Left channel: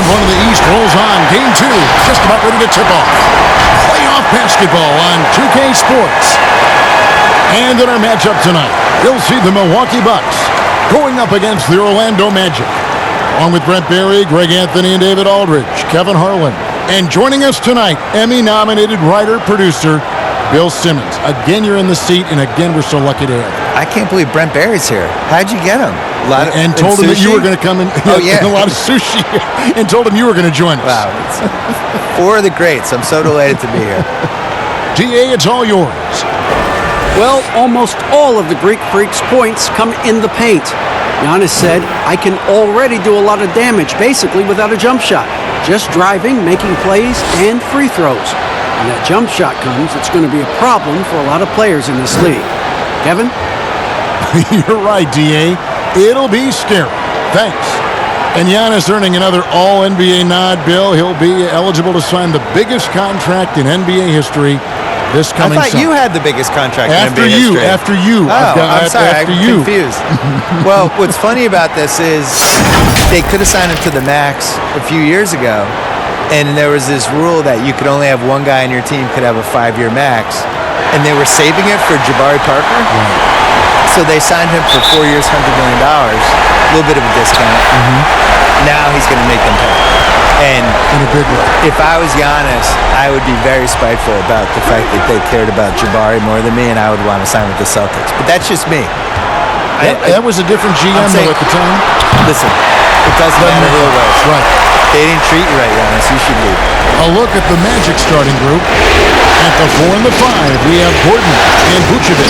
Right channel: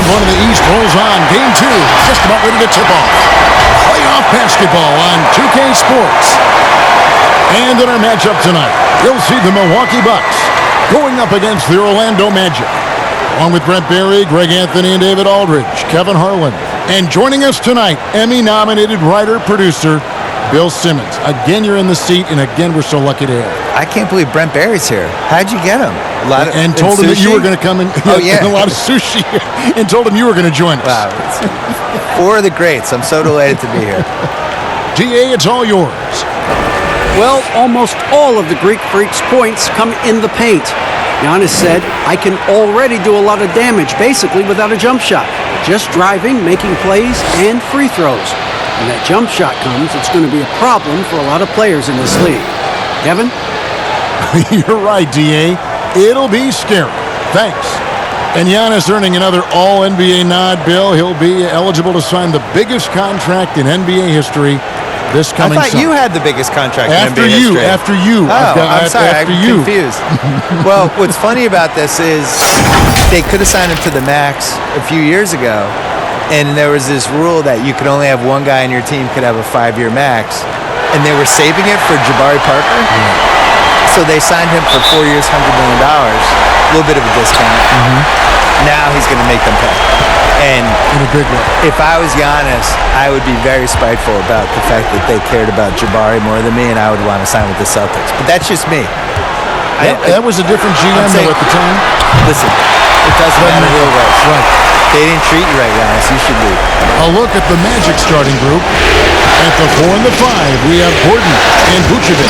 Round one of the East rolls on. Game two, just about ready to tip off. Playoff basketball on 2K Sports. And in our matchup tonight, we'll see the Milwaukee Bucks going up against the Orlando Magic. Along with Brent Barry, Greg Anthony, and David Aldridge, Kevin Harlan. And joining us tonight, Emmy-nominated writer-producer Bill Simmons. Again, you're in the seat, and again, we're so lucky to have you. I can't believe Brent Barry's here. How'd you get him? And told him that you were going to come in. Oh, yeah. And a lot of sushi. And told him you were going to join us. Wow. It's four of the greats. I'm so delighted to be here. DA, it's all yours. Well, almost all of the Greek Freak's points come in the paint. Giannis said, I can already do a lot of damage, basically without a jump shot. Just driving, making plays, and free throws. When that jump shot comes, it's going to be a problem for a lot of players in this league. Kevin? You're right, DA. It'll be scary. Thanks. And Giannis earning another All-NBA nod, Bill. He'll be eligible to sign the biggest contract in NBA history this coming I thought summer. You had the biggest contract after in NBA history. After you. Oh, I'm sorry. After I'm you. confused. Well, what's funny about this is they could have signed him to the max a few years ago, and there was this rule that you could only have one guy on your team could have a 5-year max, and they were saving it for Jabari Parker. Right. So they signed him for 4 years, $100 million, a little bit of a discount. Now he's going to make them pay. And in a big way. If I was Giannis, I would be very spiteful about the fact that they cared about Jabari more than me, and I would want to sign with the Celtics. But that's just me. That was a different GM, though, at the time. Listen, it doesn't matter who it was. Right. They didn't treat you right, Giannis. You should leave. A look at the Magic starting group. At the 4 and the 5, we have Gordon and Vucevic.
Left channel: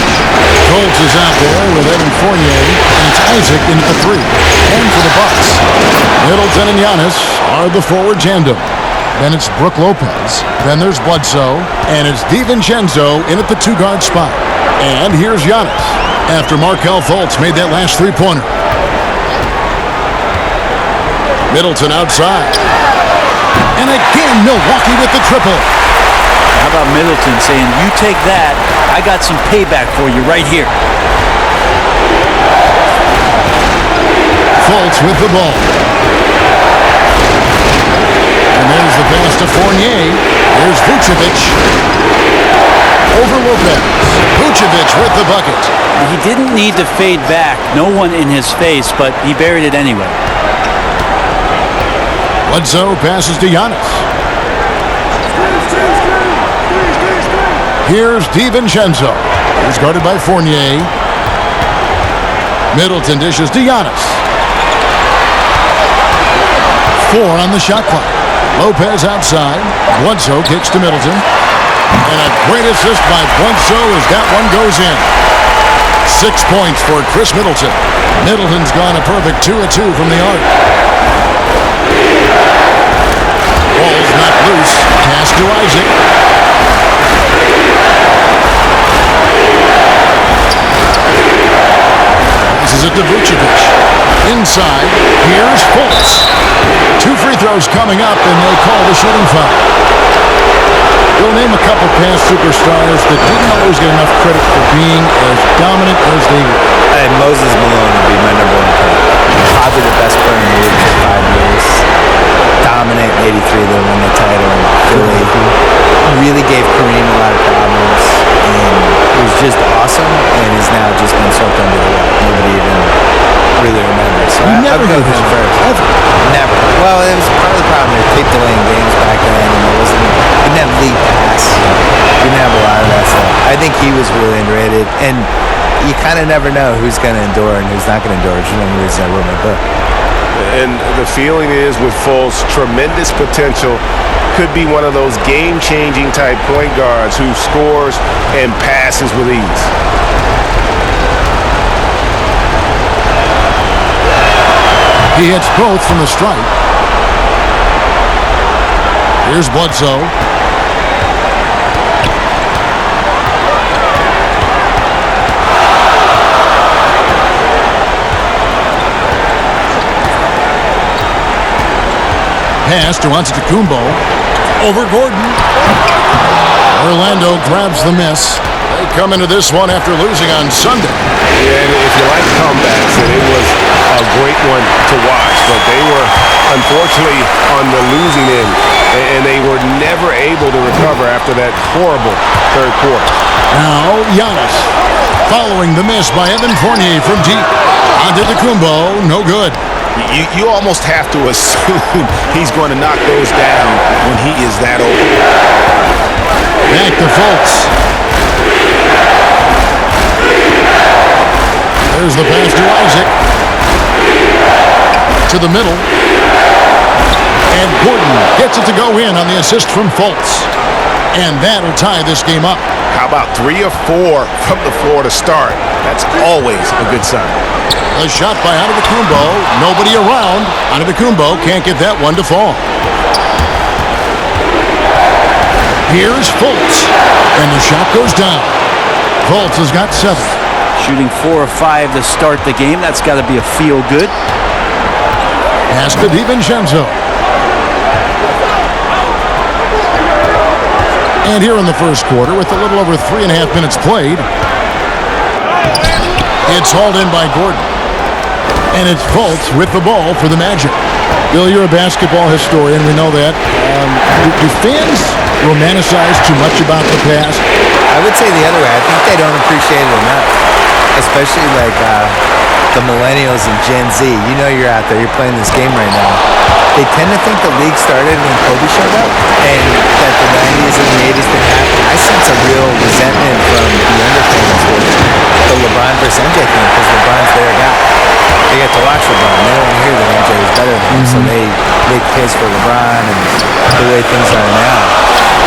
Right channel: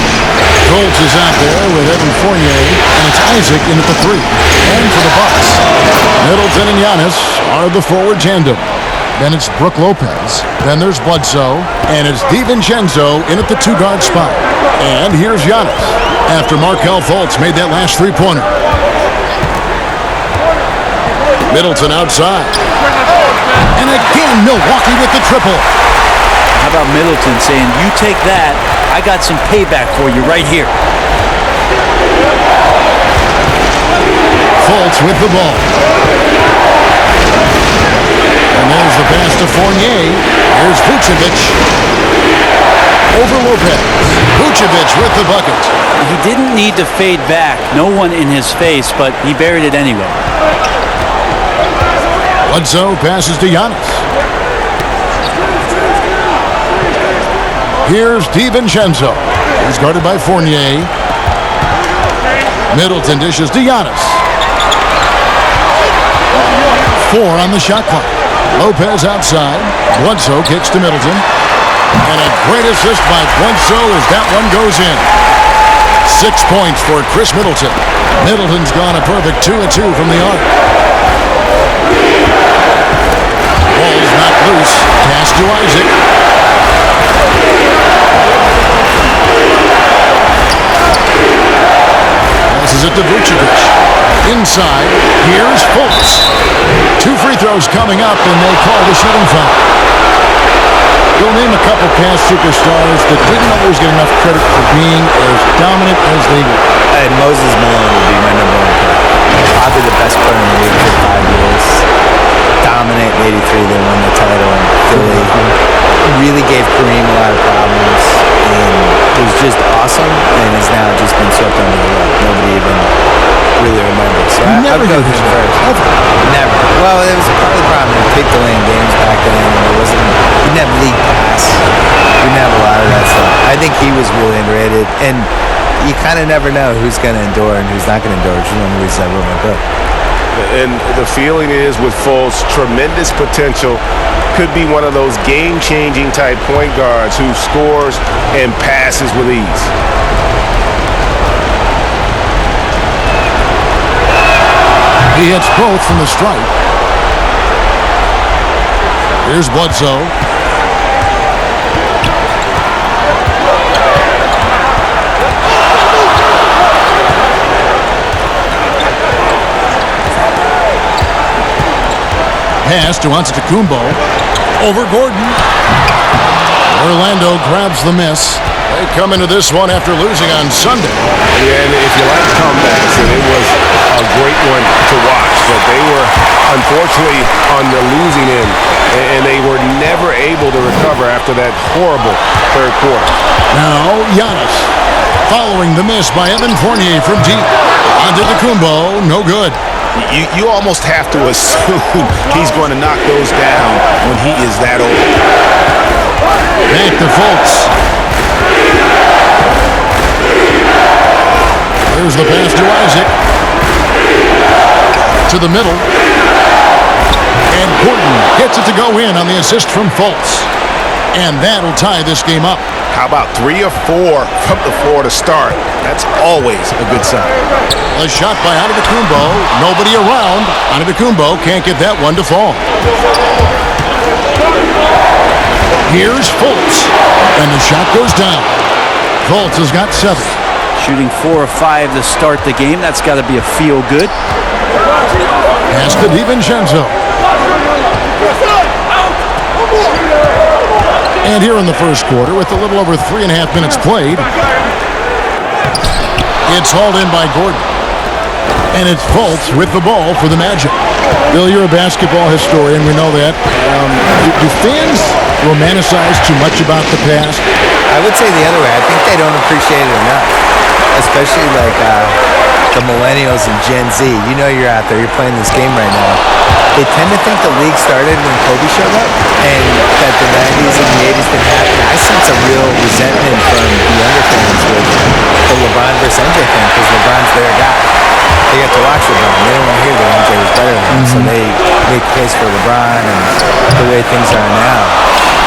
Colts is out there with Evan Fournier, and it's Isaac in at the 3. And for the Bucks, Middleton and Giannis are the forward tandem. Then it's Brook Lopez. Then there's Bledsoe, and it's DiVincenzo in at the 2-guard spot. And here's Giannis after Markelle Fultz made that last 3-pointer. Middleton outside. And again, Milwaukee with the triple. How about Middleton saying, you take that, I got some payback for you right here. Fultz with the ball. And there's the pass to Fournier. Here's Vucevic. Over Lopez. Vucevic with the bucket. He didn't need to fade back. No one in his face, but he buried it anyway. Bledsoe passes to Giannis. Here's DiVincenzo. He's guarded by Fournier. Middleton dishes to Giannis. 4 on the shot clock. Lopez outside. Bledsoe kicks to Middleton. And a great assist by Bledsoe as that one goes in. 6 points for Chris Middleton. Middleton's gone a perfect 2 of 2 from the arc. Ball's knocked loose. Pass to Isaac. Passes it to Vucevic. Inside, here's Fultz. 2 free throws coming up, and they call the shooting foul. You'll name a couple past superstars that didn't always get enough credit for being as dominant as they were. And Moses Malone would be my number 1 pick. Probably the best player in the league for 5 years. Dominant in '83, they won the title in Philly. Really gave Kareem a lot of problems, and was just awesome, and has now just been swept under the rug. Nobody even really remembers. So I'd go with him first. Never. Well, it was part of the problem. They were tape delaying games back then, and didn't have league pass. Didn't have a lot of that stuff. I think he was really underrated, and you kind of never know who's going to endure and who's not going to endure, which is one of the reasons I wrote my book. And the feeling is with Fultz, tremendous potential. Could be one of those game-changing type point guards who scores and passes with ease. He hits both from the stripe. Here's Bledsoe. Pass to Antetokounmpo. Over Gordon. Orlando grabs the miss. They come into this one after losing on Sunday. Yeah, and if you like comebacks, and it was a great one to watch, but they were unfortunately on the losing end, and they were never able to recover after that horrible third quarter. Now, Giannis, following the miss by Evan Fournier from deep. Antetokounmpo, no good. You almost have to assume he's going to knock those down when he is that open. Back to Fultz. There's the pass to Isaac. To the middle. And Gordon gets it to go in on the assist from Fultz. And that'll tie this game up. How about 3 or 4 from the floor to start? That's always a good sign. A shot by Antetokounmpo. Nobody around. Antetokounmpo can't get that one to fall. Here's Fultz. And the shot goes down. Fultz has got 7. Shooting 4 or 5 to start the game. That's got to be a feel-good. Pass to DiVincenzo. And here in the first quarter, with a little over 3.5 minutes played, it's hauled in by Gordon. And it's Fultz with the ball for the Magic. Bill, you're a basketball historian. We know that. Do fans romanticize too much about the past? I would say the other way. I think they don't appreciate it enough, especially like the millennials and Gen Z. You know you're out there. You're playing this game right now. They tend to think the league started when Kobe showed up and that the 90s and the 80s didn't happen. I sense a real resentment from the younger fans with the LeBron versus MJ thing because LeBron's their guy. They get to watch LeBron. They don't want to hear that MJ was better than him. So they make the case for LeBron and the way things are now.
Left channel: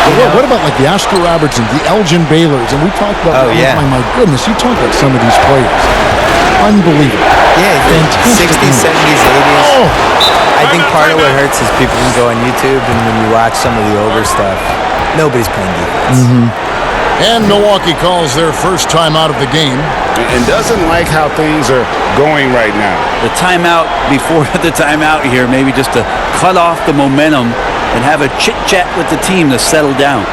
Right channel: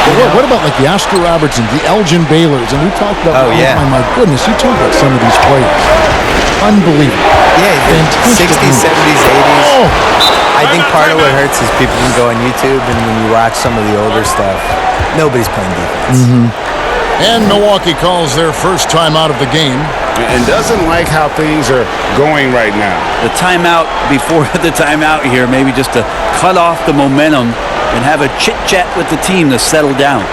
Well, what about like the Oscar Robertsons, the Elgin Baylors? And we talked about, my goodness, you talk about some of these players. Unbelievable. Yeah, the 60s, 70s, 80s. Oh. I think part of what hurts is people can go on YouTube and when you watch some of the older stuff, nobody's playing defense. And Milwaukee calls their first time out of the game. And doesn't like how things are going right now. The timeout before the timeout here, maybe just to cut off the momentum and have a chit-chat with the team to settle down.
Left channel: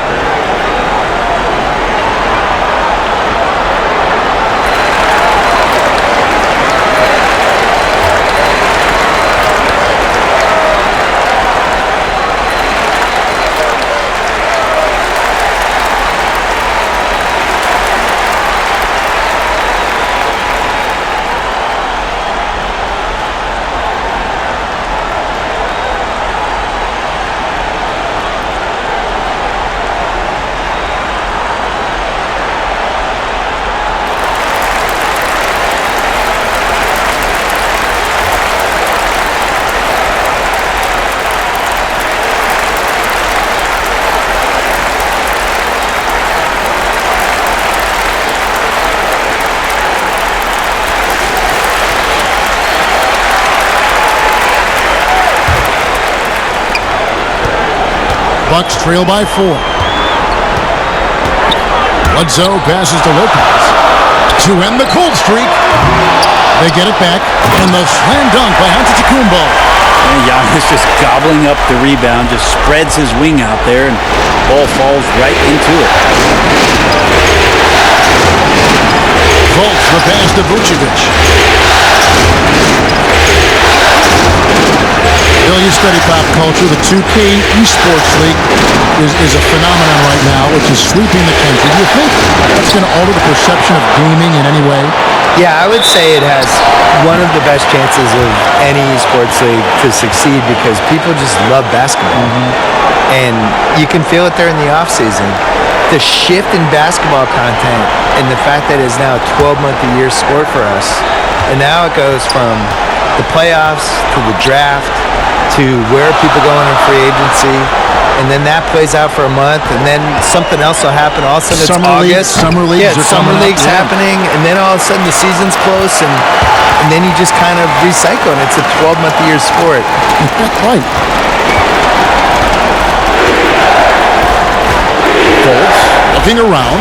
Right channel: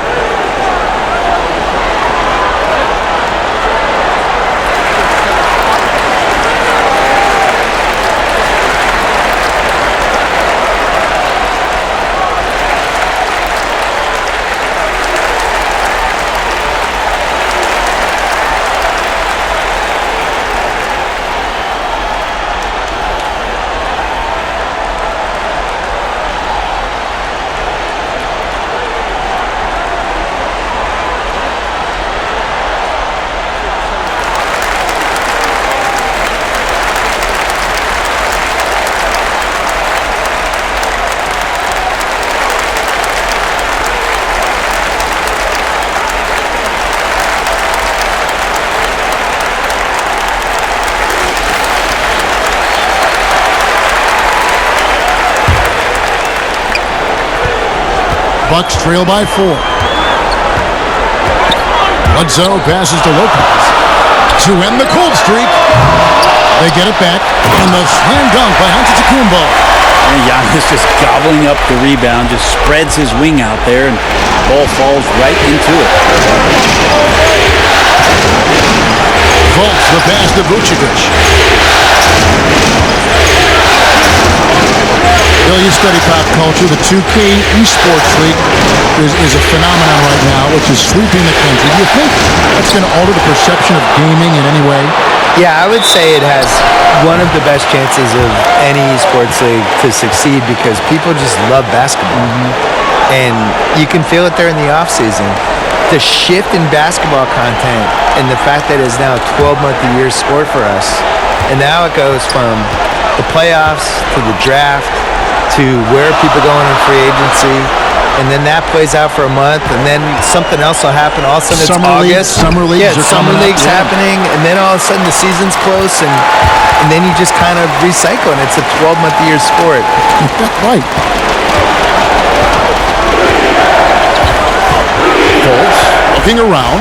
Bucks trail by 4. Bledsoe passes to Lopez to end the cold streak. They get it back, and the slam dunk by Antetokounmpo. And Giannis just gobbling up the rebound, just spreads his wing out there, and ball falls right into it. Fultz the pass to Vucevic. Bill, you study pop culture. The 2K Esports League is a phenomenon right now, which is sweeping the country. Do you think that's going to alter the perception of gaming in any way? Yeah, I would say it has one of the best chances of any esports league to succeed because people just love basketball. And you can feel it there in the offseason. The shift in basketball content and the fact that it's now a 12-month-a-year sport for us. And now it goes from the playoffs to the draft to where people going in free agency, and then that plays out for a month, and then something else will happen. All of a sudden, it's August. Summer leagues are summer coming leagues up. happening, and then all of a sudden the season's close, and then you just kind of recycle, and it's a 12-month-a-year sport. Right. Fultz looking around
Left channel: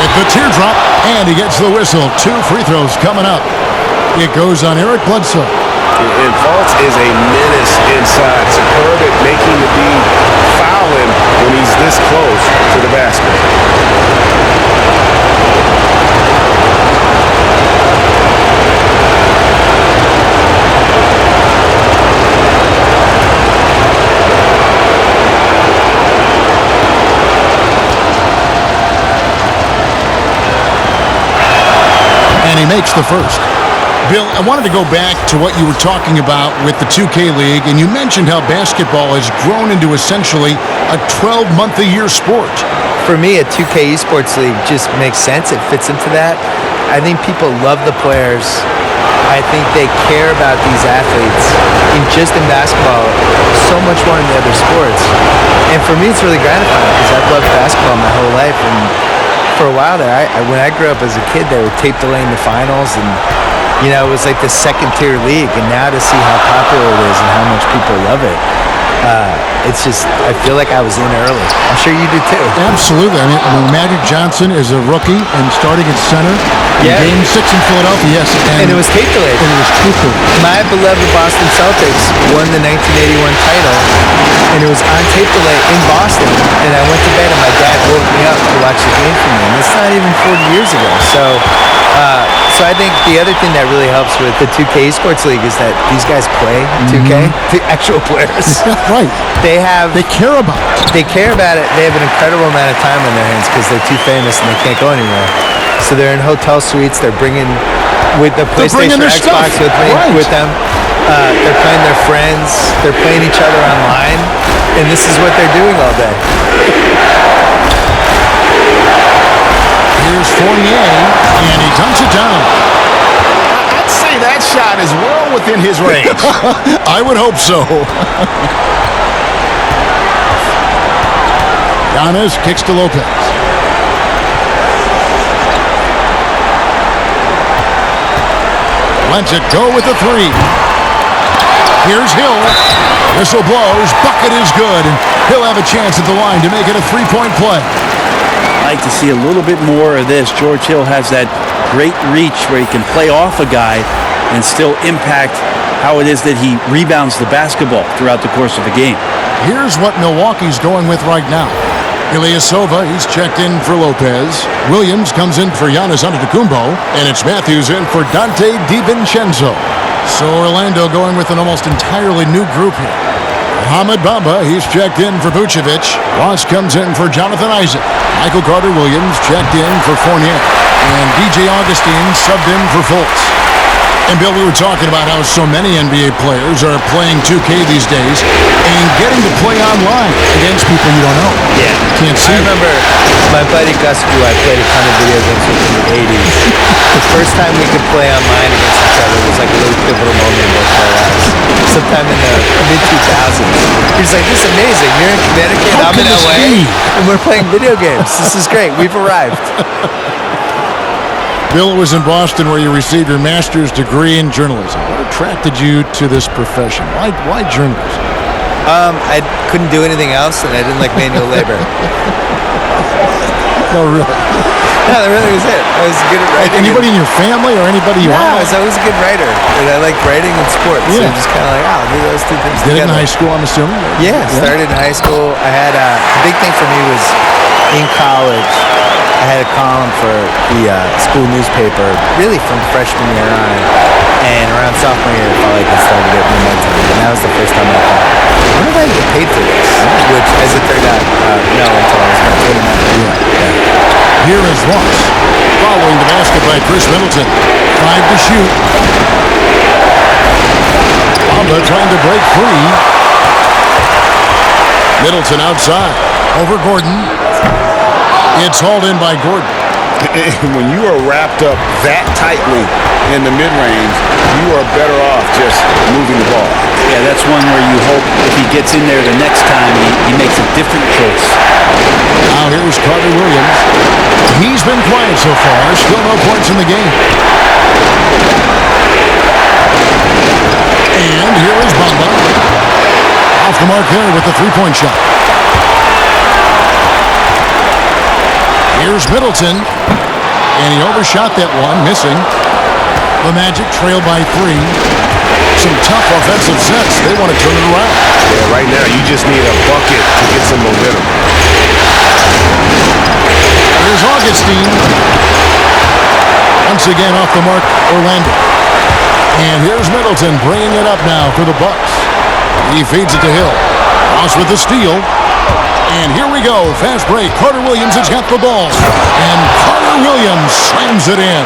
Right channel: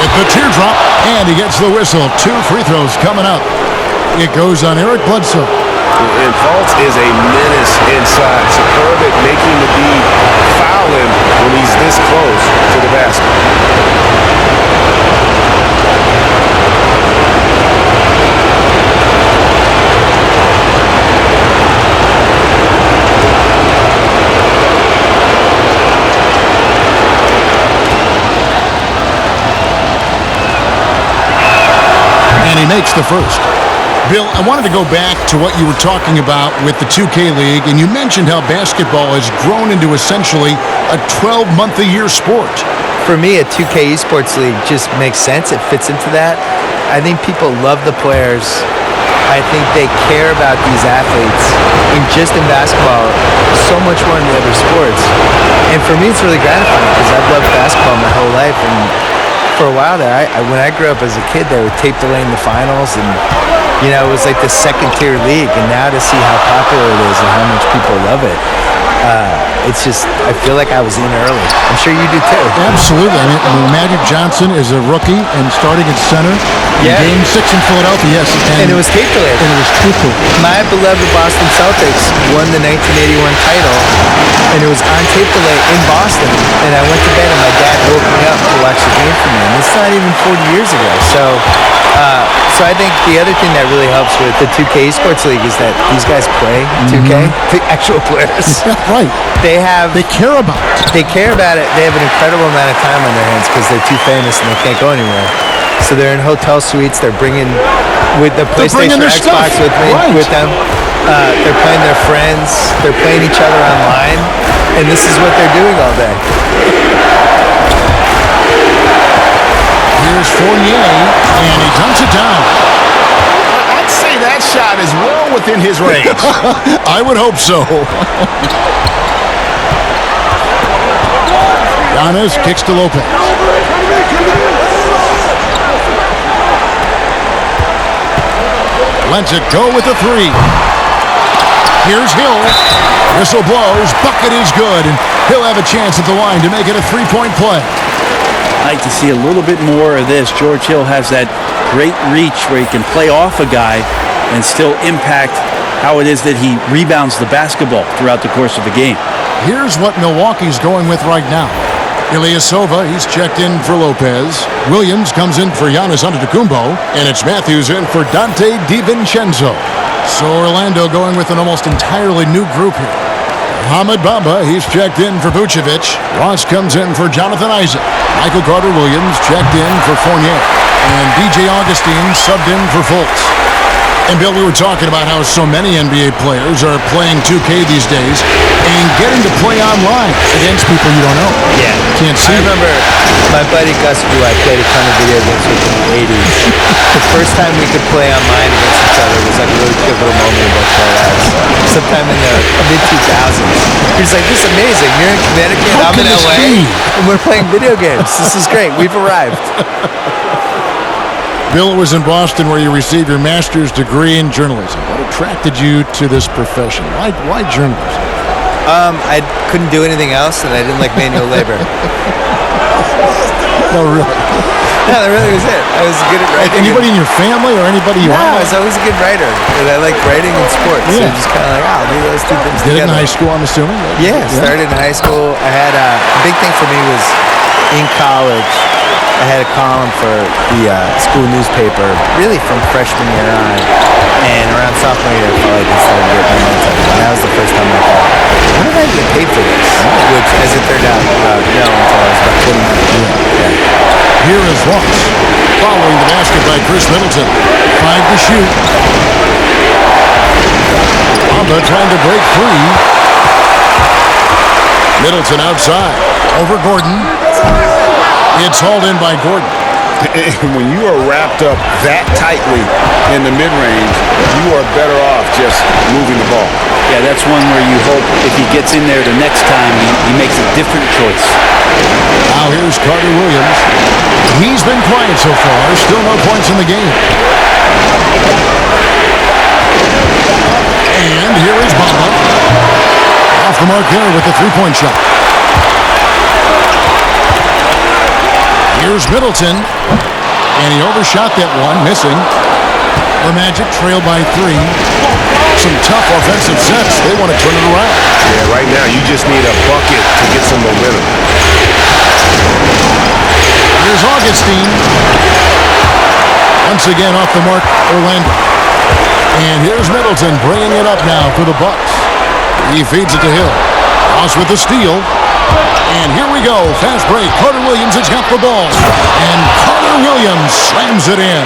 with the teardrop, and he gets the whistle. 2 free throws coming up. It goes on Eric Bledsoe. And Fultz is a menace inside. Superb at making the D foul him when he's this close to the basket. And he makes the first. Bill, I wanted to go back to what you were talking about with the 2K League, and you mentioned how basketball has grown into essentially a 12-month-a-year sport. For me, a 2K esports league just makes sense. It fits into that. I think people love the players. I think they care about these athletes in basketball so much more than the other sports. And for me, it's really gratifying because I've loved basketball my whole life. And for a while there, when I grew up as a kid, they would tape delay in the finals, and it was like the second-tier league. And now to see how popular it is and how much people love it, it's just, I feel like I was in early. I'm sure you do too. Absolutely. I mean, when Magic Johnson is a rookie and starting at center in Game 6 in Philadelphia, yes. And it was tape delayed. And it was truthful. My beloved Boston Celtics won the 1981 title, and it was on tape delay in Boston. And I went to bed, and my dad woke me up to watch the game for me. And it's not even 40 years ago. So I think the other thing that really helps with the 2K Esports League is that these guys play 2K, the actual players. Right. They care about it. They care about it. They have an incredible amount of time on their hands because they're too famous and they can't go anywhere. So they're in hotel suites. They're bringing with the PlayStation or Xbox with them. They're playing their friends. They're playing each other online. And this is what they're doing all day. Here's Fournier, and he dunks it down. I'd say that shot is well within his range. I would hope so. Giannis kicks to Lopez. Lets it go with the three. Here's Hill. Whistle blows. Bucket is good, and he'll have a chance at the line to make it a three-point play. I like to see a little bit more of this. George Hill has that great reach where he can play off a guy and still impact how it is that he rebounds the basketball throughout the course of a game. Here's what Milwaukee's going with right now. Ilyasova, he's checked in for Lopez. Williams comes in for Giannis Antetokounmpo, and it's Matthews in for Dante DiVincenzo. So Orlando going with an almost entirely new group here. Mohamed Bamba, he's checked in for Vucevic. Ross comes in for Jonathan Isaac. Michael Carter-Williams checked in for Fournier. And DJ Augustine subbed in for Fultz. And Bill, we were talking about how so many NBA players are playing 2K these days and getting to play online against people you don't know. Yeah. Can't see. I remember my buddy Gus, who I played a ton of video games with in the 80s. The first time we could play online against each other was like a really pivotal moment in both our lives. Sometime in the mid-2000s. He was like, this is amazing. You're in Connecticut, I'm in LA, and we're playing video games. This is great. We've arrived. Bill, it was in Boston where you received your master's degree in journalism. What attracted you to this profession? Why journalism? I couldn't do anything else, and I didn't like manual labor. No, really? No, that really was it. I was good at writing. Like anybody in your family or anybody you I was always a good writer, and I liked writing and sports. Yeah. So just kind of like, I'll do those two things Did together. it in high school, I'm assuming? Yeah, started in high school. I had the big thing for me was in college. I had a column for the school newspaper, really from freshman year on. And around sophomore year, I felt like it started to get momentum. And that was the first time I thought, when did I get paid for this? Which, as it turned out, no, until I was about 29. Yeah. Here is Ross, following the basket by Chris Middleton. 5 to shoot. Bamba trying to break free. Middleton outside. Over Gordon. It's hauled in by Gordon. When you are wrapped up that tightly in the mid-range, you are better off just moving the ball. Yeah, that's one where you hope if he gets in there the next time, he makes a different choice. Now here's Carter-Williams. He's been quiet so far. Still no points in the game. And here is Bamba. Off the mark there with the three-point shot. Here's Middleton, and he overshot that one, missing. The Magic trail by 3. Some offensive sets. They want to turn it around. Yeah, right now you just need a bucket to get some momentum. Here's Augustine. Once again off the mark, Orlando. And here's Middleton bringing it up now for the Bucks. He feeds it to Hill. Ross with the steal. And here we go. Fast break. Carter Williams has got the ball. And Carter Williams slams it in.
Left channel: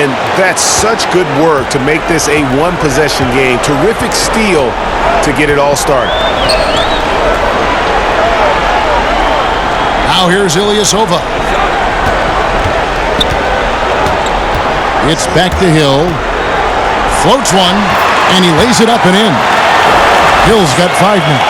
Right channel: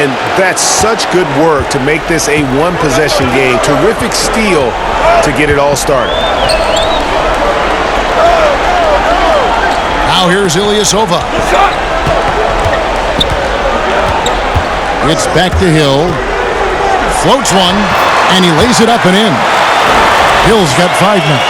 And that's such good work to make this a one-possession game. Terrific steal to get it all started. Now here's Ilyasova. It's back to Hill. Floats one, and he lays it up and in. Hill's got 5 now.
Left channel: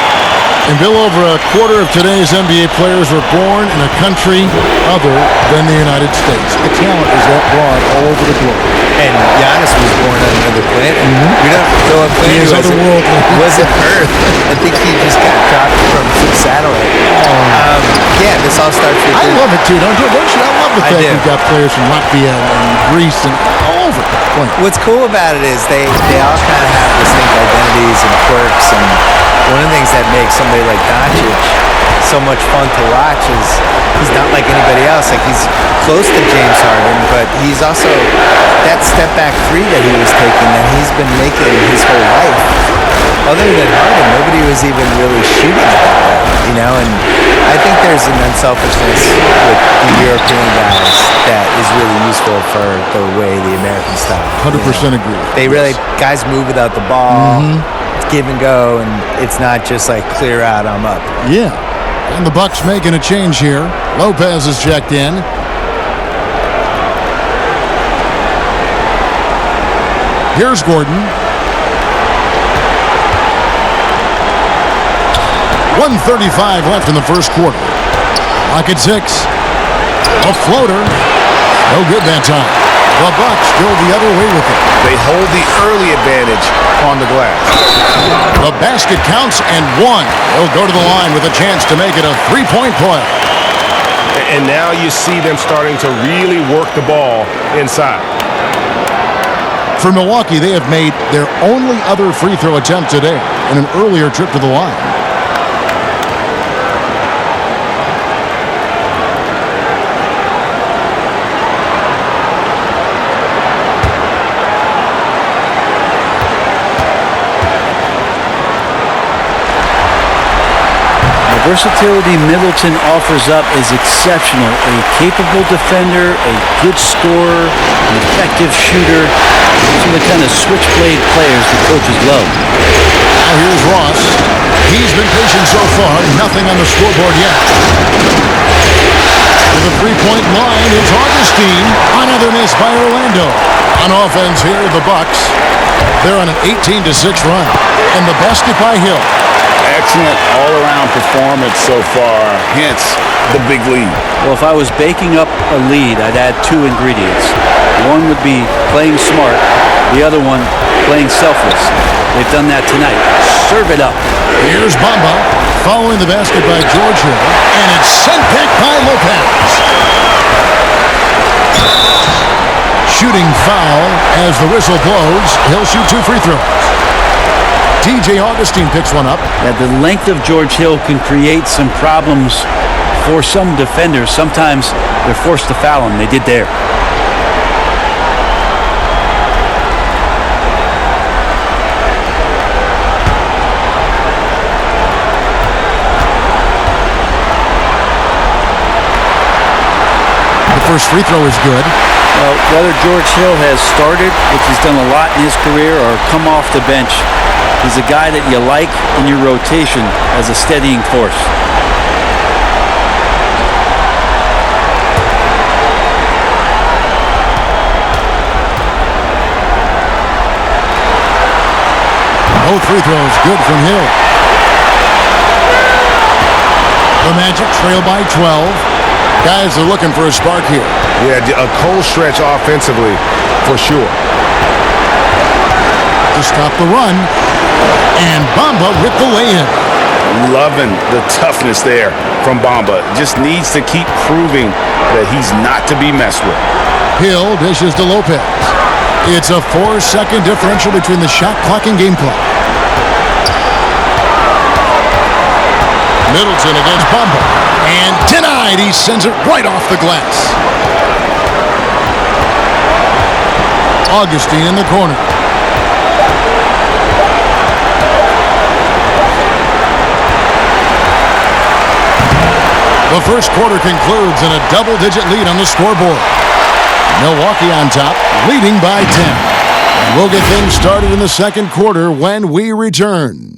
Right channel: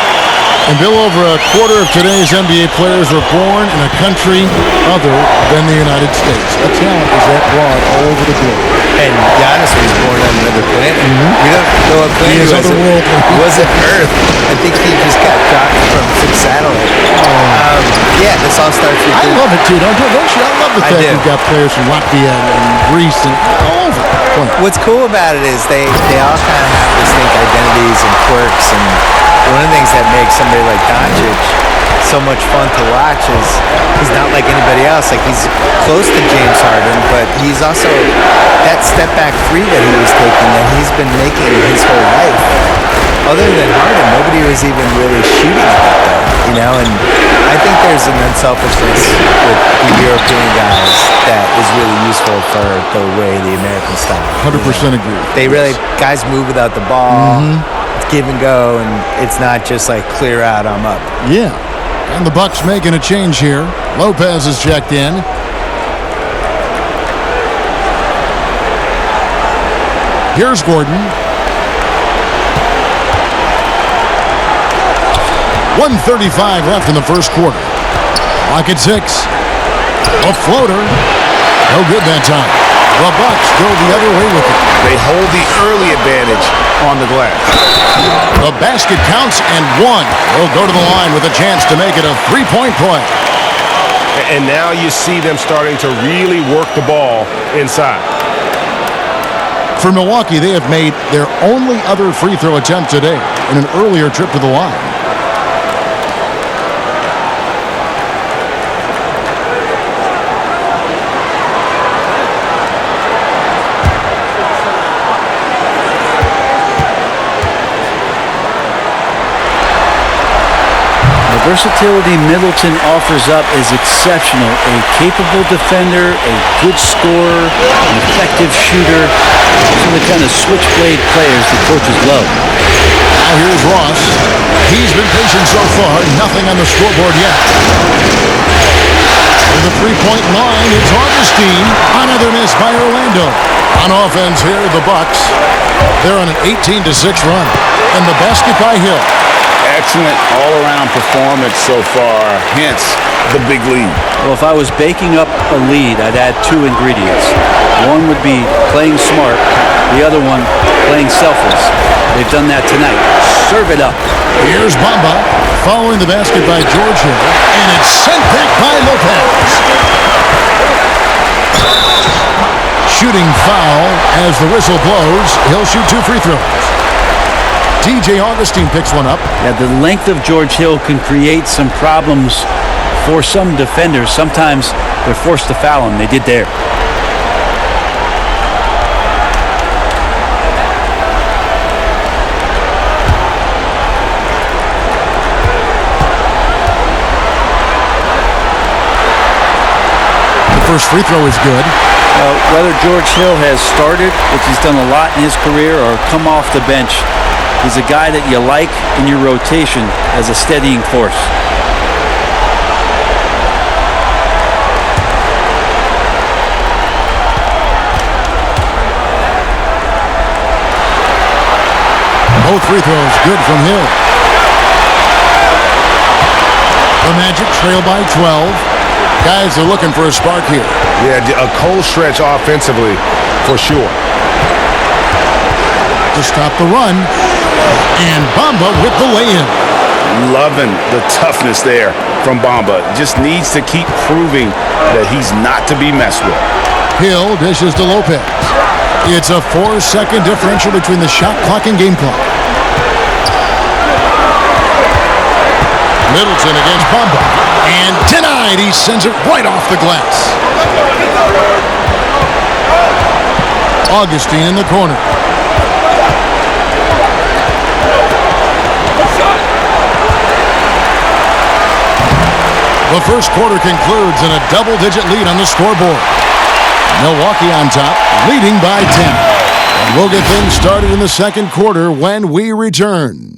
And Bill, over a quarter of today's NBA players were born in a country other than the United States. The talent is that broad all over the globe. And Giannis was born on another planet. We don't know what planet He is it was. otherworldly. It wasn't Earth. I think he just got dropped from some satellite. Yeah, this all starts with... I love it, too, don't you? I love the I fact do. we've got players from Latvia and Greece and all over playing. What's cool about it is they all kind of have distinct identities and quirks, and one of the things that makes somebody like Doncic so much fun to watch is he's not like anybody else. Like, he's close to James Harden, but he's also that step back three that he was taking that he's been making his whole life. Other than Harden, nobody was even really shooting it that way, you know? And I think there's an unselfishness with the European guys that is really useful for the way the American style. 100% agree. They really, guys move without the ball. It's give and go, and it's not just like clear out, I'm up. Yeah. And the Bucks making a change here. Lopez is checked in. Here's Gordon. 1:35 left in the first quarter. Clock at 6. A floater. No good that time. The Bucks go the other way with it. They hold the early advantage on the glass. The basket counts and 1. They'll go to the line with a chance to make it a 3-point play. And now you see them starting to really work the ball inside. For Milwaukee, they have made their only other free throw attempt today in an earlier trip to the line. The versatility Middleton offers up is exceptional. A capable defender, a good scorer, an effective shooter. Those are the kind of switchblade players the coaches love. Now here's Ross. He's been patient so far. Nothing on the scoreboard yet. To the three-point line, it's Augustine. Another miss by Orlando. On offense here, the Bucks. They're on an 18-6 run. And the basket by Hill. Excellent all-around performance so far, hence the big lead. Well, if I was baking up a lead, I'd add 2 ingredients. One would be playing smart. The other one, playing selfless. They've done that tonight. Serve it up. Here's Bamba following the basket by George Hill. And it's sent back by Lopez. Shooting foul as the whistle blows. He'll shoot 2 free throws. DJ Augustine picks one up. Yeah, the length of George Hill can create some problems for some defenders. Sometimes they're forced to foul him. They did there. The first free throw is good. Whether George Hill has started, which he's done a lot in his career, or come off the bench, he's a guy that you like in your rotation as a steadying force. Both free throws good from Hill. The Magic trail by 12. Guys are looking for a spark here. Yeah, a cold stretch offensively for sure. To stop the run. And Bamba with the lay-in. Loving the toughness there from Bamba. Just needs to keep proving that he's not to be messed with. Hill dishes to Lopez. It's a 4-second differential between the shot clock and game clock. Middleton against Bamba. And denied. He sends it right off the glass. Augustine in the corner. The first quarter concludes in a double-digit lead on the scoreboard. Milwaukee on top, leading by 10. And we'll get things started in the second quarter when we return.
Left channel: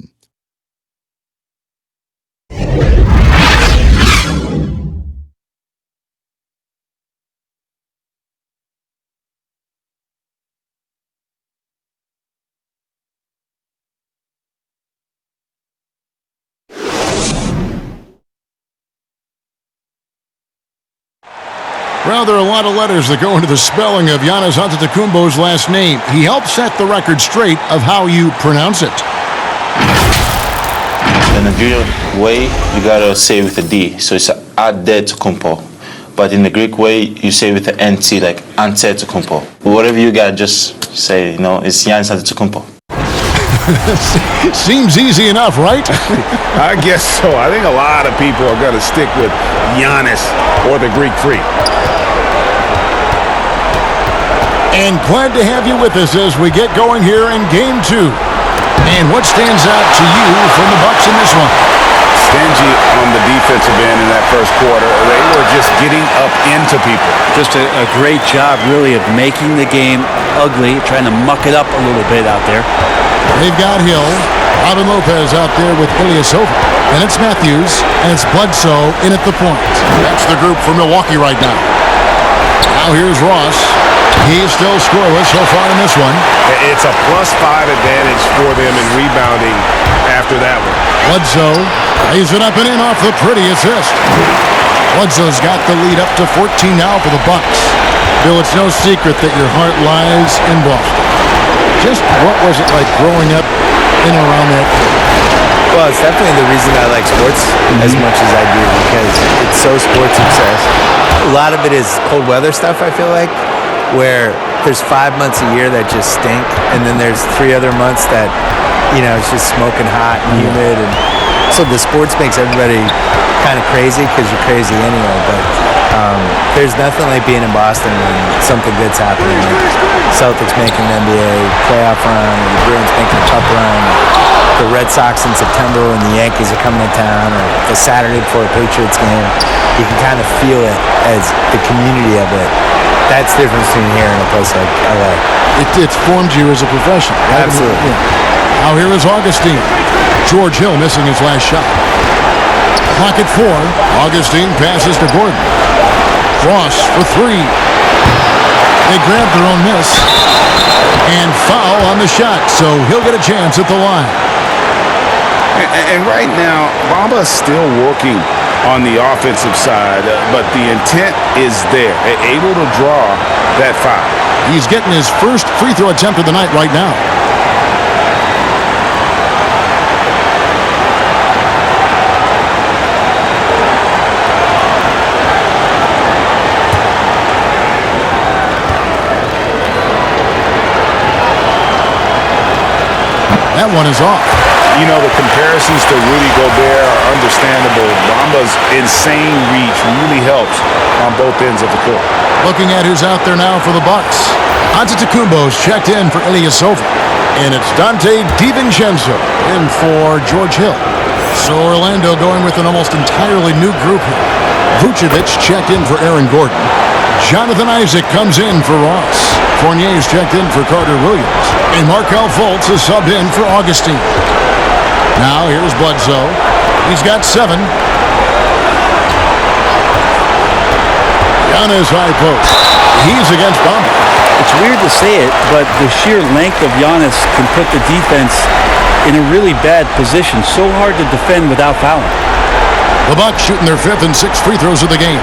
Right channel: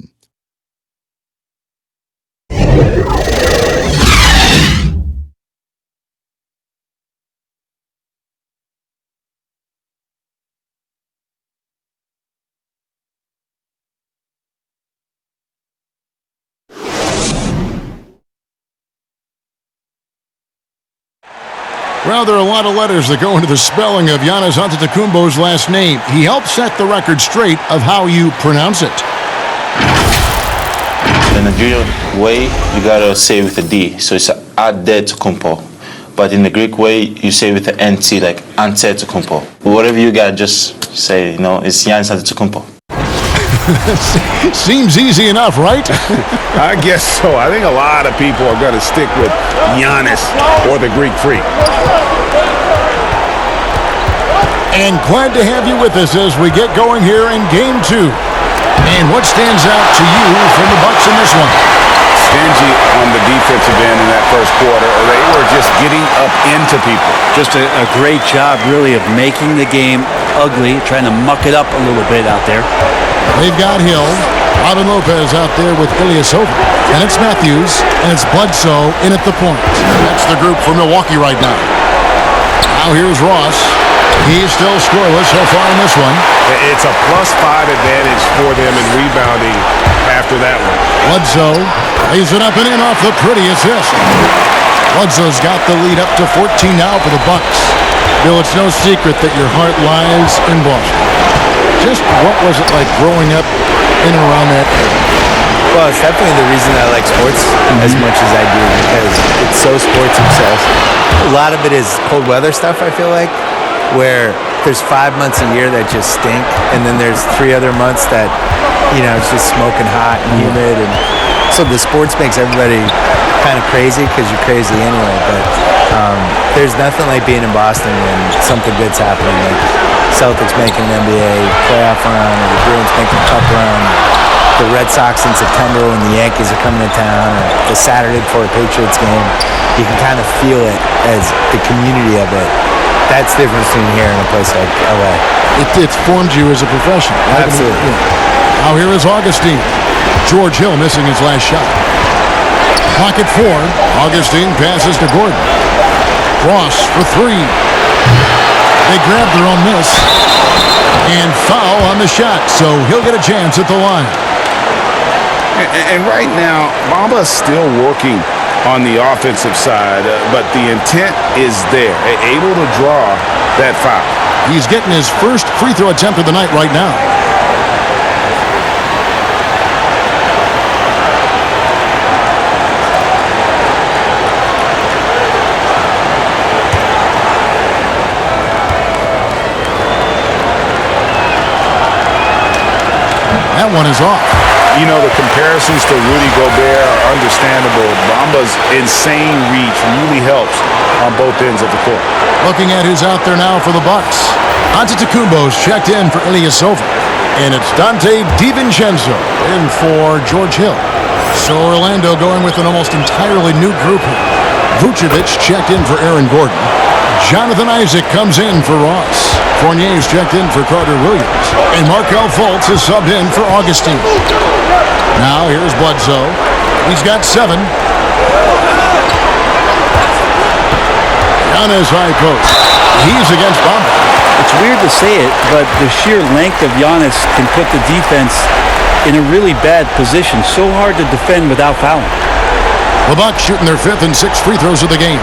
Well, there are a lot of letters that go into the spelling of Giannis Antetokounmpo's last name. He helped set the record straight of how you pronounce it. The Nigerian way, you gotta say with a D, so it's Antetokounmpo. But in the Greek way, you say with the NT, like Antetokounmpo. Whatever you gotta just say, it's Giannis Antetokounmpo. Seems easy enough, right? I guess so. I think a lot of people are going to stick with Giannis or the Greek Freak. And glad to have you with us as we get going here in Game 2. And what stands out to you from the Bucks in this one? Stingy on the defensive end in that first quarter. They were just getting up into people. Just a great job, really, of making the game ugly, trying to muck it up a little bit out there. They've got Hill, Robin Lopez out there with Ilyasova, and it's Matthews, and it's Bledsoe in at the point. That's the group for Milwaukee right now. Now here's Ross. He's still scoreless so far in this one. It's a +5 advantage for them in rebounding after that one. Bledsoe lays it up and in off the pretty assist. Bledsoe's got the lead up to 14 now for the Bucks. Bill, it's no secret that your heart lies in Boston. Just what was it like growing up in and around that area? Well, it's definitely the reason I like sports as much as I do, because it's so sports obsessed. A lot of it is cold weather stuff, I feel like, where there's 5 months a year that just stink, and then there's 3 other months that, it's just smoking hot and humid. And so the sports makes everybody kind of crazy because you're crazy anyway. But there's nothing like being in Boston when something good's happening, like Celtics making an NBA playoff run, or the Bruins making a cup run, the Red Sox in September when the Yankees are coming to town, or the Saturday before a Patriots game. You can kind of feel it as the community of it. That's the difference between here and a place like LA. It's formed you as a professional, right? Absolutely. I mean, yeah. Now here is Augustine. George Hill missing his last shot. Clock at 4. Augustine passes to Gordon. Ross for 3. They grab their own miss. And foul on the shot, so he'll get a chance at the line. And right now, Bamba's still working on the offensive side, but the intent is there, able to draw that foul. He's getting his first free throw attempt of the night right now. That one is off. The comparisons to Rudy Gobert are understandable. Bamba's insane reach really helps on both ends of the court. Looking at who's out there now for the Bucks. Antetokounmpo's checked in for Ilyasova. And it's Dante DiVincenzo in for George Hill. So Orlando going with an almost entirely new group here. Vucevic checked in for Aaron Gordon. Jonathan Isaac comes in for Ross. Fournier's checked in for Carter Williams. And Markelle Fultz is subbed in for Augustine. Now here's Bledsoe. He's got 7. Giannis high post. He's against Bamba. It's weird to say it, but the sheer length of Giannis can put the defense in a really bad position. So hard to defend without fouling. The Bucks shooting their 5th and 6th free throws of the game.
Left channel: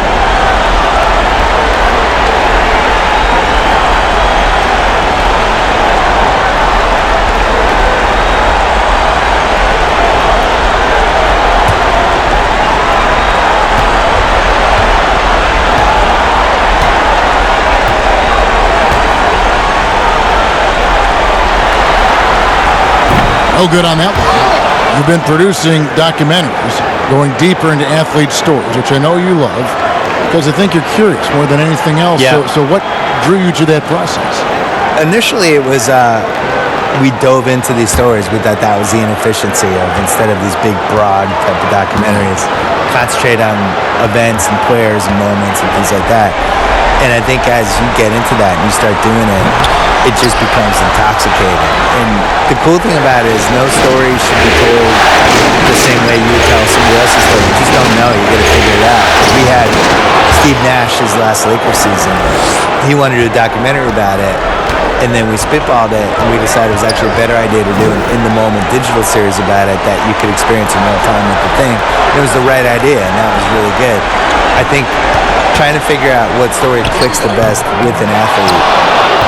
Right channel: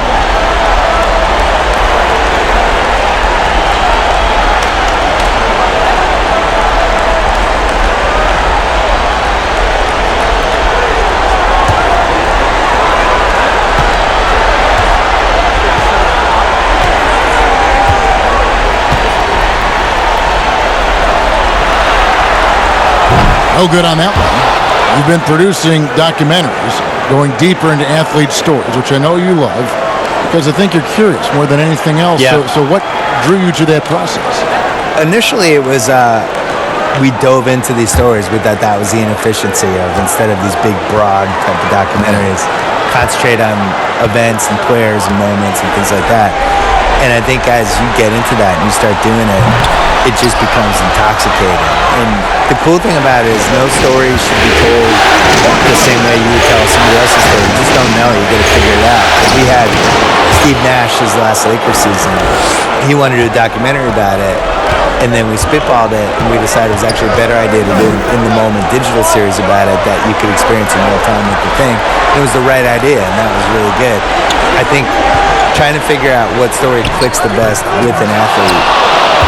No good on that one. You've been producing documentaries, going deeper into athlete stories, which I know you love, because I think you're curious more than anything else. Yeah. So what drew you to that process? Initially, it was we dove into these stories. We thought that was the inefficiency of, instead of these big, broad type of documentaries, concentrate on events and players and moments and things like that. And I think as you get into that and you start doing it, it just becomes intoxicating. And the cool thing about it is no story should be told the same way you would tell somebody else's story. You just don't know. You got to figure it out. 'Cause we had Steve Nash his last Lakers season. He wanted to do a documentary about it. And then we spitballed it, and we decided it was actually a better idea to do an in-the-moment digital series about it that you could experience in real time with the thing. And it was the right idea, and that was really good. I think trying to figure out what story clicks the best with an athlete,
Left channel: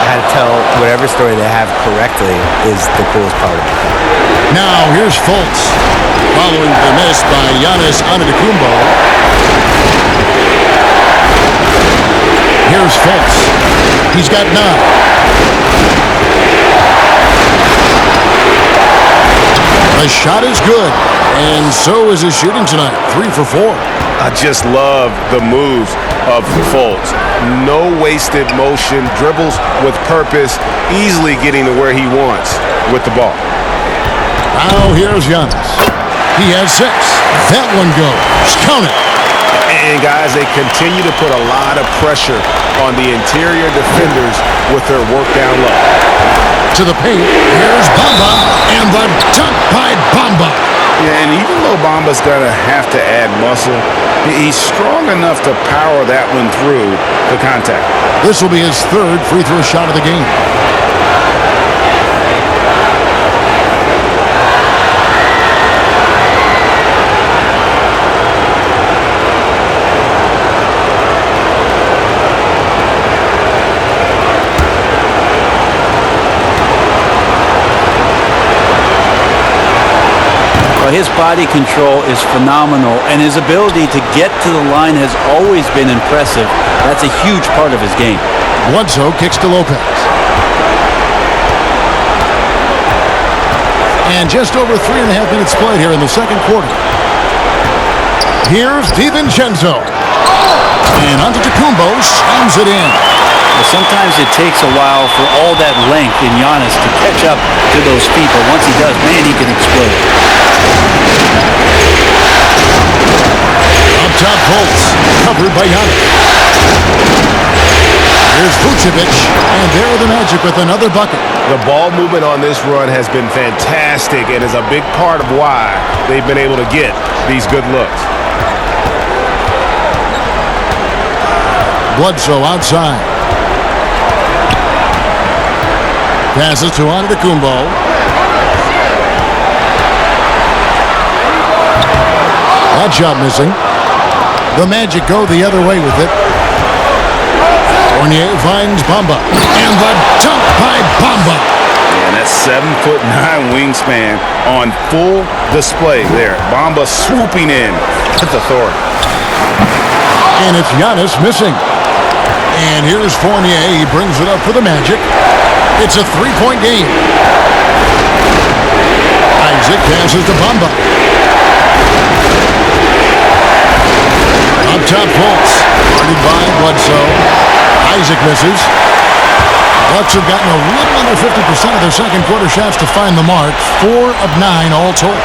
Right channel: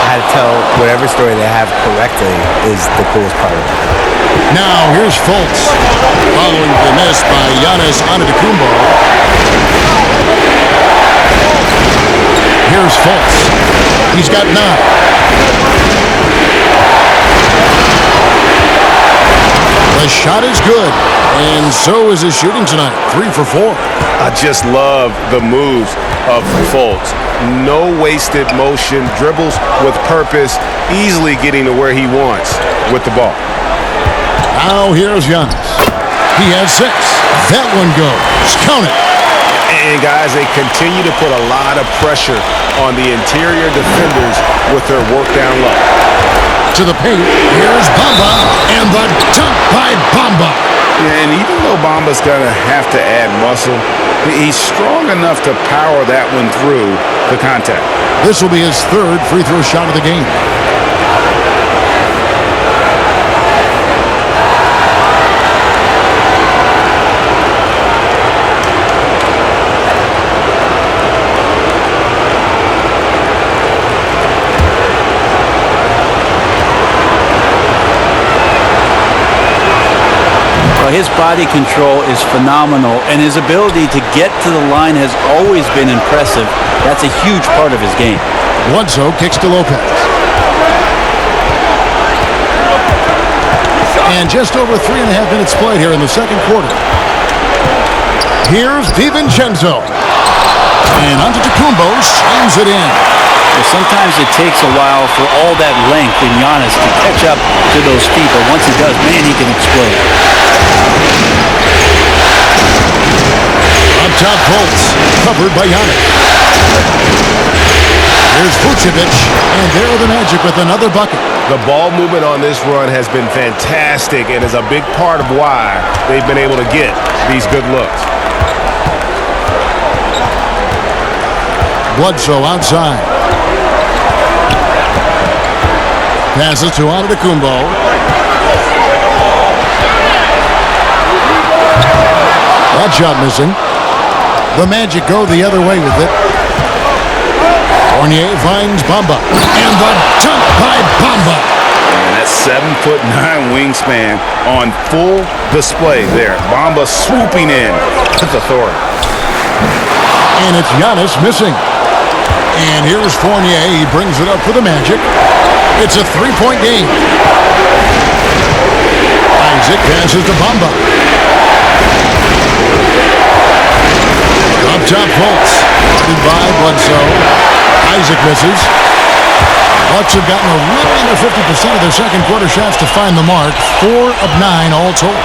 how to tell whatever story they have correctly is the coolest part about that. Now, here's Fultz, following the miss by Giannis Antetokounmpo. Here's Fultz. He's got 9. The shot is good, and so is his shooting tonight, 3 for 4. I just love the moves of Fultz. No wasted motion, dribbles with purpose, easily getting to where he wants with the ball. Now here's Giannis. He has 6. That one goes. Count it. And guys, they continue to put a lot of pressure on the interior defenders with their work down low. To the paint. Here's Bamba, and the dunk by Bamba. Yeah, and even though Bamba's going to have to add muscle, he's strong enough to power that one through the contact. This will be his 3rd free throw shot of the game. Well, his body control is phenomenal, and his ability to get to the line has always been impressive. That's a huge part of his game. Bledsoe kicks to Lopez. And just over 3.5 minutes played here in the second quarter. Here's DiVincenzo. And Antetokounmpo slams it in. Well, sometimes it takes a while for all that length in Giannis to catch up to those feet, but once he does, man, he can explode. Up top, Fultz, covered by Giannis. Here's Vucevic, and there are the Magic with another bucket. The ball movement on this run has been fantastic and is a big part of why they've been able to get these good looks. Bledsoe outside. Passes to Antetokounmpo. That shot missing. The Magic go the other way with it. Fournier finds Bamba. And the dunk by Bamba. And that's 7'9" wingspan on full display there. Bamba swooping in with authority. And it's Giannis missing. And here's Fournier. He brings it up for the Magic. It's a 3-point game. Isaac passes to Bamba. Up top, Fultz. Guarded by Bledsoe. Isaac misses. Bucks have gotten a little under 50% of their second quarter shots to find the mark. 4 of 9 all told.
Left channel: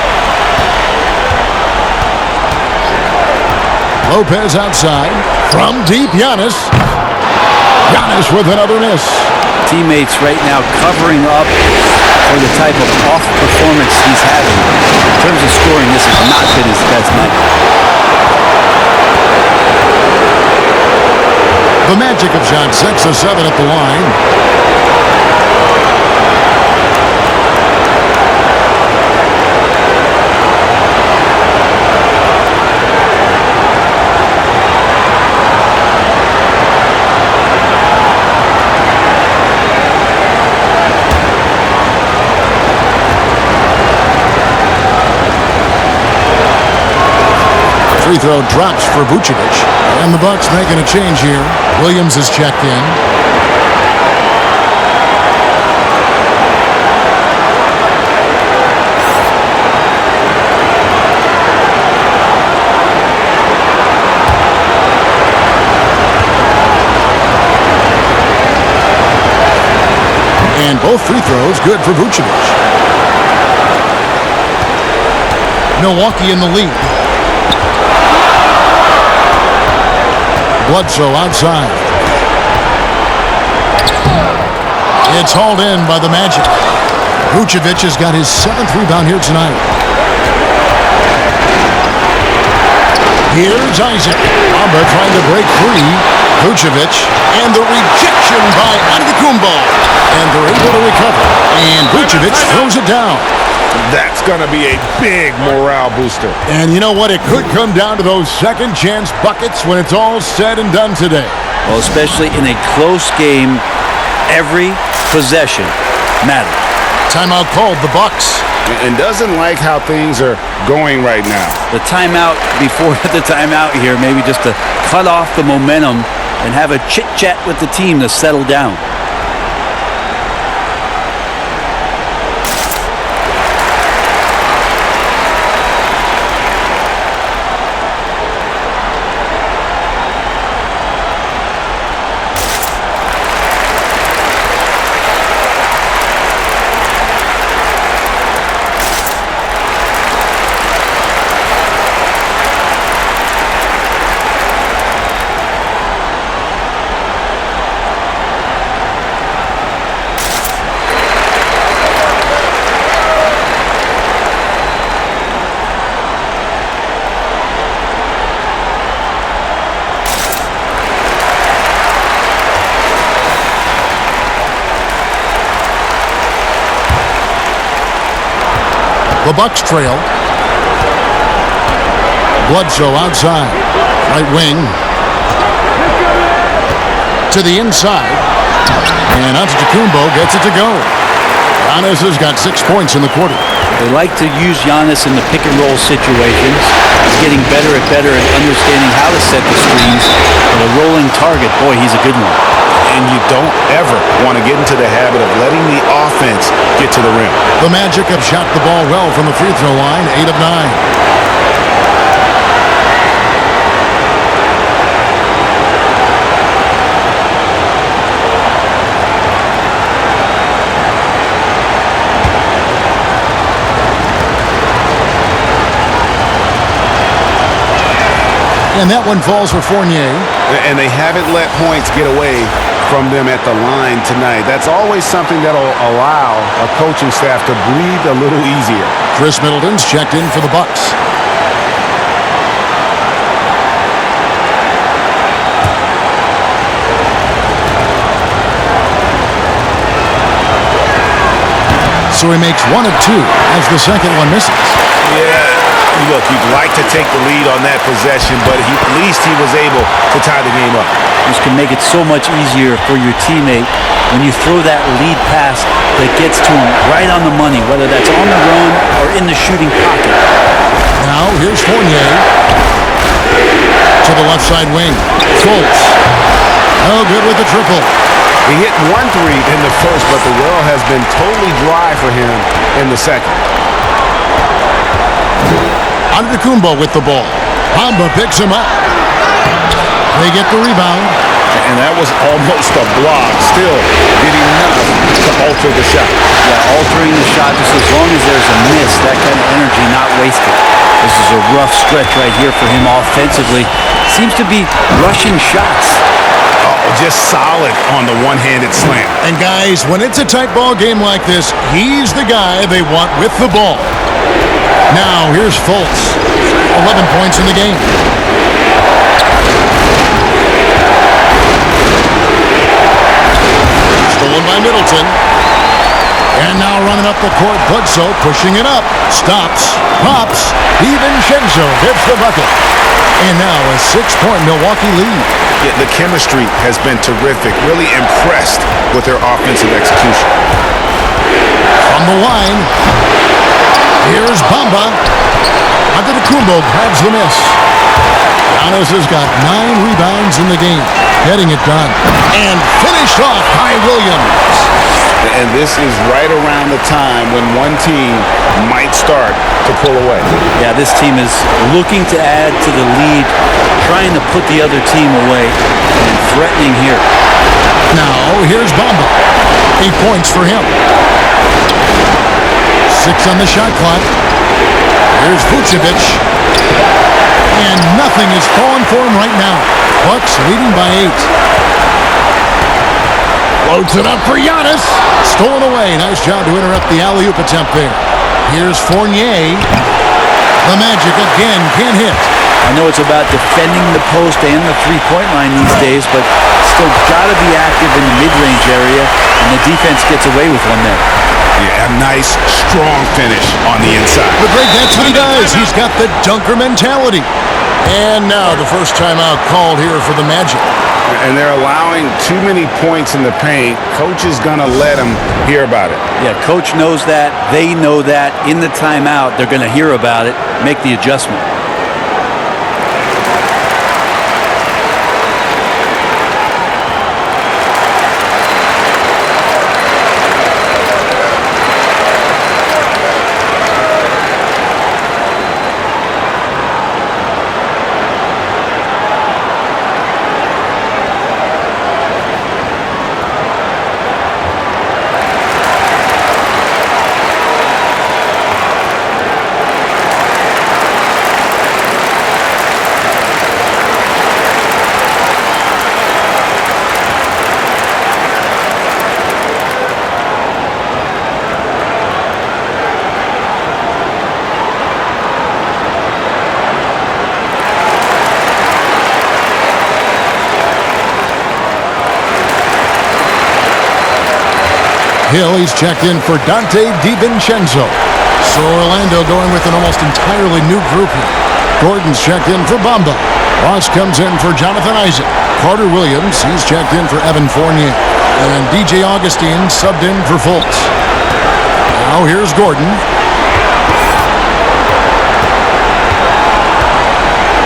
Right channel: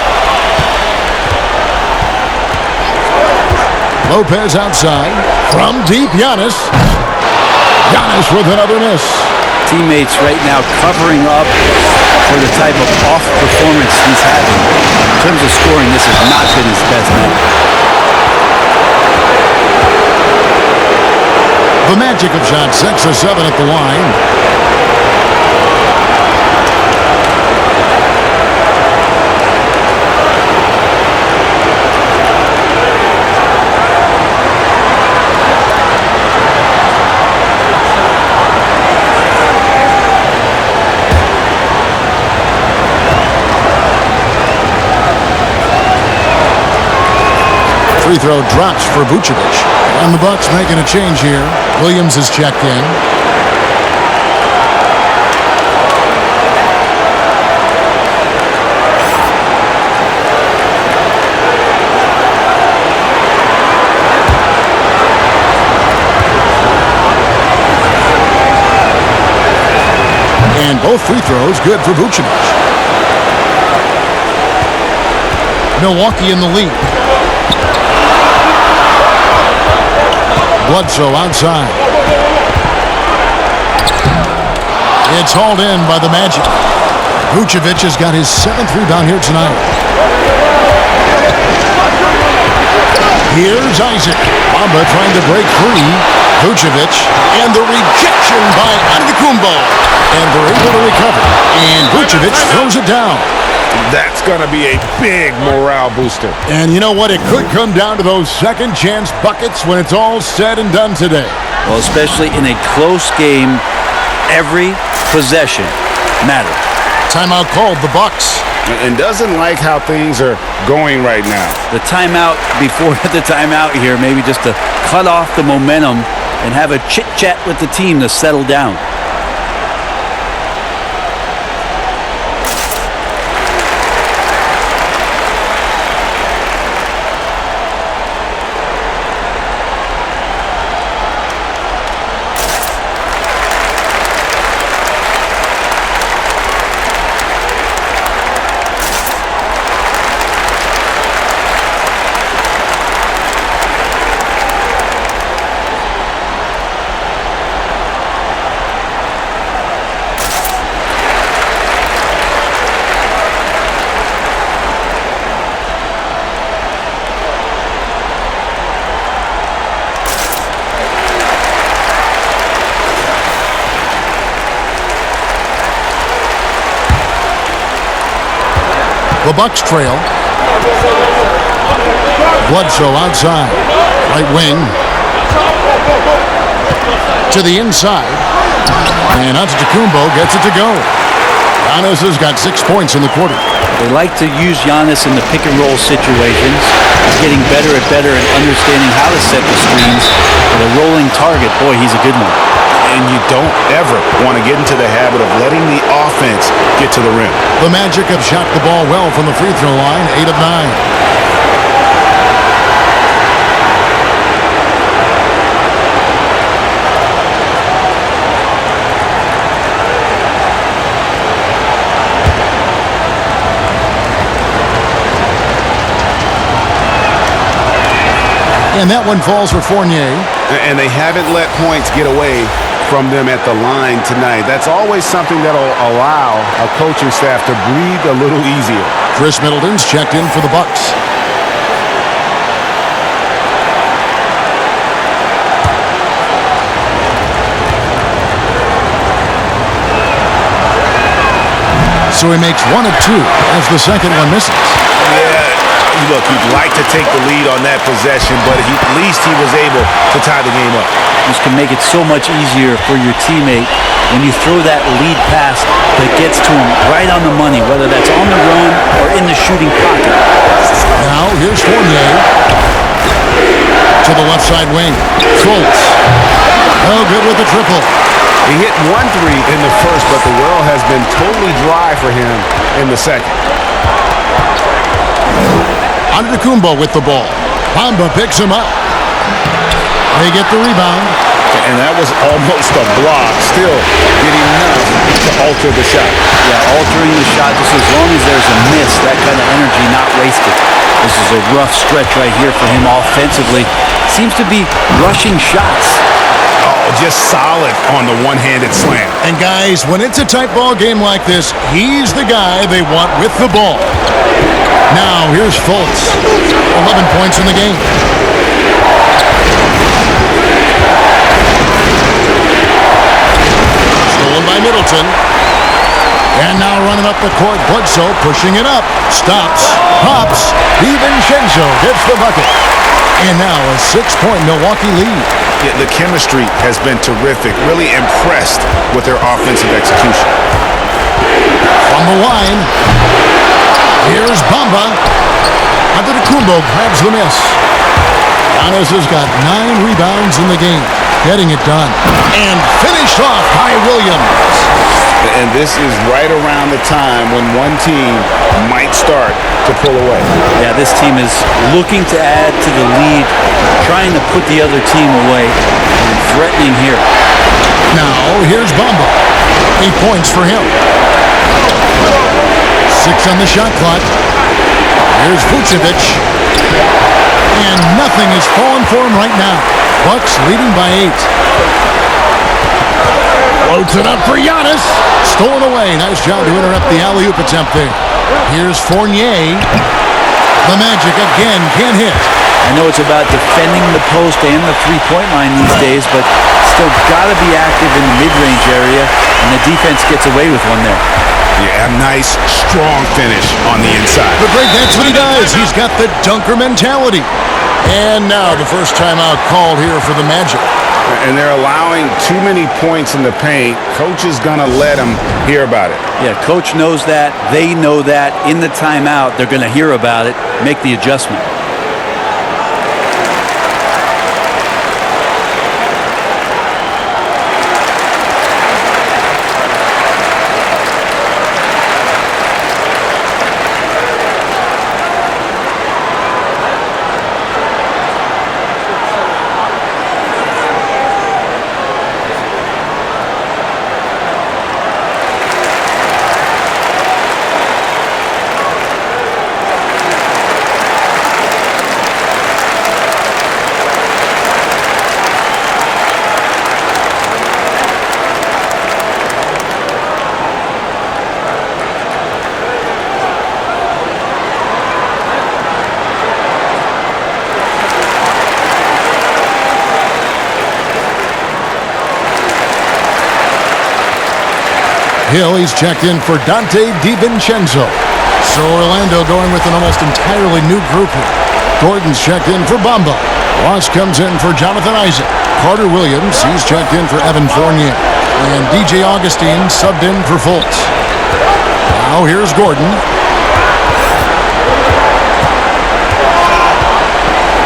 Lopez outside. From deep, Giannis. Giannis with another miss. Teammates right now covering up for the type of off performance he's having. In terms of scoring, this has not been his best night. The Magic have shot 6 of 7 at the line. Free throw drops for Vucevic. And the Bucks making a change here. Williams is checked in. And both free throws good for Vucevic. Milwaukee in the lead. Bledsoe outside. It's hauled in by the Magic. Vucevic has got his 7th rebound here tonight. Here's Isaac. Bamba trying to break free. Vucevic, and the rejection by Antetokounmpo. And they're able to recover. And Vucevic throws it down. That's going to be a big morale booster. And you know what? It could come down to those second chance buckets when it's all said and done today. Well, especially in a close game, every possession matters. Timeout called, the Bucks. And doesn't like how things are going right now. The timeout before the timeout here, maybe just to cut off the momentum and have a chit-chat with the team to settle down. The Bucks trail. Bledsoe outside. Right wing. To the inside. And Antetokounmpo gets it to go. Giannis has got 6 points in the quarter. They like to use Giannis in the pick-and-roll situations. He's getting better at understanding how to set the screens. For the rolling target, boy, he's a good one. And you don't ever want to get into the habit of letting the offense get to the rim. The Magic have shot the ball well from the free throw line, 8 of 9. And that one falls for Fournier. And they haven't let points get away from them at the line tonight. That's always something that'll allow a coaching staff to breathe a little easier. Chris Middleton's checked in for the Bucks. So he makes 1 of 2 as the second one misses. Yeah, look, you'd like to take the lead on that possession, but at least he was able to tie the game up. This can make it so much easier for your teammate when you throw that lead pass that gets to him right on the money, whether that's on the run or in the shooting pocket. Now here's Fournier to the left side wing. Fultz. No good with the triple. He hit 1 3 in the first, but the well has been totally dry for him in the second. Antetokounmpo with the ball. Bamba picks him up. They get the rebound. And that was almost a block. Still did enough to alter the shot. Yeah, altering the shot just as long as there's a miss, that kind of energy not wasted. This is a rough stretch right here for him offensively. Seems to be rushing shots. Oh, just solid on the one-handed slam. And guys, when it's a tight ball game like this, he's the guy they want with the ball. Now here's Fultz. 11 points in the game. Stolen by Middleton. And now running up the court, Bledsoe pushing it up. Stops, pops. DiVincenzo gets the bucket. And now a 6-point Milwaukee lead. Yeah, the chemistry has been terrific. Really impressed with their offensive execution. From the line, here's Bamba. Antetokounmpo grabs the miss. Giannis has got 9 rebounds in the game. Getting it done. And finished off by Williams. And this is right around the time when one team might start to pull away. Yeah, this team is looking to add to the lead, trying to put the other team away, and threatening here. Now, here's Bamba. 8 points for him. 6 on the shot clock. Here's Vucevic. And nothing is falling for him right now. Bucks leading by 8. Loads it up for Giannis. Stolen away. Nice job to interrupt the alley-oop attempt there. Here's Fournier. The Magic again can't hit. I know it's about defending the post and the three-point line these days, but still got to be active in the mid-range area, and the defense gets away with one there. Yeah, a nice, strong finish on the inside. But Greg, that's what he does. He's got the dunker mentality. And now the first timeout called here for the Magic. And they're allowing too many points in the paint. Coach is going to let them hear about it. Yeah, coach knows that. They know that. In the timeout, they're going to hear about it, make the adjustment. Hill, he's checked in for Dante DiVincenzo. So Orlando going with an almost entirely new group here. Gordon's checked in for Bamba. Ross comes in for Jonathan Isaac. Carter Williams, he's checked in for Evan Fournier. And DJ Augustine subbed in for Fultz. Now here's Gordon.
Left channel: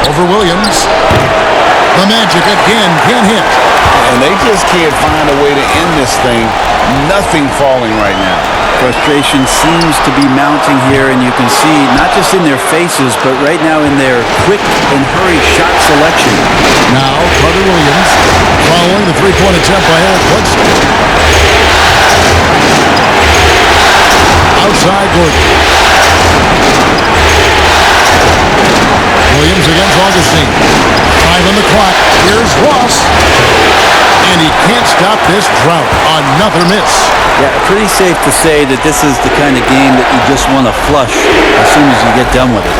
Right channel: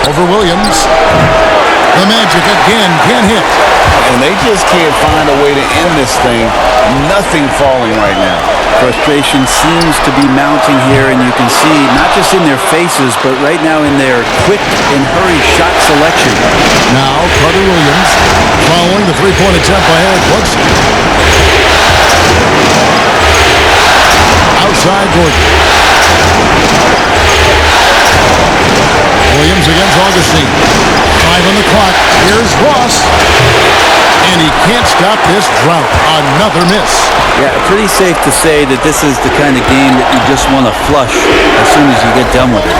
Over Williams. The Magic again can't hit. And they just can't find a way to end this thing. Nothing falling right now. Frustration seems to be mounting here, and you can see not just in their faces, but right now in their quick and hurried shot selection. Now Carter Williams following the three-point attempt by Eric Bledsoe. Outside Gordon. Williams against Augustine. 5 on the clock. Here's Ross. And he can't stop this drought. Another miss. Yeah, pretty safe to say that this is the kind of game that you just want to flush as soon as you get done with it.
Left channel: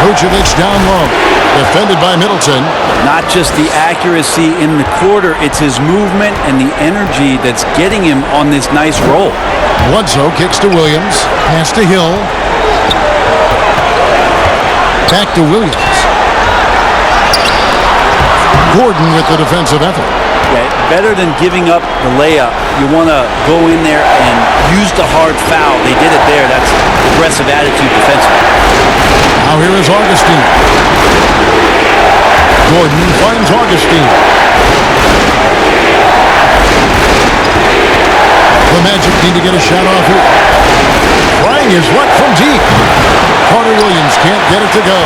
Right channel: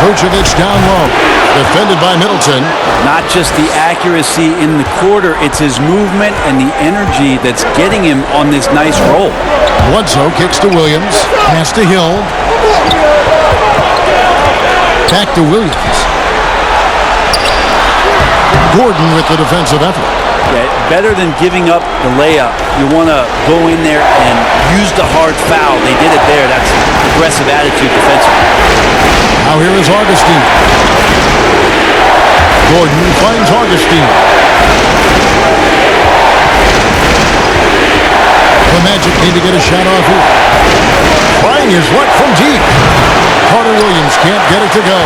Vucevic down low. Defended by Middleton. Not just the accuracy in the quarter, it's his movement and the energy that's getting him on this nice roll. Bledsoe kicks to Williams. Pass to Hill. Back to Williams. Gordon with the defensive effort. Yeah, better than giving up the layup. You want to go in there and use the hard foul. They did it there. That's aggressive attitude defensively. Now here is Augustine. Gordon finds Augustine. The Magic need to get a shot off here. Trying his luck from deep. Carter Williams can't get it to go.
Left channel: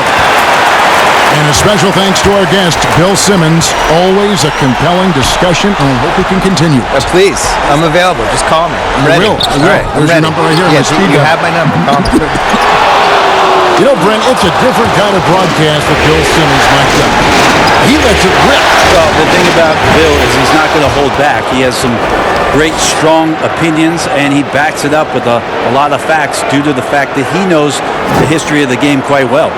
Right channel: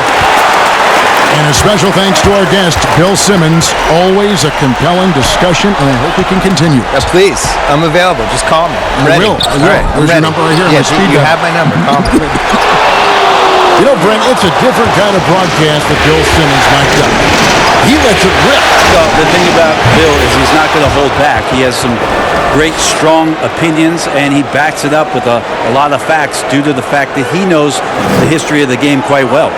And a special thanks to our guest, Bill Simmons. Always a compelling discussion, and I hope we can continue. Please, I'm available. Just call me. I'm ready. I will. All right, There's your number right here. Yes, my speed you dial. have my number. Call me. You know, Brent, it's a different kind of broadcast with Bill Simmons mic'd up. He lets it rip. Well, the thing about Bill is he's not going to hold back. He has some great, strong opinions, and he backs it up with a lot of facts due to the fact that he knows the history of the game quite well.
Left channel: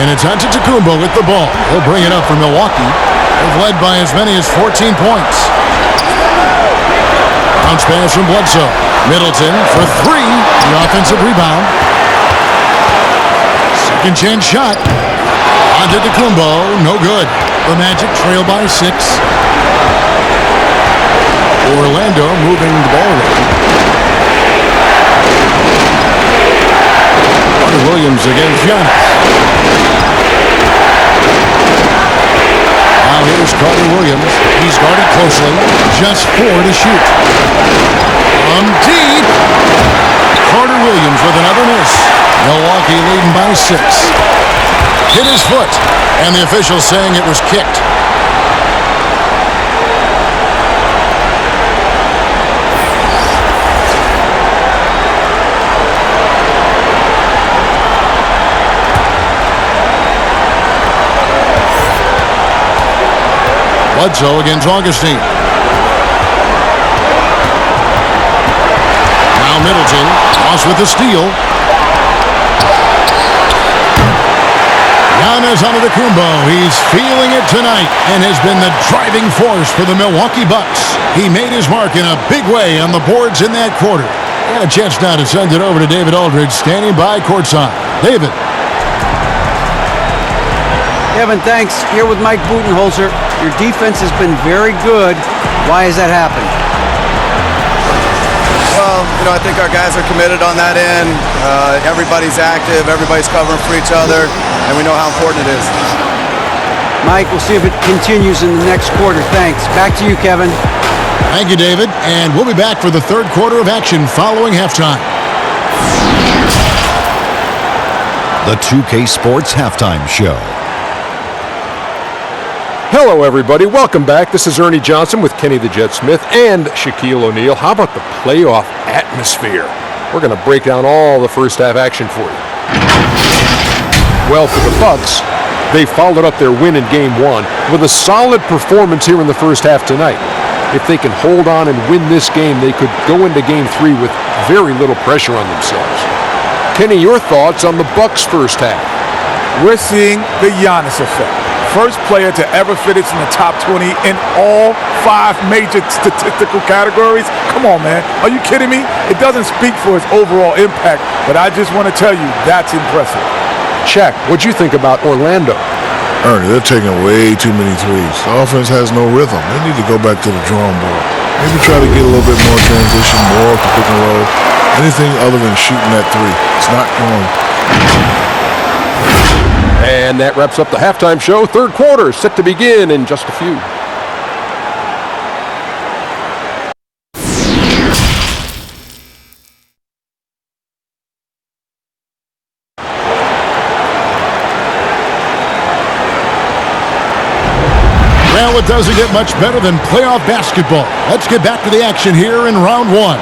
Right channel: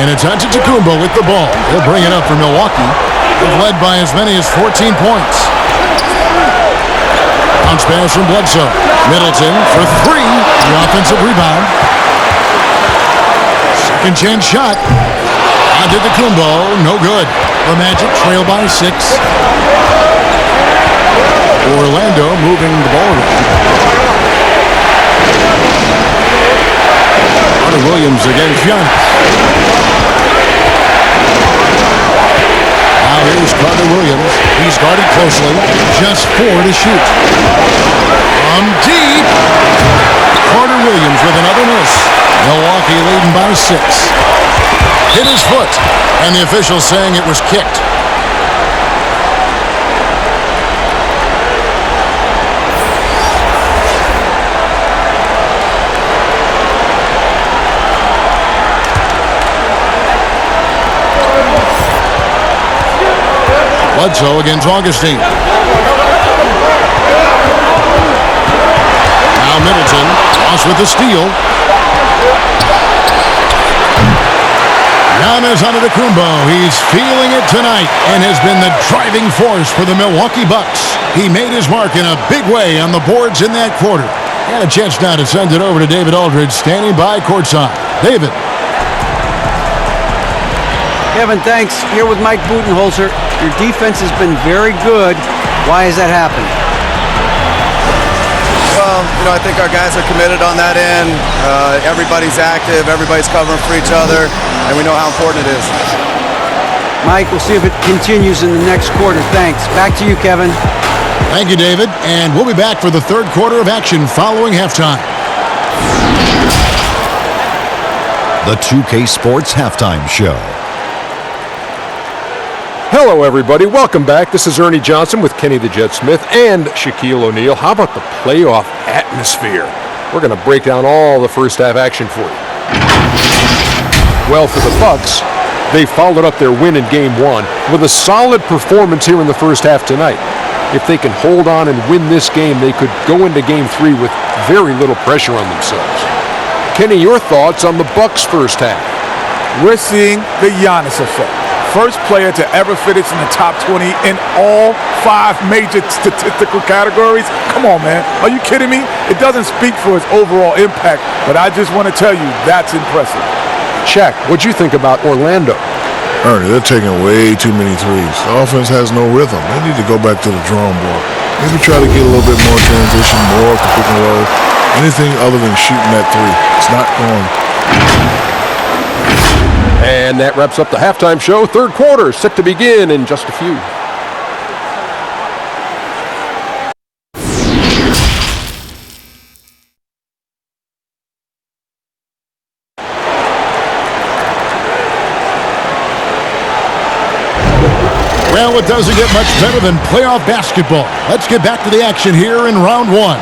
And it's Antetokounmpo with the ball. He'll bring it up for Milwaukee. They've led by as many as 14 points. Bounce pass from Bledsoe. Middleton for 3. The offensive rebound. Second chance shot. Antetokounmpo, no good. The Magic trail by 6. Orlando moving the ball around. Carter Williams against Giannis. Now here's Carter Williams. He's guarded closely. Just 4 to shoot. From deep. Carter Williams with another miss. Milwaukee leading by 6. Hit his foot, and the official saying it was kicked. Bledsoe against Augustine. Now Middleton, Ross with the steal. Giannis Antetokounmpo, he's feeling it tonight and has been the driving force for the Milwaukee Bucks. He made his mark in a big way on the boards in that quarter. And a chance now to send it over to David Aldridge, standing by courtside. David. Kevin, thanks. Here with Mike Budenholzer. Your defense has been very good. Why has that happened? Well, I think our guys are committed on that end. Everybody's active. Everybody's covering for each other. And we know how important it is. Mike, we'll see if it continues in the next quarter. Thanks. Back to you, Kevin. Thank you, David. And we'll be back for the third quarter of action following halftime. The 2K Sports Halftime Show. Hello, everybody. Welcome back. This is Ernie Johnson with Kenny the Jet Smith and Shaquille O'Neal. How about the playoff atmosphere? We're going to break down all the first half action for you. Well, for the Bucks, they followed up their win in Game 1 with a solid performance here in the first half tonight. If they can hold on and win this game, they could go into Game 3 with very little pressure on themselves. Kenny, your thoughts on the Bucks' first half? We're seeing the Giannis effect. First player to ever finish in the top 20 in all 5 major statistical categories. Come on, man. Are you kidding me? It doesn't speak for his overall impact, but I just want to tell you that's impressive. Check. What'd you think about Orlando? Ernie, they're taking way too many threes. The offense has no rhythm. They need to go back to the drawing board. Maybe try to get a little bit more transition, more off the pick and roll. Anything other than shooting that three. It's not going. And that wraps up the halftime show. Third quarter set to begin in just a few. Well, it doesn't get much better than playoff basketball. Let's get back to the action here in round 1.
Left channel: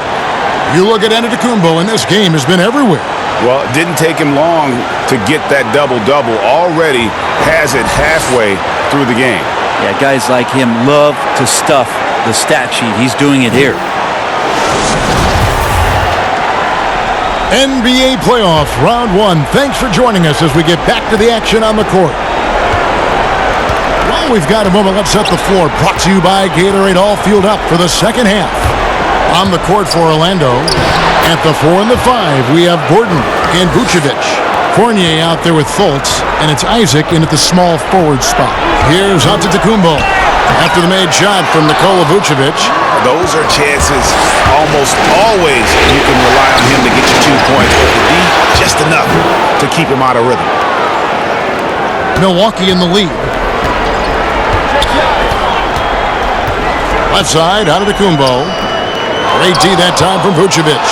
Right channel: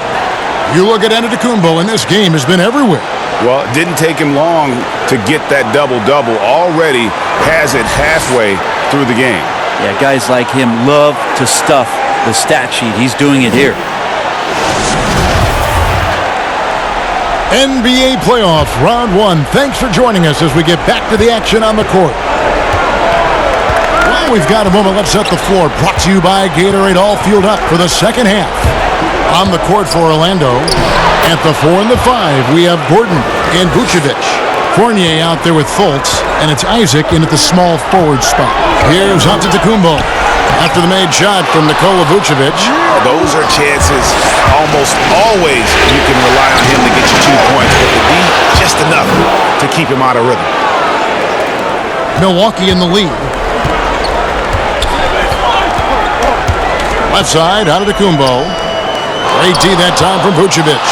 You look at Antetokounmpo, and this game has been everywhere. Well, it didn't take him long to get that double-double. Already has it halfway through the game. Yeah, guys like him love to stuff the stat sheet. He's doing it here. NBA playoffs, round 1. Thanks for joining us as we get back to the action on the court. Well, we've got a moment. Let's set the floor. Brought to you by Gatorade. All fueled up for the second half. On the court for Orlando. At the 4 and the 5, we have Gordon and Vucevic. Fournier out there with Fultz, and it's Isaac in at the small forward spot. Here's Antetokounmpo after the made shot from Nikola Vucevic. Those are chances almost always you can rely on him to get you 2 points, but the D, just enough to keep him out of rhythm. Milwaukee in the lead. Left side, Antetokounmpo. Great D that time from Vucevic.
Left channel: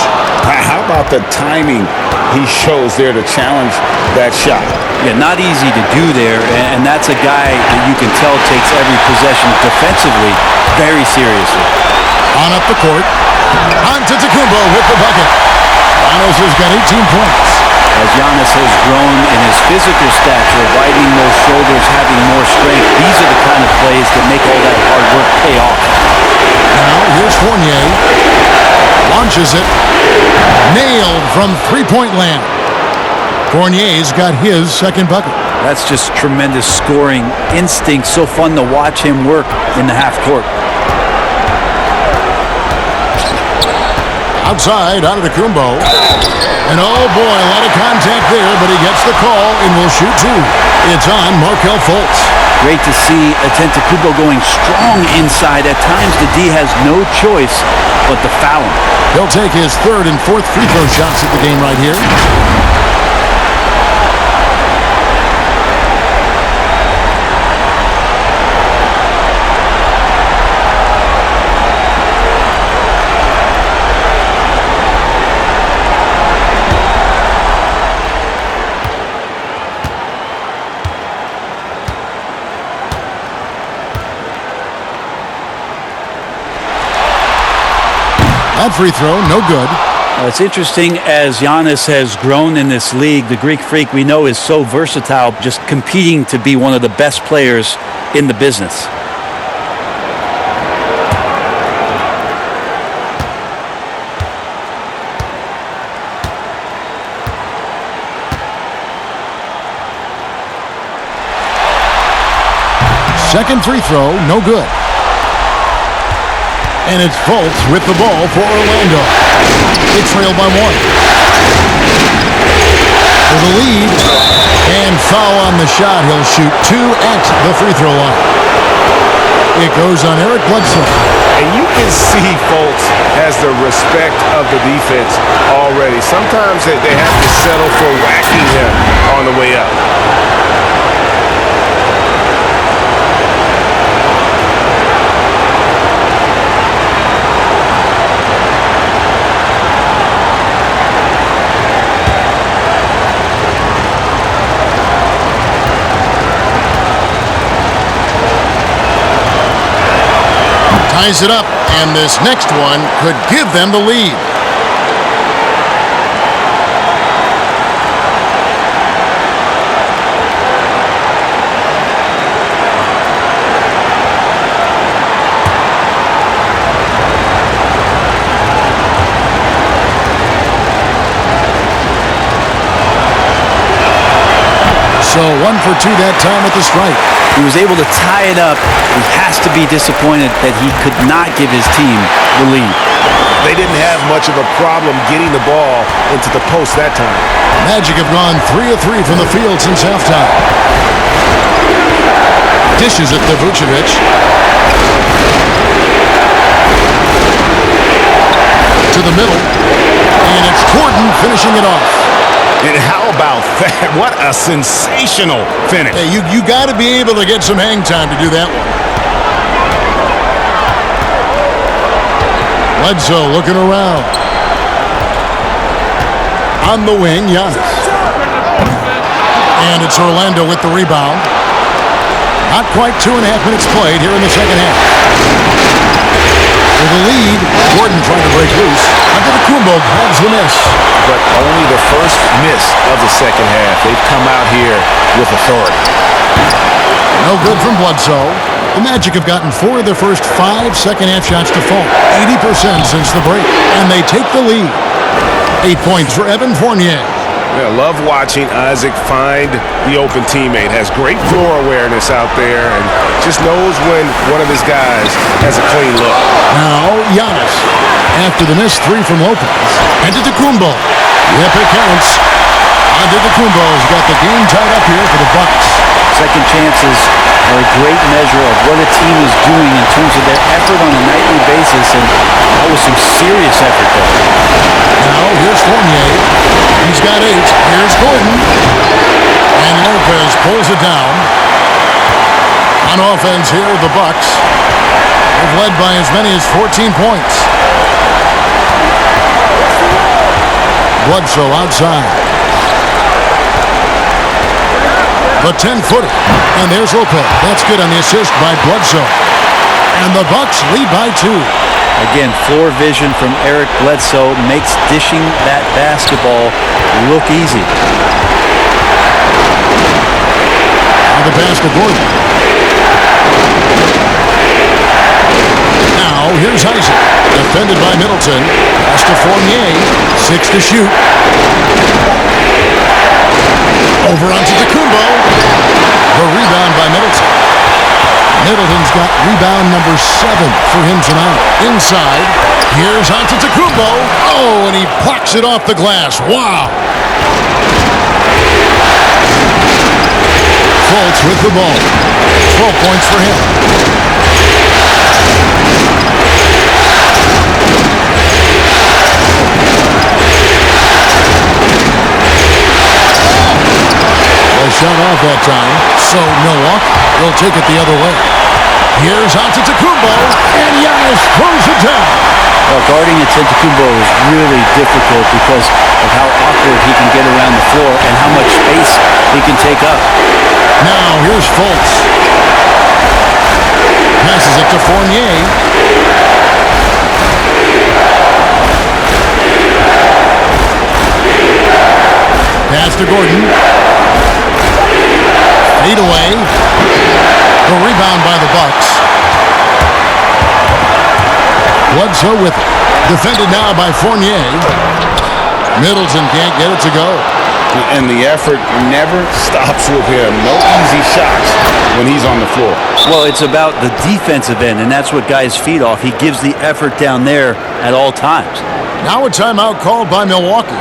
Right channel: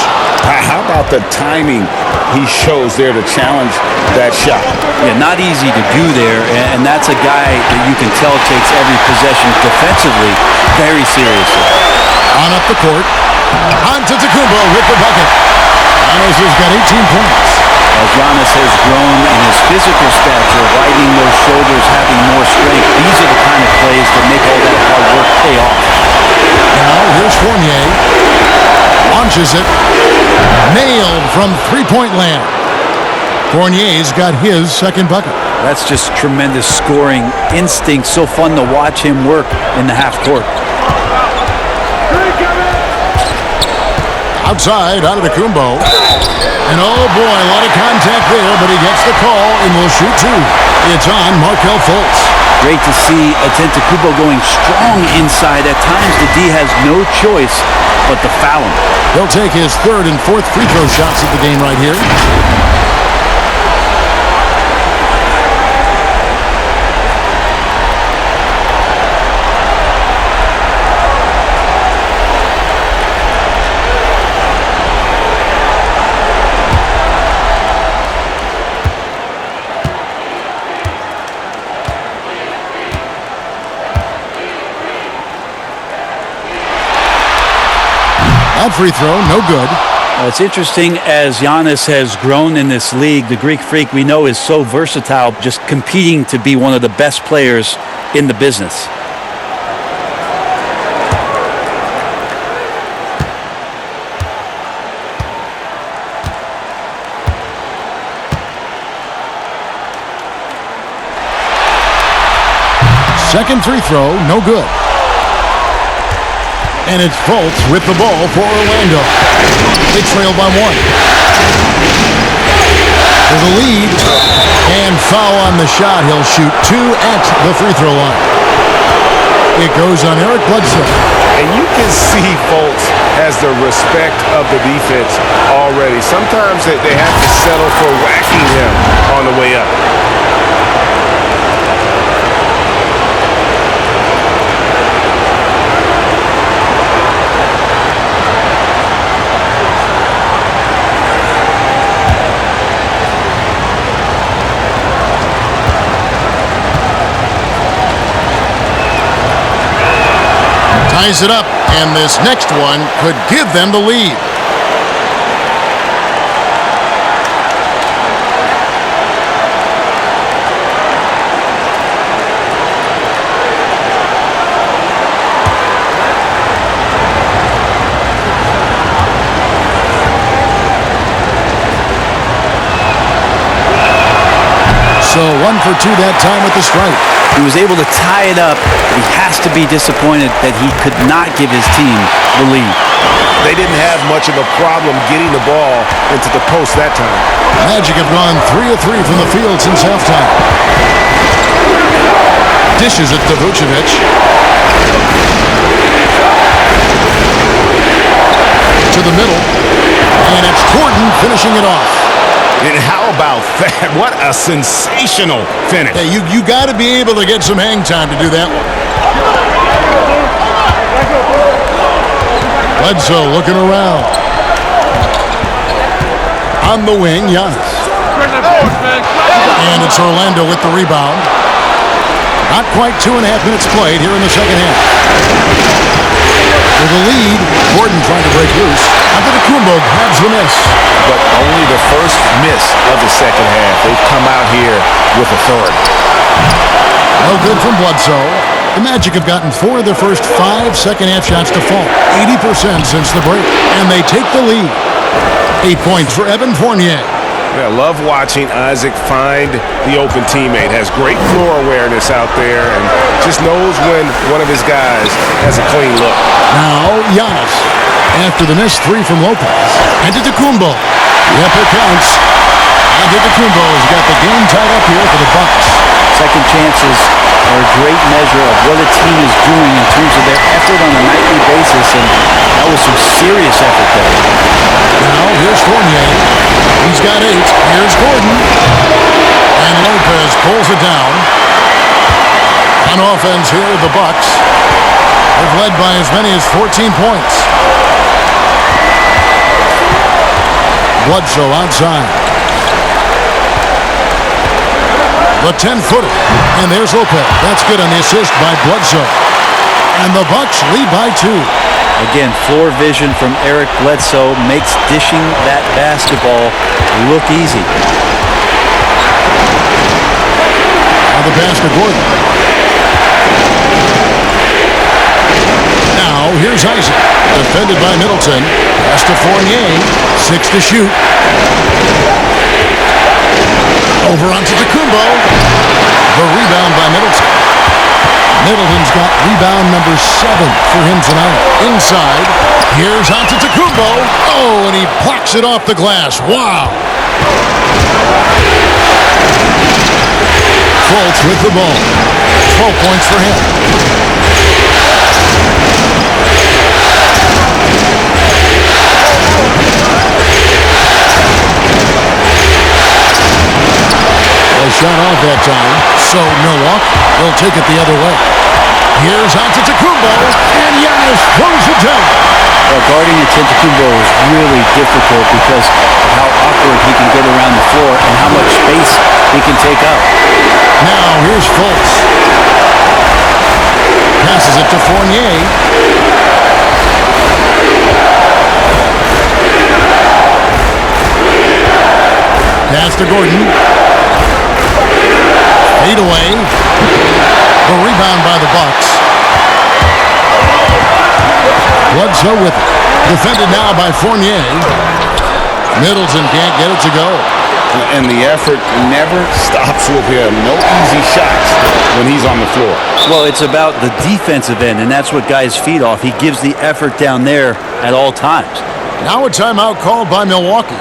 How about the timing he shows there to challenge that shot? Yeah, not easy to do there, and that's a guy that you can tell takes every possession defensively very seriously. On up the court, Antetokounmpo with the bucket. Giannis has got 18 points. As Giannis has grown in his physical stature, widening those shoulders, having more strength, these are the kind of plays that make all that hard work pay off. Now, here's Fournier. Launches it. Nailed from three-point land. Fournier's got his second bucket. That's just tremendous scoring instinct. So fun to watch him work in the half court. Outside, Antetokounmpo. And oh boy, a lot of contact there, but he gets the call and will shoot 2. It's on Markelle Fultz. Great to see Antetokounmpo going strong inside. At times, the D has no choice but to foul him. He'll take his third and fourth free throw shots at the game right here. That free throw, no good. It's interesting as Giannis has grown in this league. The Greek Freak we know is so versatile, just competing to be one of the best players in the business. Second free throw, no good. And it's Fultz with the ball for Orlando. They trail by 1. For the lead. And foul on the shot. He'll shoot 2 at the free throw line. It goes on Eric Bledsoe. And you can see Fultz has the respect of the defense already. Sometimes they have to settle for whacking him on the way up. Ties it up, and this next one could give them the lead. So 1 for 2 that time with the strike. He was able to tie it up. He has to be disappointed that he could not give his team the lead. They didn't have much of a problem getting the ball into the post that time. Magic have gone 3 of 3 from the field since halftime. Dishes it to Vucevic. To the middle. And it's Gordon finishing it off. And how about that? What a sensational finish. Hey, you got to be able to get some hang time to do that one. Bledsoe looking around. On the wing, Giannis. And it's Orlando with the rebound. Not quite 2.5 minutes played here in the second half. With the lead, Gordon trying to break loose. Antetokounmpo grabs the miss. But only the first miss of the second half. They've come out here with authority. No good from Bledsoe. The Magic have gotten 4 of their first 5 second-half shots to fall. 80% since the break. And they take the lead. 8 points for Evan Fournier. Yeah, I love watching Isaac find the open teammate. Has great floor awareness out there and just knows when one of his guys has a clean look. Now, Giannis. After the missed 3 from Lopez. Antetokounmpo. Yep, it counts. Antetokounmpo's got the game tied up here for the Bucks. Second chances are a great measure of what a team is doing in terms of their effort on a nightly basis, and that was some serious effort there. Now, here's Fournier. He's got 8. Here's Gordon. And Lopez pulls it down. On offense here, the Bucks. They've led by as many as 14 points. Bledsoe outside. The 10-footer. And there's Lopez. That's good on the assist by Bledsoe. And the Bucks lead by 2. Again, floor vision from Eric Bledsoe makes dishing that basketball look easy. Now the pass to Gordon. Now here's Isaac. Defended by Middleton. Pass to Fournier. 6 to shoot. Over onto Antetokounmpo. The rebound by Middleton. Middleton's got rebound number 7 for him tonight. Inside, here's Antetokounmpo. Oh, and he plucks it off the glass. Wow. Fultz with the ball. 12 points for him. Well, shot off that time, so Milwaukee will take it the other way. Here's Antetokounmpo, and Giannis throws it down. Well, guarding Antetokounmpo is really difficult because of how awkward he can get around the floor and how much space he can take up. Now, here's Fultz. Passes it to Fournier. Pass to Gordon. Fade away. The rebound by the Bucks. Bledsoe with it. Defended now by Fournier. Middleton can't get it to go. And the effort never stops with him. No easy shots when he's on the floor. Well, it's about the defensive end, and that's what guys feed off. He gives the effort down there at all times. Now a timeout called by Milwaukee.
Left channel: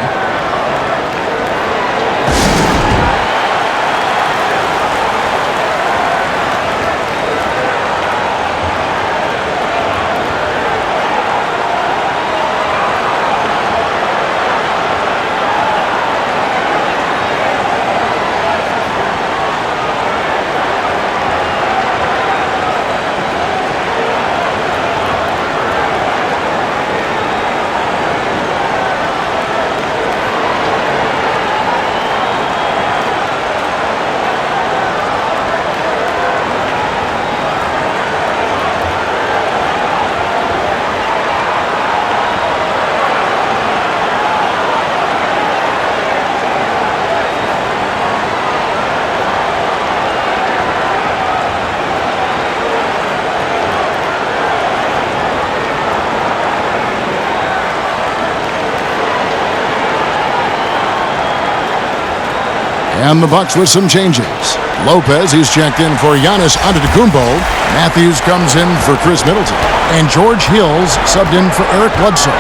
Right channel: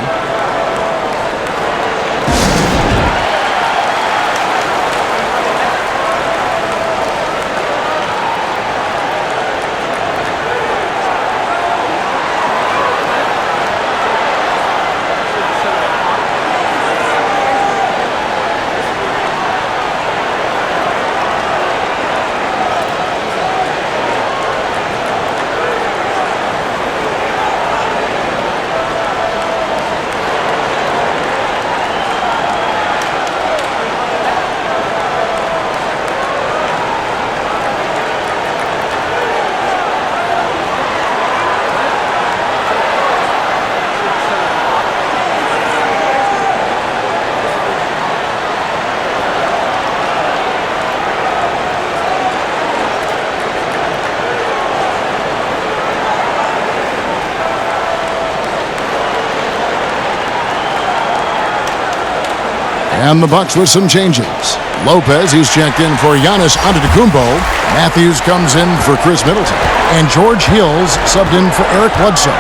And the Bucks with some changes. Lopez, he's checked in for Giannis Antetokounmpo. Matthews comes in for Chris Middleton. And George Hills subbed in for Eric Bledsoe.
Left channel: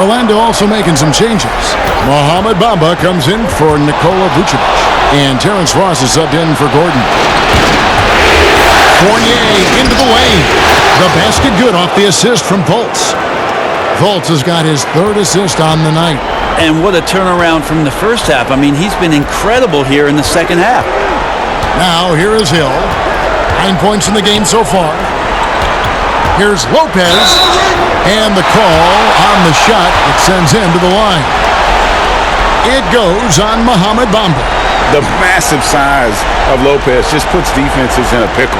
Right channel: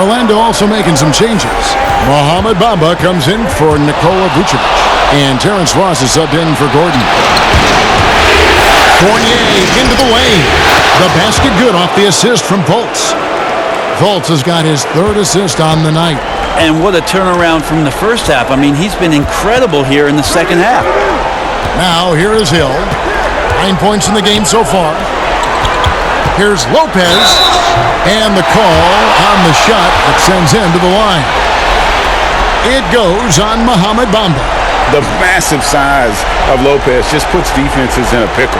Orlando also making some changes. Mohamed Bamba comes in for Nikola Vucevic. And Terrence Ross is subbed in for Gordon. Fournier into the lane. The basket good off the assist from Fultz. Fultz has got his third assist on the night. And what a turnaround from the first half. I mean, he's been incredible here in the second half. Now, here is Hill. 9 points in the game so far. Here's Lopez. And the call on the shot that sends him to the line. It goes on Mohamed Bamba. The massive size of Lopez just puts defenses in a pickle.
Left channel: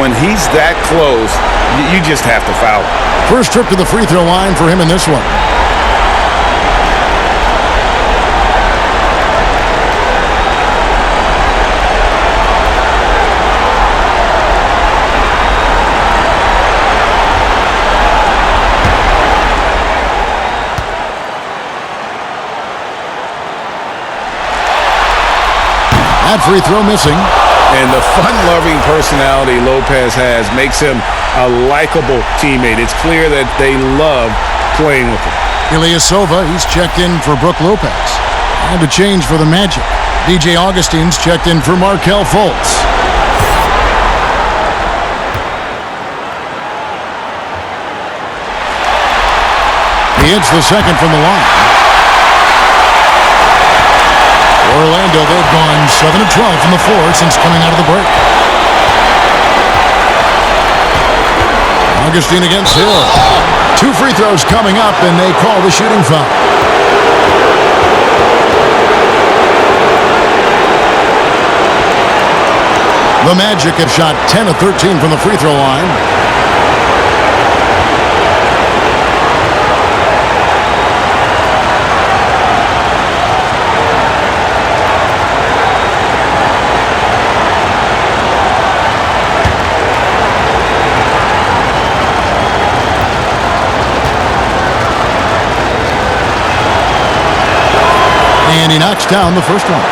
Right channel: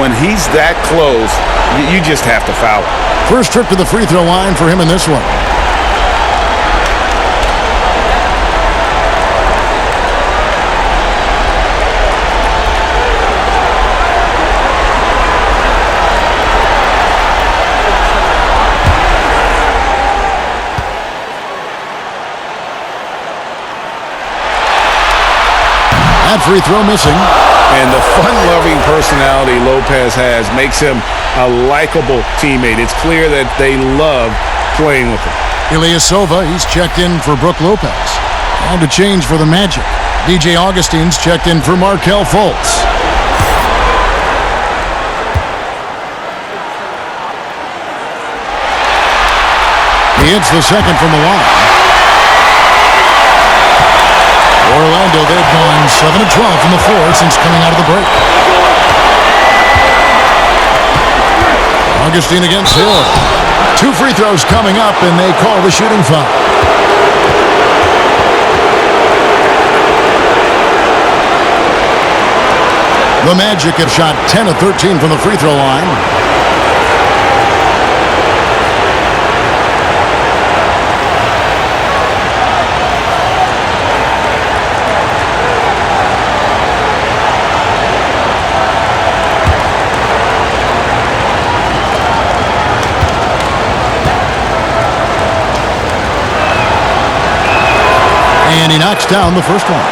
When he's that close, you just have to foul him. First trip to the free throw line for him in this one. That free throw missing. And the fun-loving personality Lopez has makes him a likable teammate. It's clear that they love playing with him. Ilyasova, he's checked in for Brook Lopez. And a change for the Magic. DJ Augustine's checked in for Markelle Fultz. He hits the second from the line. Orlando, they've gone 7 of 12 from the floor since coming out of the break. Augustine against Hill. 2 free throws coming up, and they call the shooting foul. The Magic have shot 10 of 13 from the free throw line. And he knocks down the first one.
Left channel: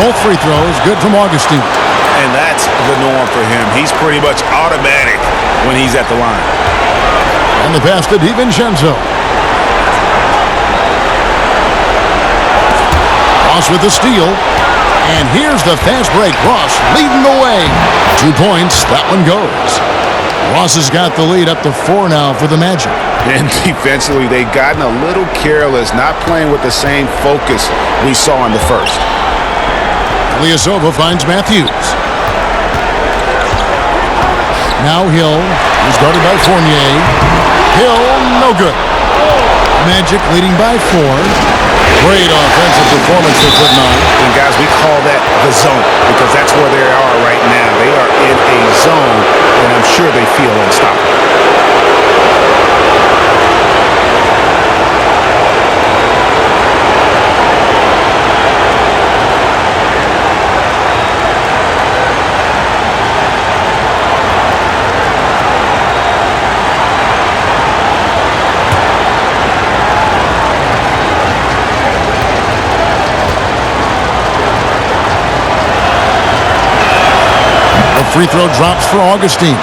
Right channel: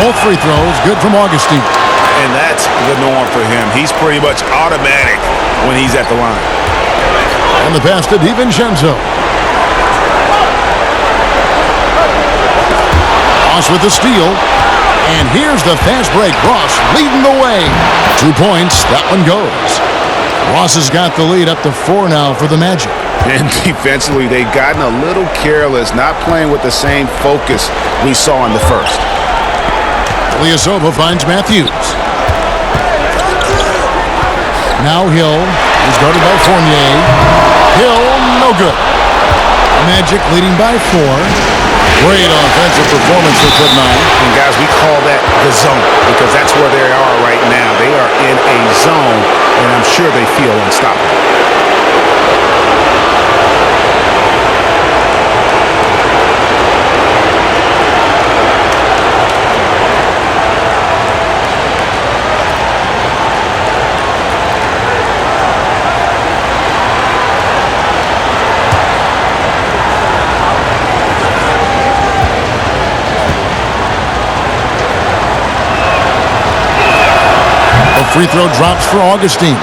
Both free throws good from Augustine. And that's the norm for him. He's pretty much automatic when he's at the line. And the pass to DiVincenzo. Ross with the steal. And here's the fast break. Ross leading the way. 2 points. That one goes. Ross has got the lead up to 4 now for the Magic. And defensively, they've gotten a little careless, not playing with the same focus we saw in the first. Ilyasova finds Matthews. Now Hill is guarded by Fournier. Hill, no good. Magic leading by 4. Great offensive performance they're putting on. And guys, we call that the zone because that's where they are right now. They are in a zone, and I'm sure they feel unstoppable. Free throw drops for Augustine.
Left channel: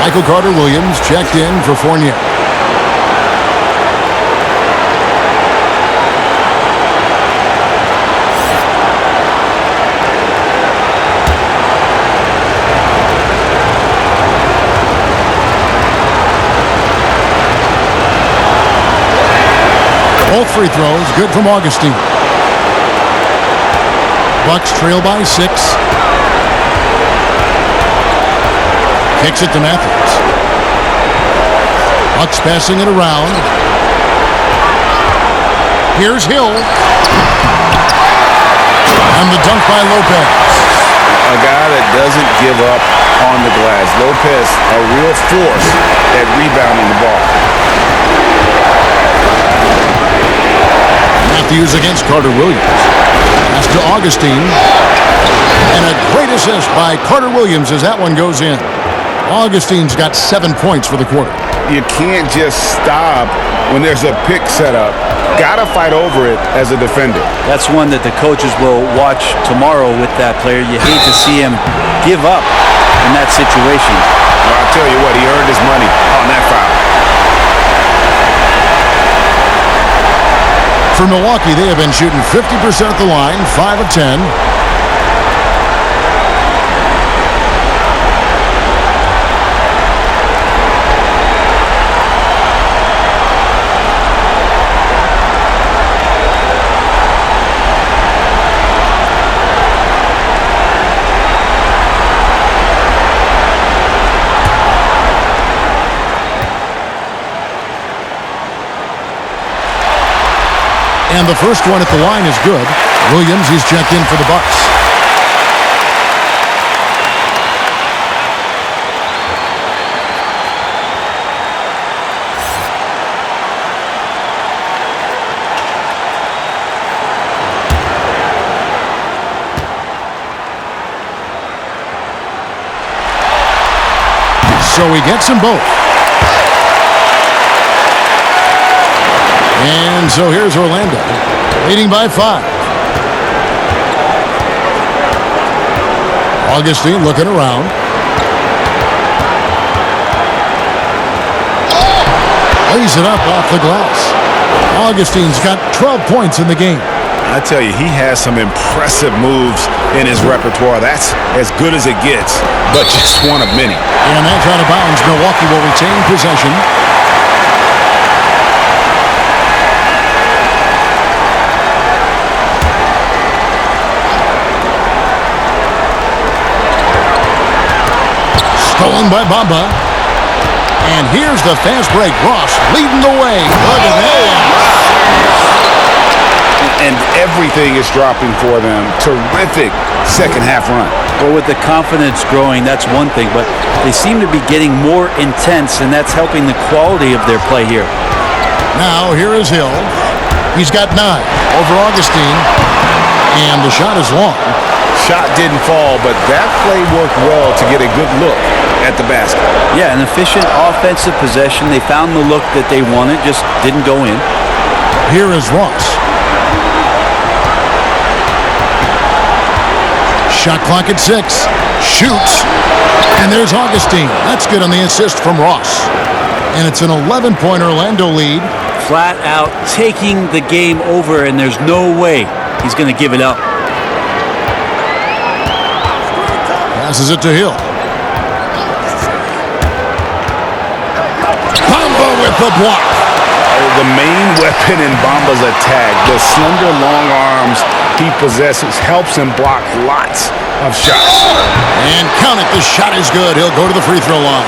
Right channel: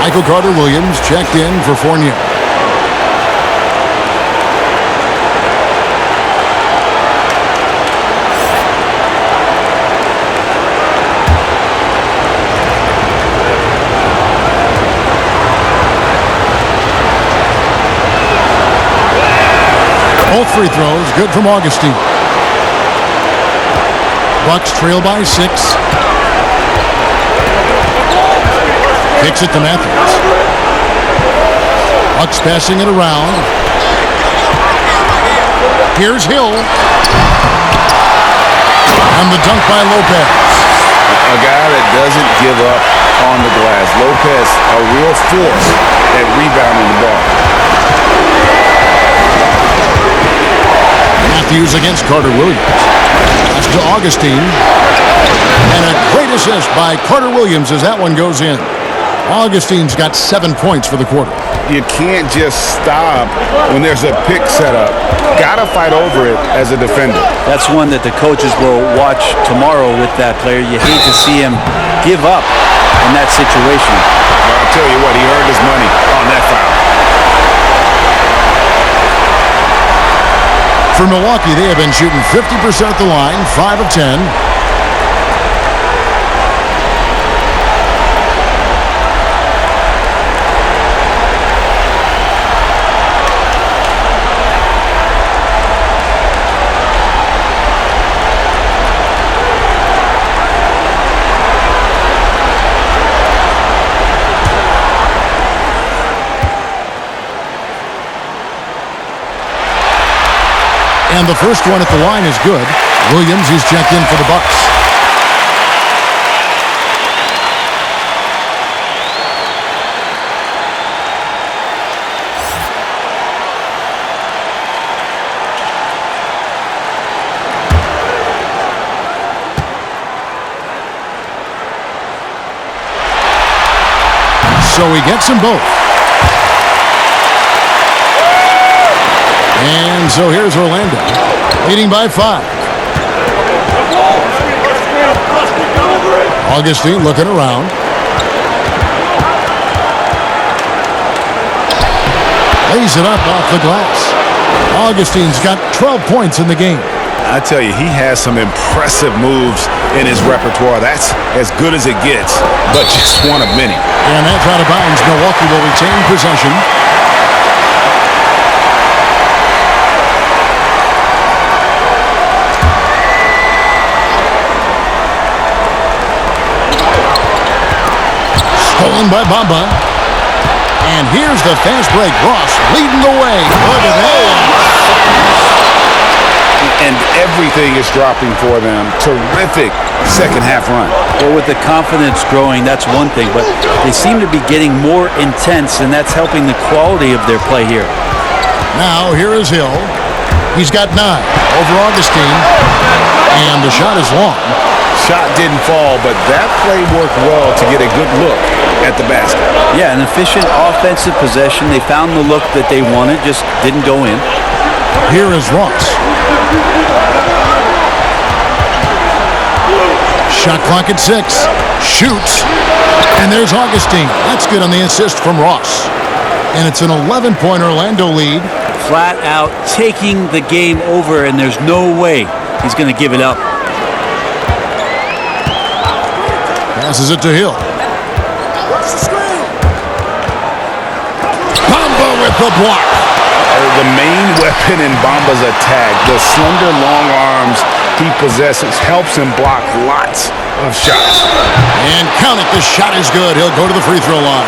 Michael Carter-Williams checked in for Fournier. Both free throws good from Augustine. Bucks trail by 6. Kicks it to Matthews. Bucks passing it around. Here's Hill. And the dunk by Lopez. A guy that doesn't give up on the glass. Lopez, a real force at rebounding the ball. Matthews against Carter-Williams. Pass to Augustine. And a great assist by Carter-Williams as that one goes in. Augustine's got 7 points for the quarter. You can't just stop when there's a pick set up. Got to fight over it as a defender. That's one that the coaches will watch tomorrow with that player. You hate to see him give up in that situation. Well, I'll tell you what, he earned his money on that foul. For Milwaukee, they have been shooting 50% at the line, 5 of 10. And the first one at the line is good. Williams, he's checked in for the Bucks. So he gets them both. And so here's Orlando, leading by 5. Augustine looking around. Lays it up off the glass. Augustine's got 12 points in the game. I tell you, he has some impressive moves in his repertoire. That's as good as it gets, but just one of many. And that's out of bounds. Milwaukee will retain possession. Stolen by Bamba. And here's the fast break. Ross leading the way. Look at that. And everything is dropping for them. Terrific second half run. Well, with the confidence growing, that's one thing, but they seem to be getting more intense, and that's helping the quality of their play here. Now, here is Hill. He's got 9 over Augustine, and the shot is long. Shot didn't fall, but that play worked well to get a good look at the basket. Yeah, an efficient offensive possession. They found the look that they wanted, just didn't go in. Here is Ross. Shot clock at 6. Shoots. And there's Augustine. That's good on the assist from Ross. And it's an 11-point Orlando lead. Flat out taking the game over, and there's no way he's going to give it up. Passes it to Hill. Bamba with the block. The main weapon in Bamba's attack, the slender long arms he possesses, helps him block lots of shots. And count it, the shot is good. He'll go to the free throw line.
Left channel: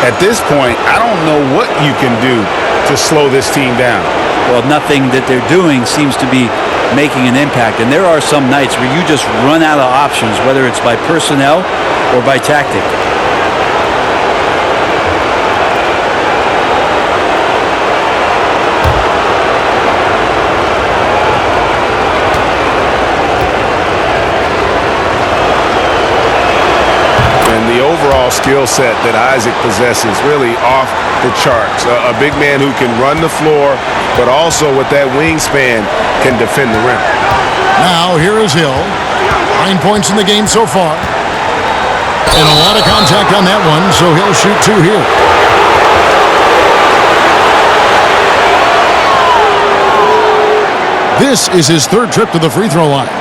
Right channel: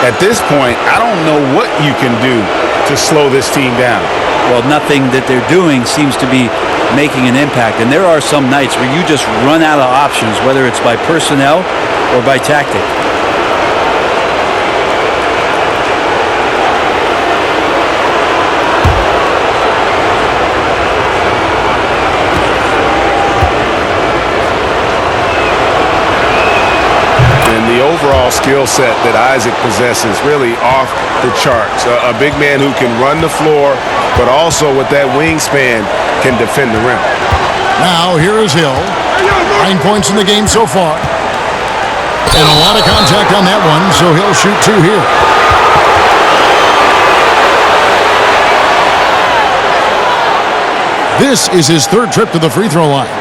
At this point, I don't know what you can do to slow this team down. well, nothing that they're doing seems to be making an impact. And there are some nights where you just run out of options, whether it's by personnel or by tactic. And the overall skill set that Isaac possesses really off the charts. A big man who can run the floor, but also with that wingspan can defend the rim. Now here is Hill. 9 points in the game so far. And a lot of contact on that one, so he'll shoot 2 here. This is his 3rd trip to the free throw line.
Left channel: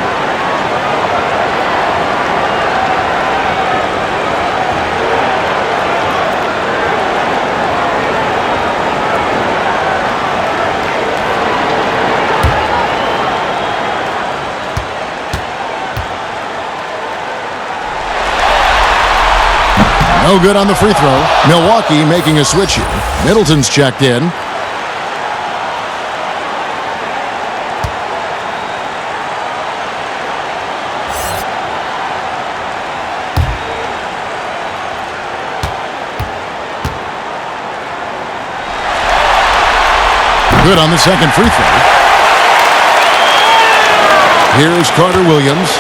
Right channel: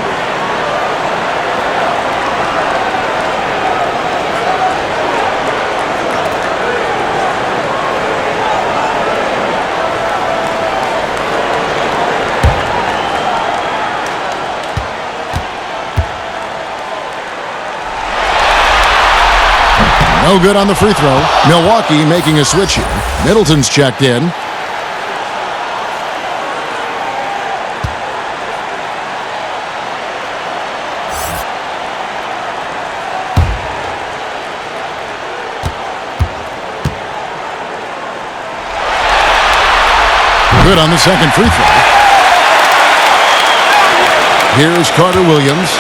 No good on the free throw. Milwaukee making a switch here. Middleton's checked in. Good on the second free throw. Here's Carter Williams.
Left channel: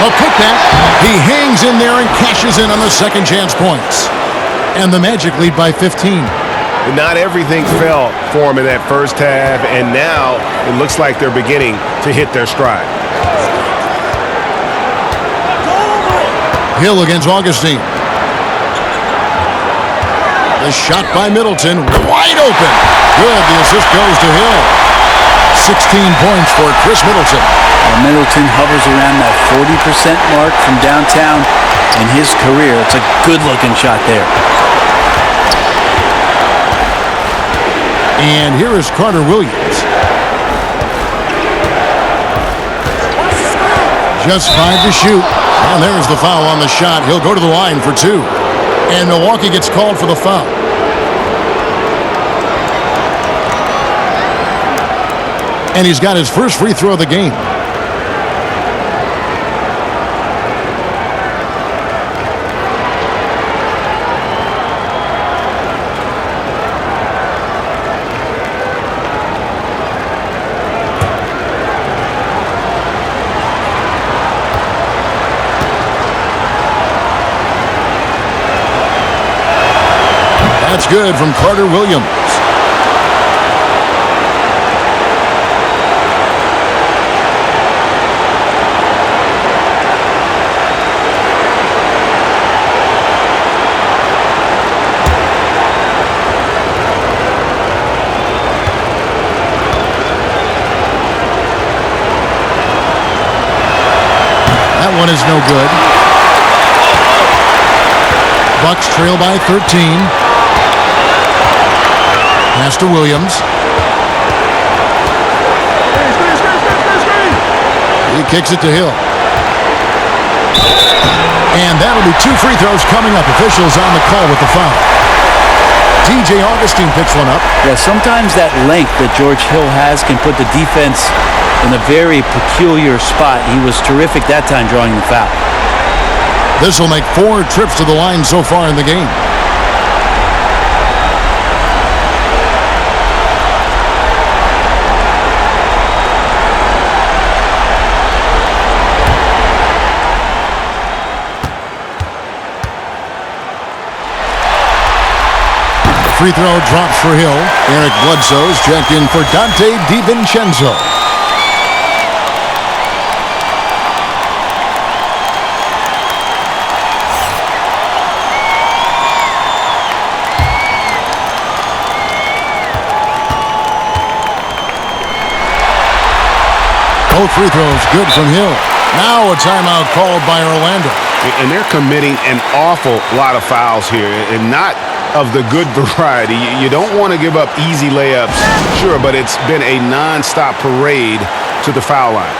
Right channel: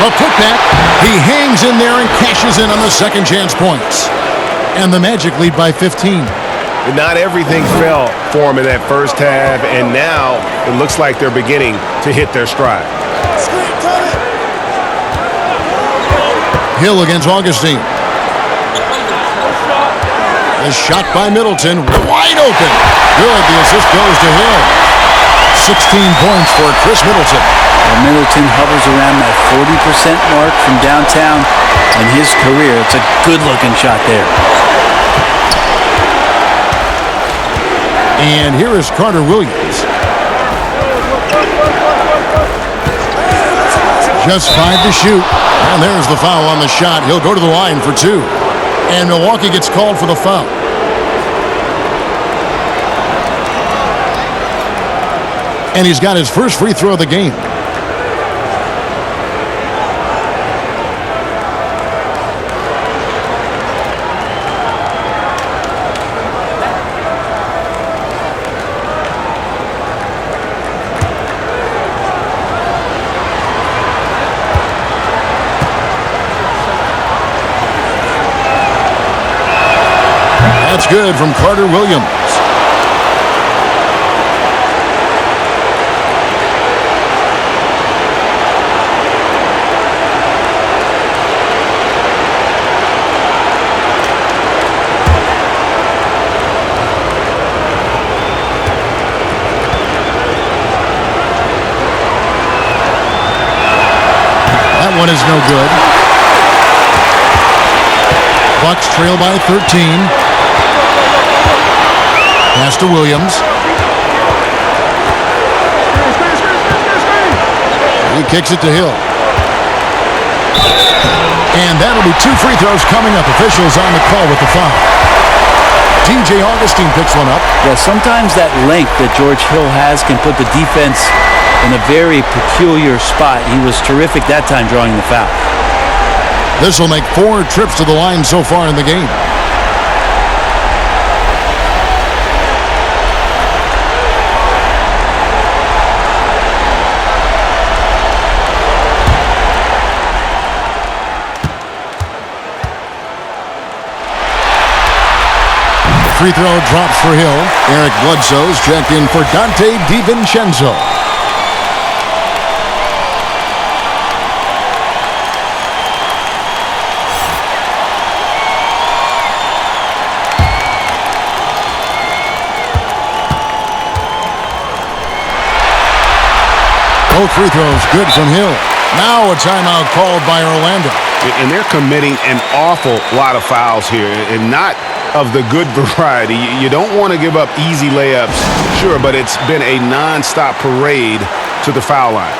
A putback. He hangs in there and cashes in on the second chance points. And the Magic lead by 15. And not everything fell for him in that first half, and now it looks like they're beginning to hit their stride. Hill against Augustine. The shot by Middleton, wide open. Good, the assist goes to Hill. 16 points for Chris Middleton. Well, Middleton hovers around that 40% mark from downtown in his career. It's a good-looking shot there. And here is Carter Williams. Just 5 to shoot. And there's the foul on the shot. He'll go to the line for 2. And Milwaukee gets called for the foul. And he's got his first free throw of the game. That's good from Carter Williams. That one is no good. Bucks trail by 13. Pass to Williams. He kicks it to Hill. And that'll be 2 free throws coming up. Officials on the call with the foul. DJ Augustine picks one up. Yeah, sometimes that length that George Hill has can put the defense in a very peculiar spot. He was terrific that time drawing the foul. This will make 4 trips to the line so far in the game. Free throw drops for Hill. Eric Bledsoe's checked in for Dante DiVincenzo. Both free throws good from Hill. Now a timeout called by Orlando. And they're committing an awful lot of fouls here, and not of the good variety. You don't want to give up easy layups, sure, but it's been a nonstop parade to the foul line.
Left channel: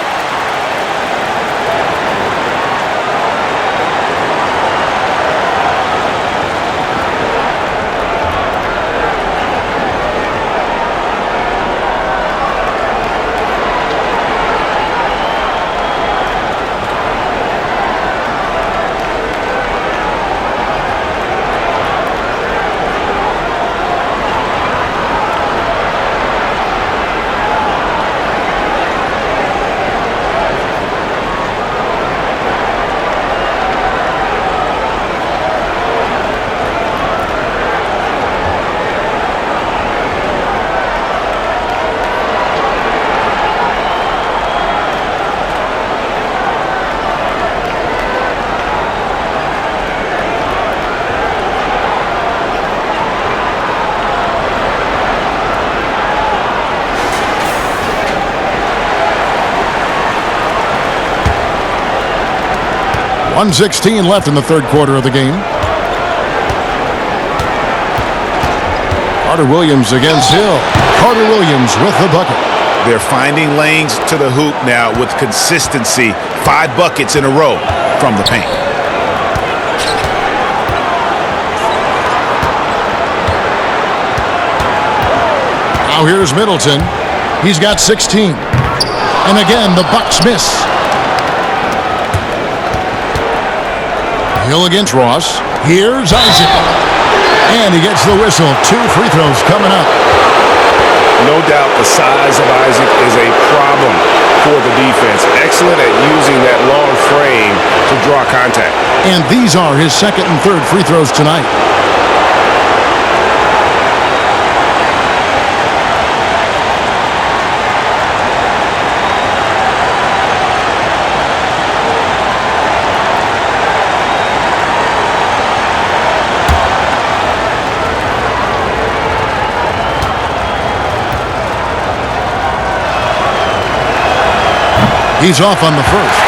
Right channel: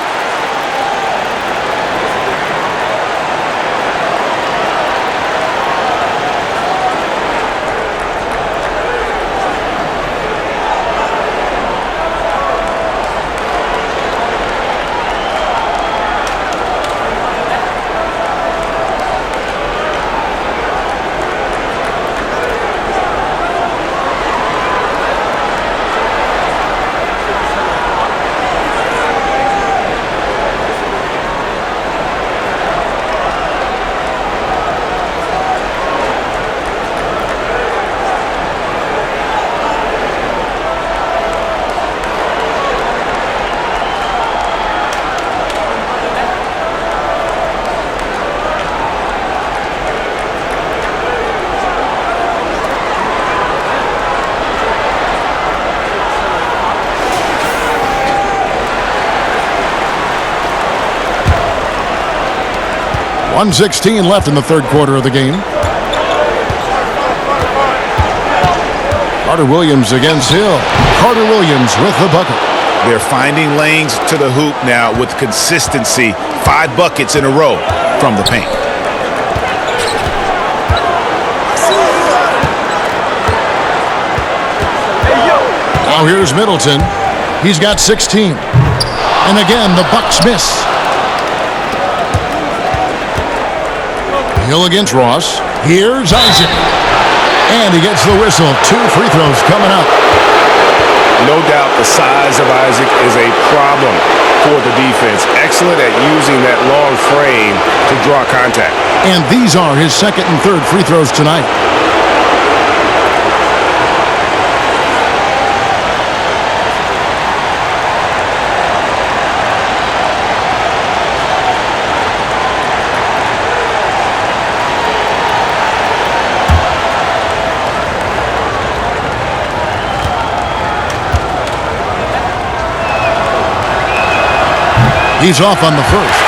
.116 left in the third quarter of the game. Carter Williams against Hill. Carter Williams with the bucket. They're finding lanes to the hoop now with consistency. 5 buckets in a row from the paint. Now here's Middleton. He's got 16. And again, the Bucks miss. Hill against Ross. Here's Isaac. And he gets the whistle. 2 free throws coming up. No doubt the size of Isaac is a problem for the defense. Excellent at using that long frame to draw contact. And these are his second and third free throws tonight. He's off on the first.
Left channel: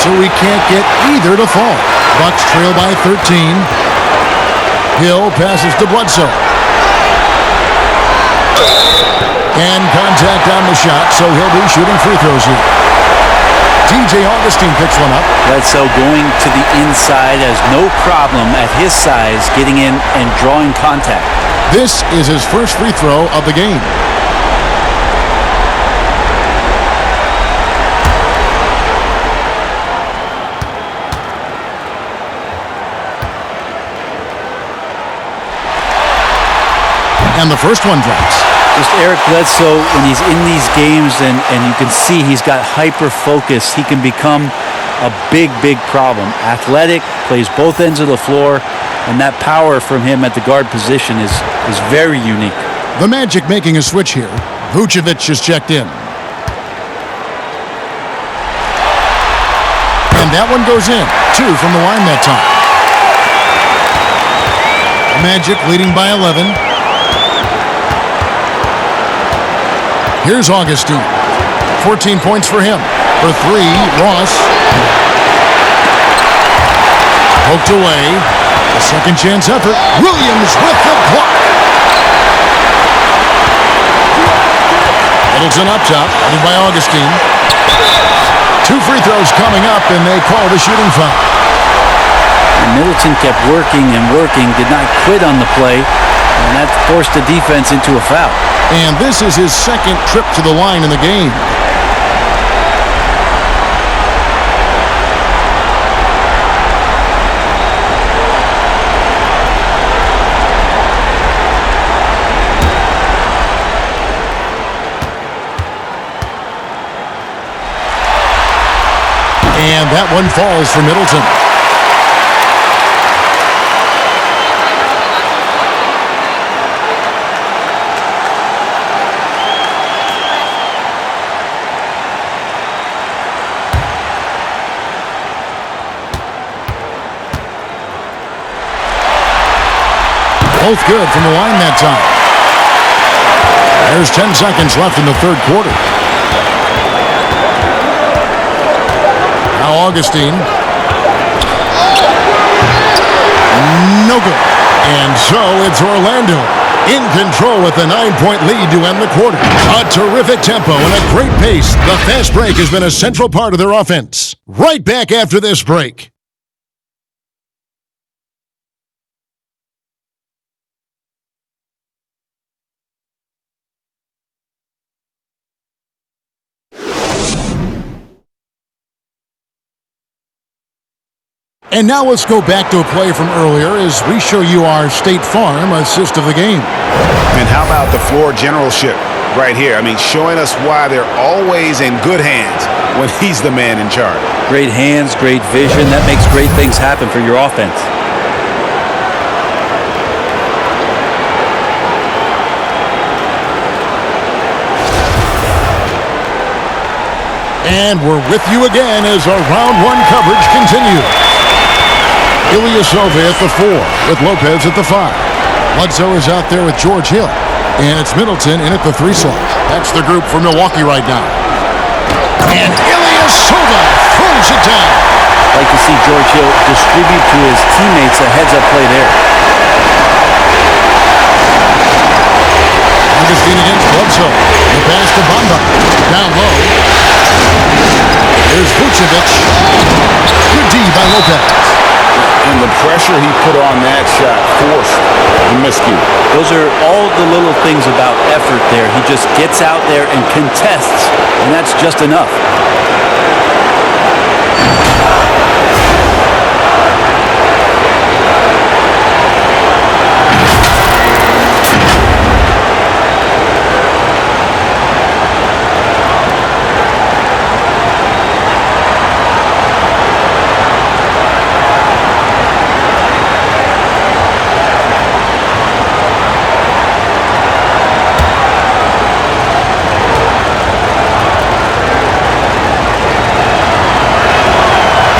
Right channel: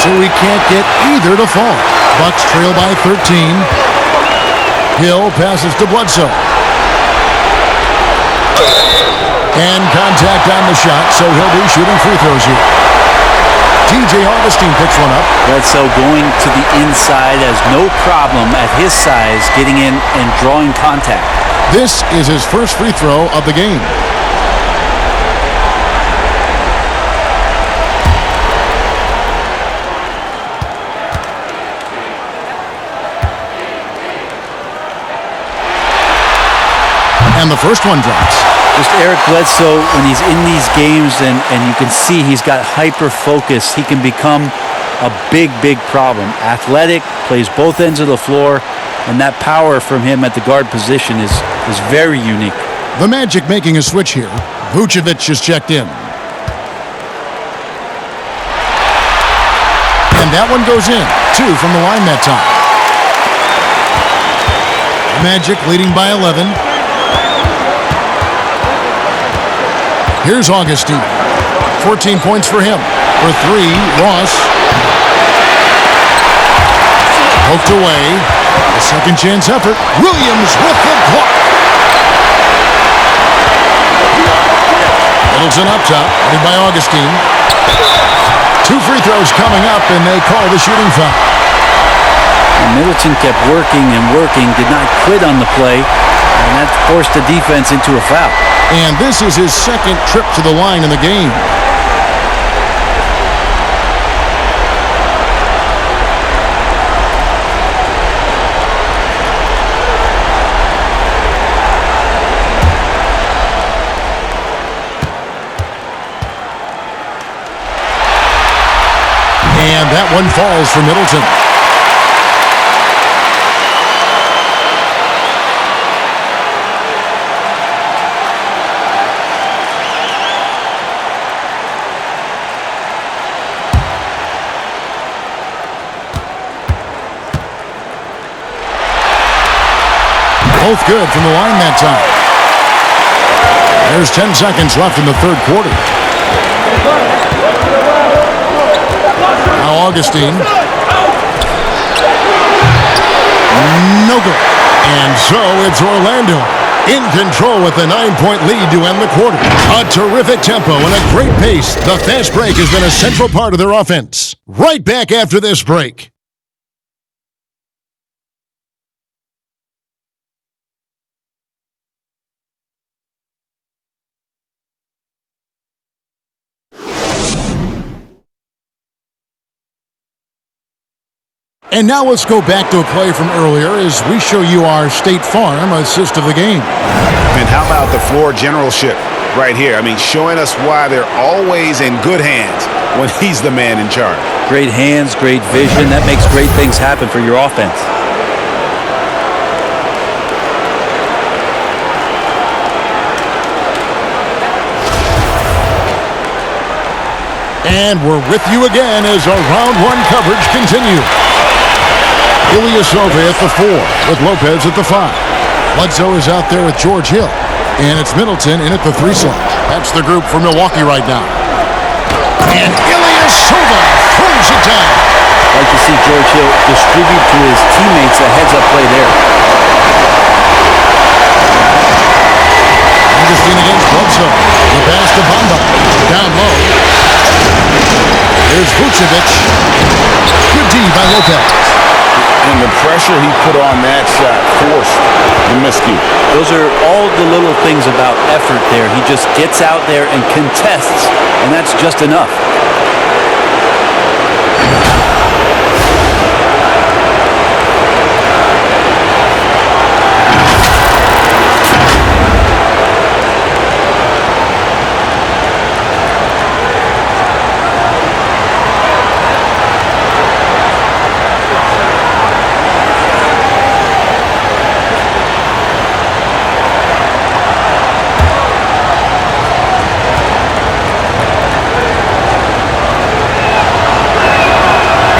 So we can't get either to fall. Bucks trail by 13. Hill passes to Bledsoe. And contact on the shot, so he'll be shooting free throws here. TJ Augustine picks one up. Bledsoe going to the inside has no problem at his size getting in and drawing contact. This is his first free throw of the game. And the first one drops. Just Eric Bledsoe, when he's in these games and you can see he's got hyper focus, he can become a big, big problem. Athletic, plays both ends of the floor, and that power from him at the guard position is very unique. The Magic making a switch here. Vucevic is checked in. And that one goes in. 2 from the line that time. The Magic leading by 11. Here's Augustine. 14 points for him. For 3, Ross. Poked away. A second chance effort. Williams with the block. Middleton up top, headed by Augustine. 2 free throws coming up, and they call the shooting foul. And Middleton kept working and working, did not quit on the play, and that forced the defense into a foul. And this is his second trip to the line in the game. And that one falls for Middleton. Both good from the line that time. There's 10 seconds left in the third quarter. Now Augustine. No good. And so it's Orlando in control with a 9-point lead to end the quarter. A terrific tempo and a great pace. The fast break has been a central part of their offense. Right back after this break. And now let's go back to a play from earlier as we show you our State Farm assist of the game. And how about the floor generalship right here? I mean, showing us why they're always in good hands when he's the man in charge. Great hands, great vision. That makes great things happen for your offense. And we're with you again as our round one coverage continues. Ilyasova at the 4 with Lopez at the 5. Bledsoe is out there with George Hill. And it's Middleton in at the 3 slot. That's the group for Milwaukee right now. And Ilyasova throws it down. Like to see George Hill distribute to his teammates a heads-up play there. Augustine against Bledsoe. The pass to Bamba. Down low. Here's Vucevic. Good D by Lopez. And the pressure he put on that shot forced the miscue. Those are all the little things about effort there. He just gets out there and contests, and that's just enough.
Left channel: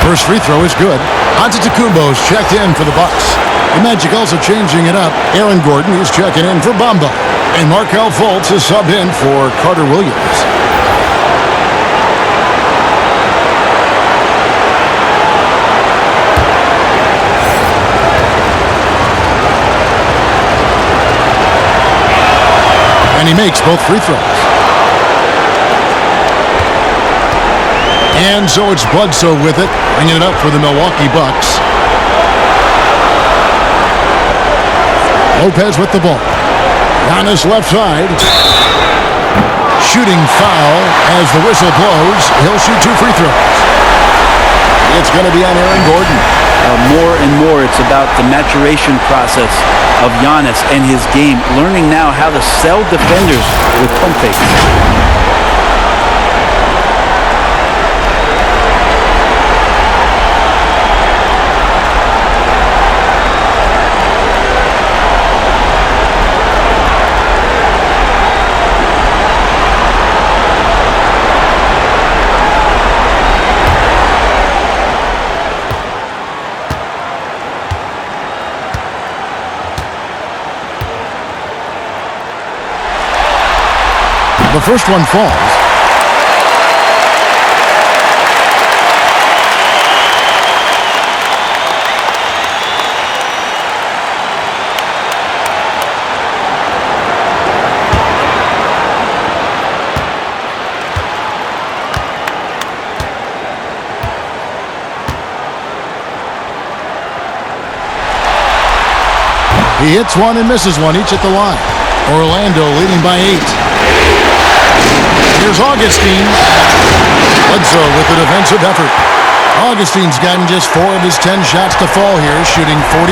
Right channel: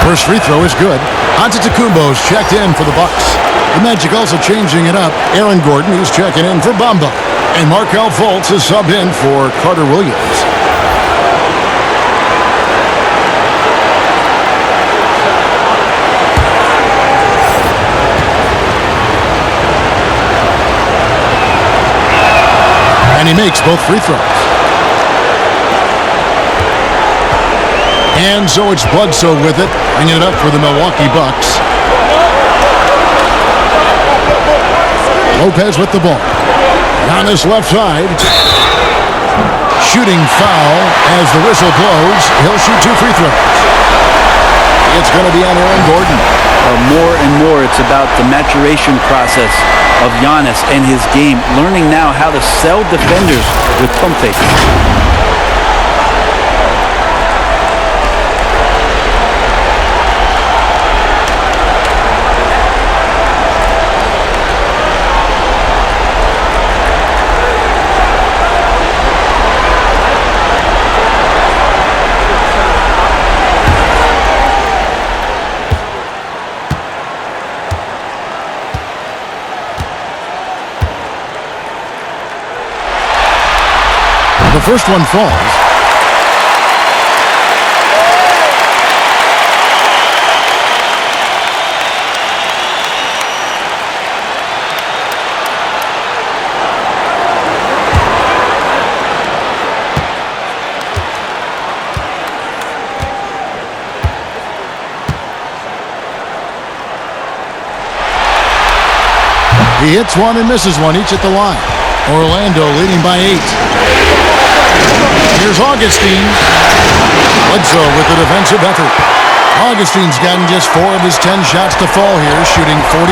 First free throw is good. Antetokounmpo's checked in for the Bucks. The Magic also changing it up. Aaron Gordon is checking in for Bamba. And Markelle Fultz is subbed in for Carter Williams. And he makes both free throws. And so it's Bledsoe with it, bringing it up for the Milwaukee Bucks. Lopez with the ball. Giannis left side. Shooting foul as the whistle blows. He'll shoot 2 free throws. It's going to be on Aaron Gordon. More and more, it's about the maturation process of Giannis and his game, learning now how to sell defenders with pump fakes. The first one falls. He hits one and misses one, each at the line. Orlando leading by 8. Here's Augustine. Bledsoe with the defensive effort. Augustine's gotten just 4 of his 10 shots to fall here, shooting 40%.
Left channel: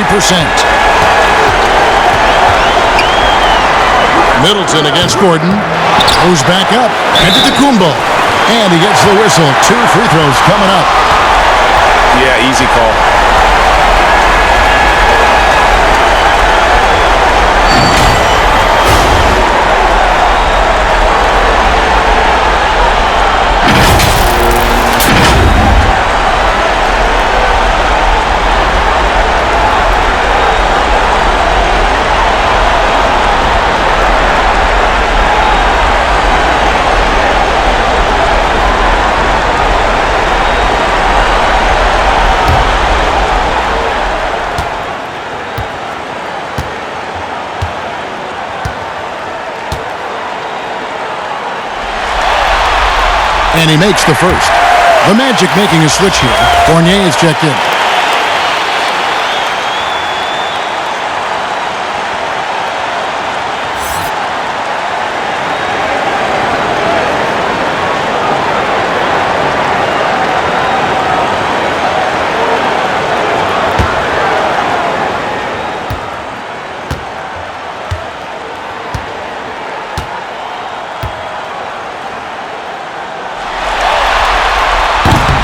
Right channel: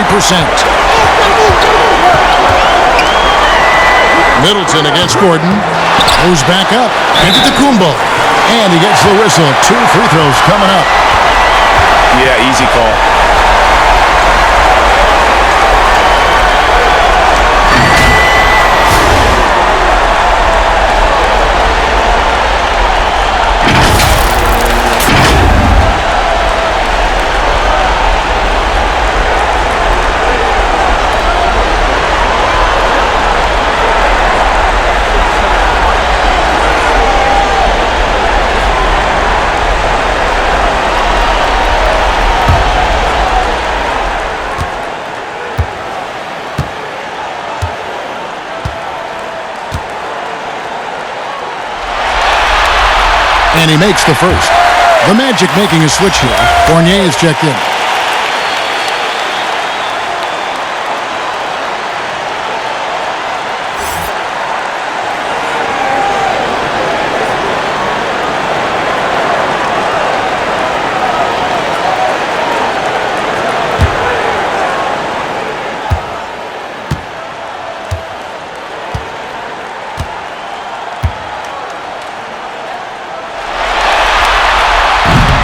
Middleton against Gordon. Goes back up. Antetokounmpo. And he gets the whistle. 2 free throws coming up. Yeah, easy call. And he makes the first. The Magic making a switch here. Fournier is checked in.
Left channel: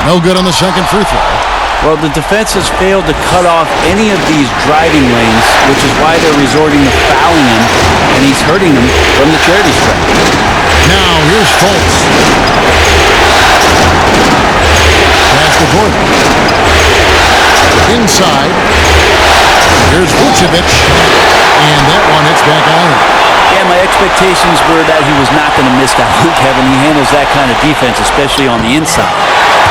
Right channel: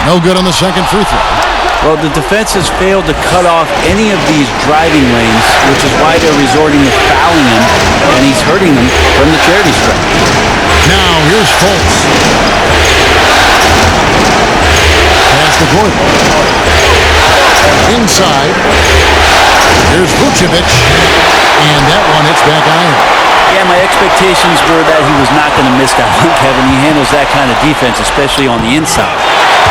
No good on the second free throw. Well, the defense has failed to cut off any of these driving lanes, which is why they're resorting to fouling him, and he's hurting them from the charity stripe. Now, here's Fultz. Pass to Gordon. Inside. Here's Vucevic. And that one hits back iron. Yeah, my expectations were that he was not going to miss that one, Kevin. He handles that kind of defense, especially on the inside.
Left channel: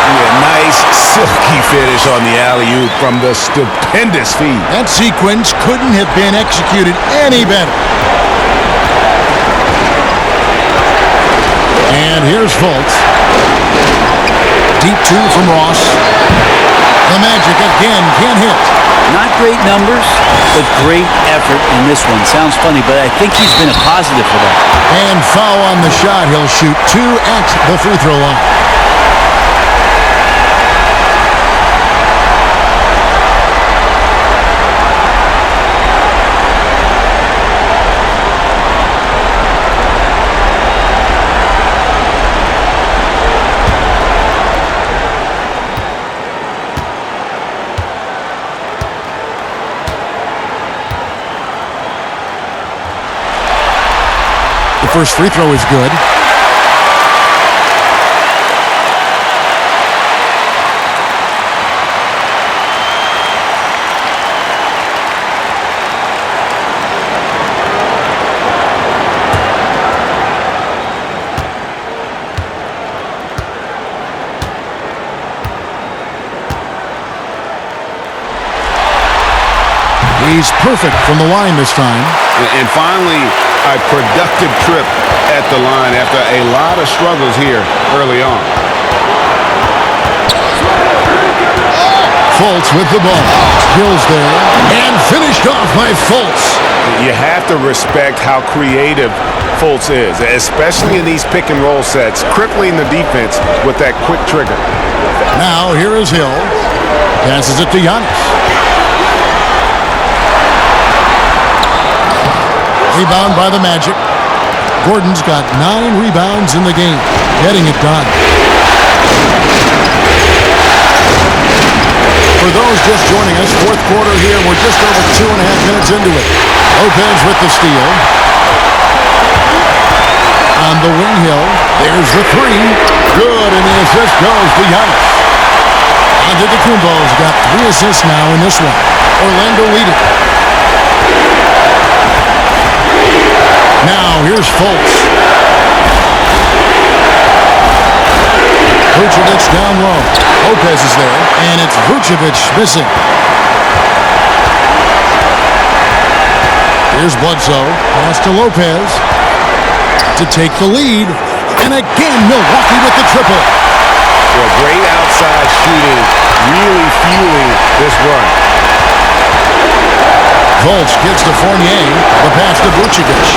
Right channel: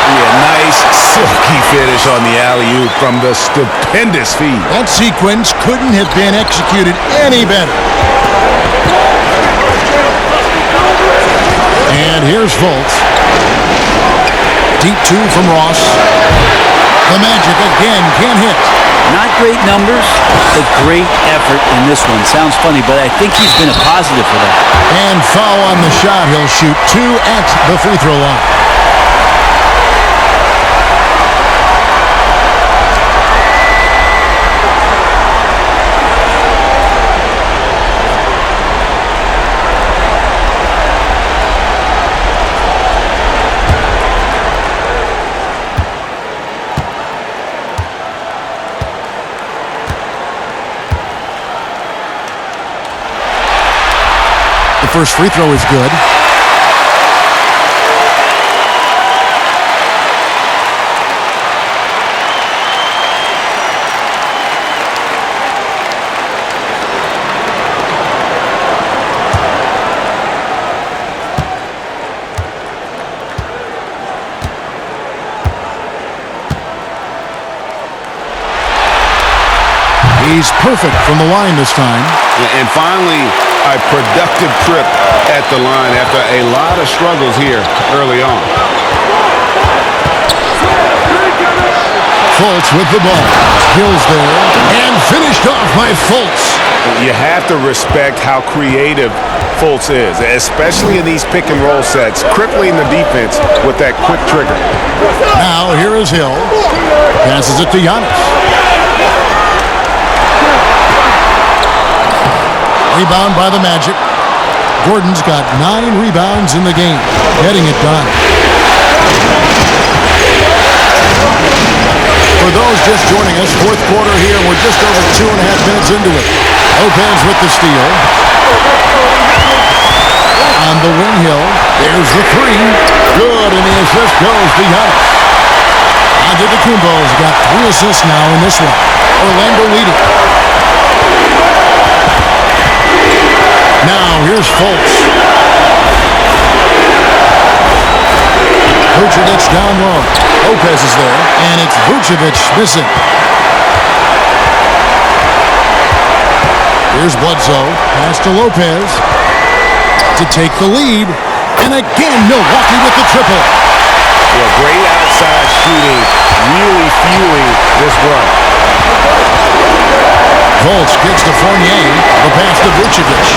Yeah, nice silky finish on the alley-oop from the stupendous feed. That sequence couldn't have been executed any better. And here's Fultz. Deep two from Ross. The Magic again can't hit. Not great numbers, but great effort in this one. Sounds funny, but I think he's been a positive for that. And foul on the shot. He'll shoot two at the free throw line. The first free throw is good. He's perfect from the line this time. And finally, a productive trip at the line after a lot of struggles here early on. Fultz with the ball. Hills there. And finished off by Fultz. You have to respect how creative Fultz is, especially in these pick and roll sets, crippling the defense with that quick trigger. Now here is Hill. Passes it to Giannis. Rebound by the Magic. Gordon's got 9 rebounds in the game, getting it done. For those just joining us, fourth quarter here, we're just over 2.5 minutes into it. Lopez with the steal. On the wing, Hill. There's the three. Good, and the assist goes to Giannis. Antetokounmpo's got 3 assists now in this one. Orlando leading. Now, here's Fultz. Vucevic down low. Lopez is there, and it's Vucevic missing. Here's Bledsoe. Pass to Lopez to take the lead. And again, Milwaukee with the triple. Yeah, great outside shooting, really fueling this run. Fultz kicks to Fournier. The pass to Vucevic.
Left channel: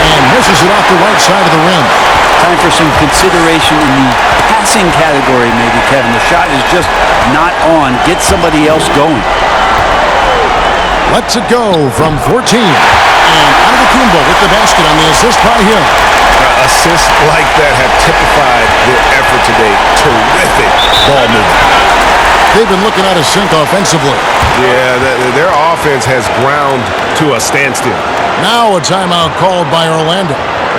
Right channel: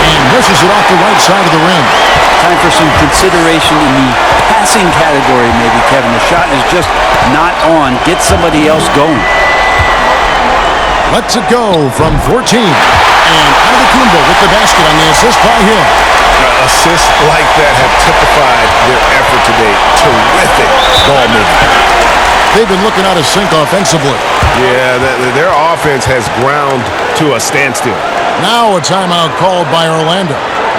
And misses it off the right side of the rim. Time for some consideration in the passing category, maybe, Kevin. The shot is just not on. Get somebody else going. Lets it go from 14. And Antetokounmpo with the basket on the assist by Hill. Assists like that have typified their effort today. Terrific ball movement. They've been looking out of sync offensively. Yeah, their offense has ground to a standstill. Now a timeout called by Orlando.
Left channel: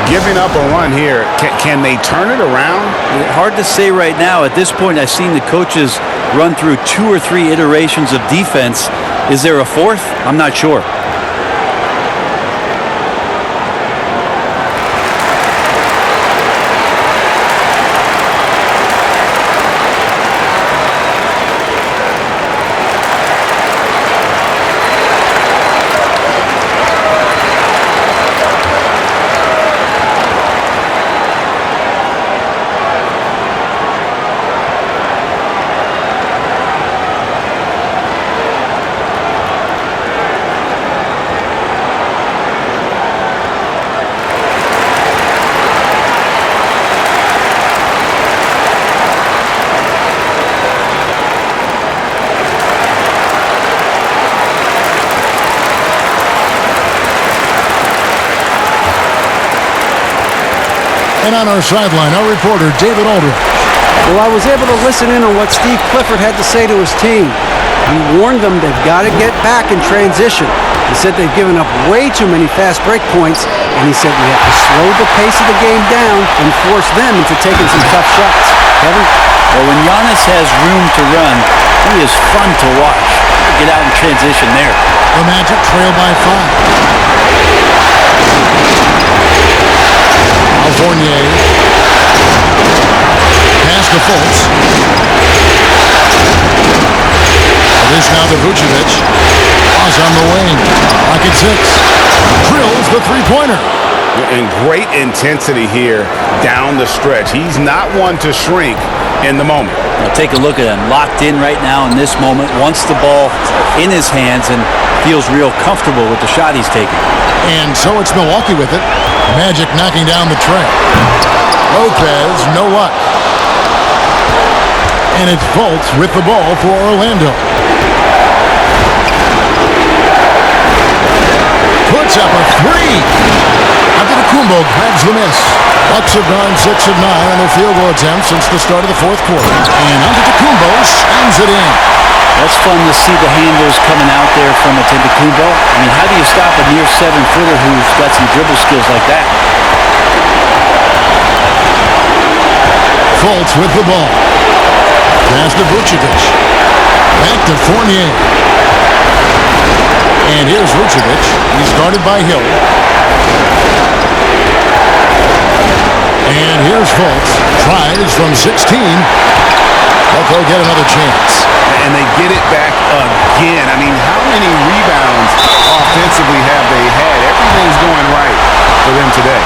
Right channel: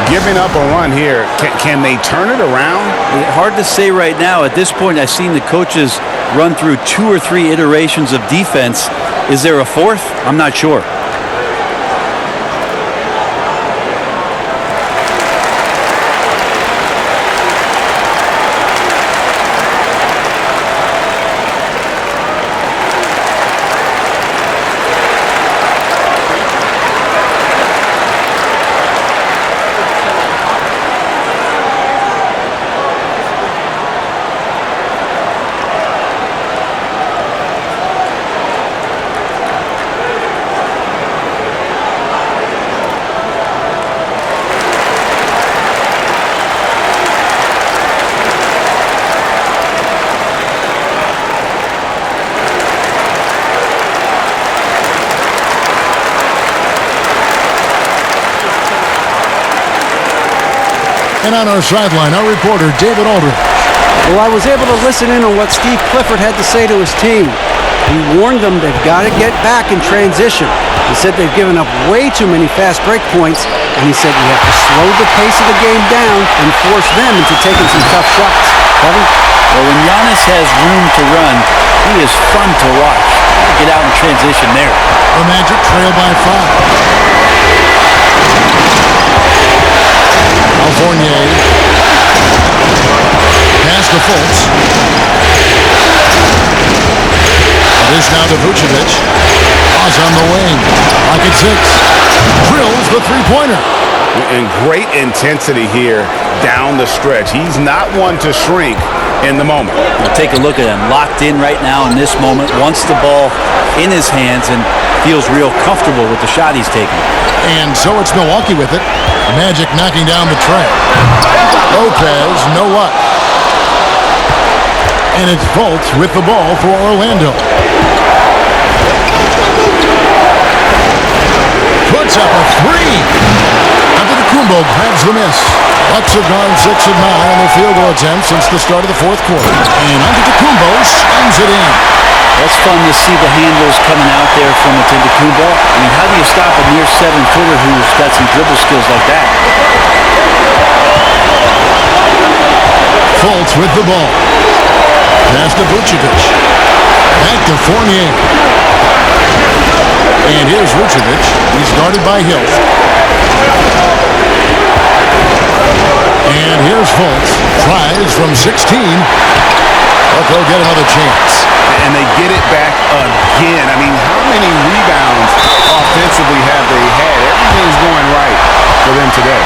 Giving up a run here, can they turn it around? Hard to say right now. At this point, I've seen the coaches run through 2 or 3 iterations of defense. Is there a fourth? I'm not sure. And on our sideline, our reporter, David Aldridge. Well, I was able to listen in on what Steve Clifford had to say to his team. He warned them they've got to get back in transition. He said they've given up way too many fast break points, and he said we have to slow the pace of the game down and force them into taking some tough shots. Kevin? Well, when Giannis has room to run, he is fun to watch. Get out in transition there. The Magic trail by 5. Fournier. Pass to Fultz. This now to Vucevic. Pause on the wing. Pocket 6. Drills the three-pointer. And great intensity here down the stretch. He's not one to shrink in the moment. Now take a look at him. Locked in right now in this moment. Wants the ball in his hands and feels real comfortable with the shot he's taking. And so it's Milwaukee with it. The Magic knocking down the tray. Lopez, no luck. And it's Fultz with the ball for Orlando. Puts up a three. Antetokounmpo grabs the miss. Bucks have gone 6 of 9 on their field goal attempts since the start of the fourth quarter. And Antetokounmpo slams it in. That's fun to see the handles coming out there from Antetokounmpo. I mean, how do you stop a near 7-footer who's got some dribble skills like that? Fultz with the ball. Pass to Vucevic. Back to Fournier. And here's Vucevic. He's guarded by Hill. And here's Fultz. Tries from 16. But they'll get another chance. And they get it back again. I mean, how many rebounds offensively have they had? Everything's going right for them today.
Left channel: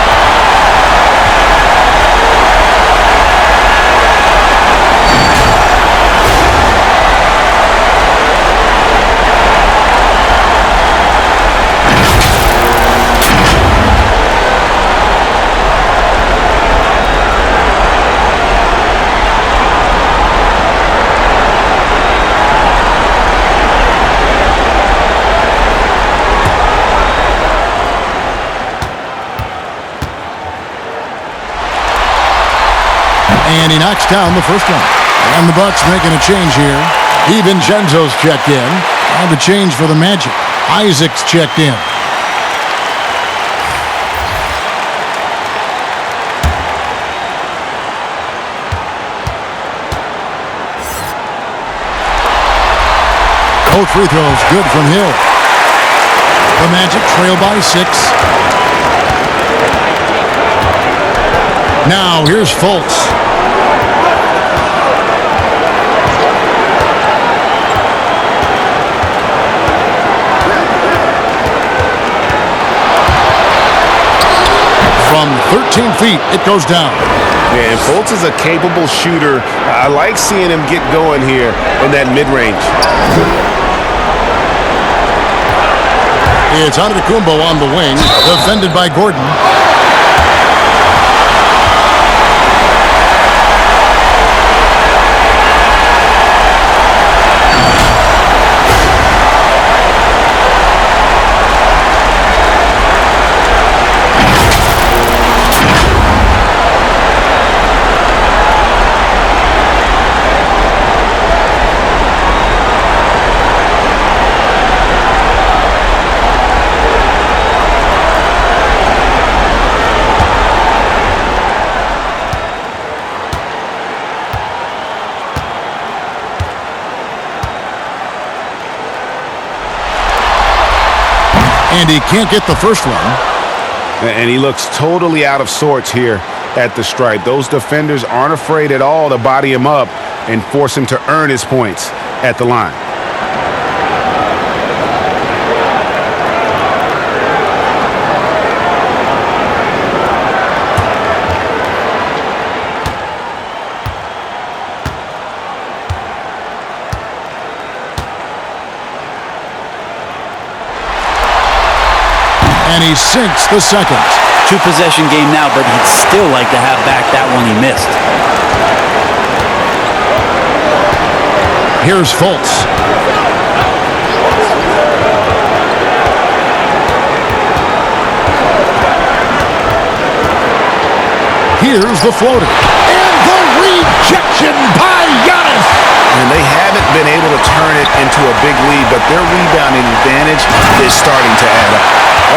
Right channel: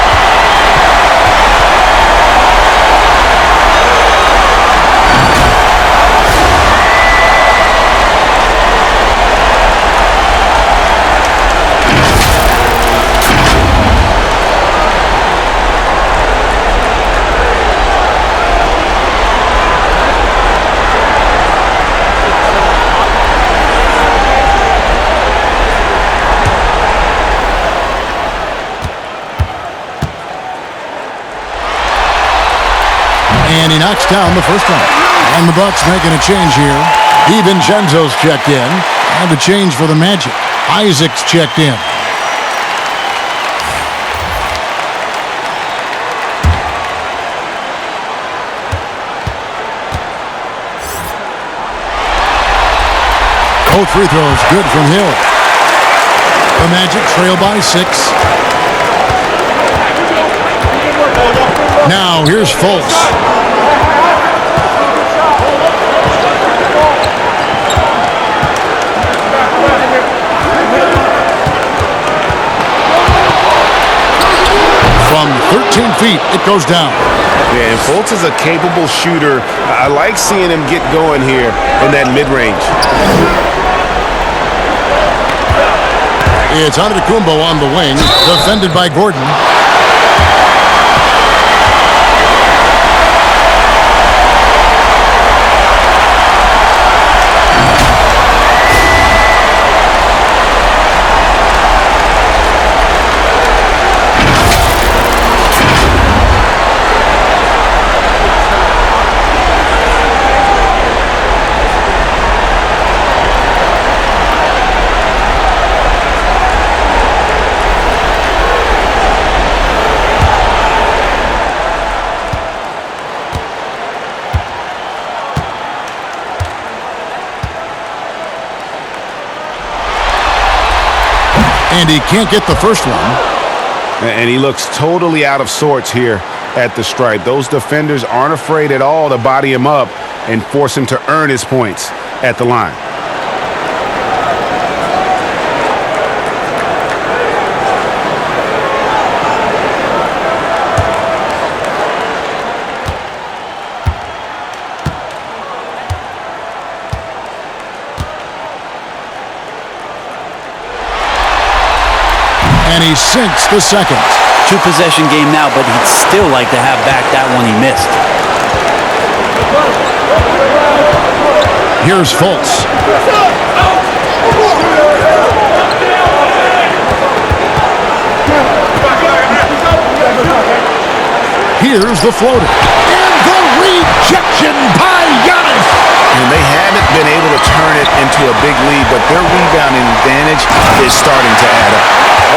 And he knocks down the first one. And the Bucks making a change here. DiVincenzo's checked in. And a change for the Magic. Isaac's checked in. Both free throws good from Hill. The Magic trail by 6. Now here's Fultz. From 13 feet, it goes down. Yeah, and Fultz is a capable shooter. I like seeing him get going here in that mid-range. It's Antetokounmpo on the wing, defended by Gordon. And he can't get the first one. And he looks totally out of sorts here at the stripe. Those defenders aren't afraid at all to body him up and force him to earn his points at the line. And he sinks the second. 2-possession game now, but he'd still like to have back that one he missed. Here's Fultz. Here's the floater. And the rejection by Giannis. And they haven't been able to turn it into a big lead, but their rebounding advantage is starting to add up.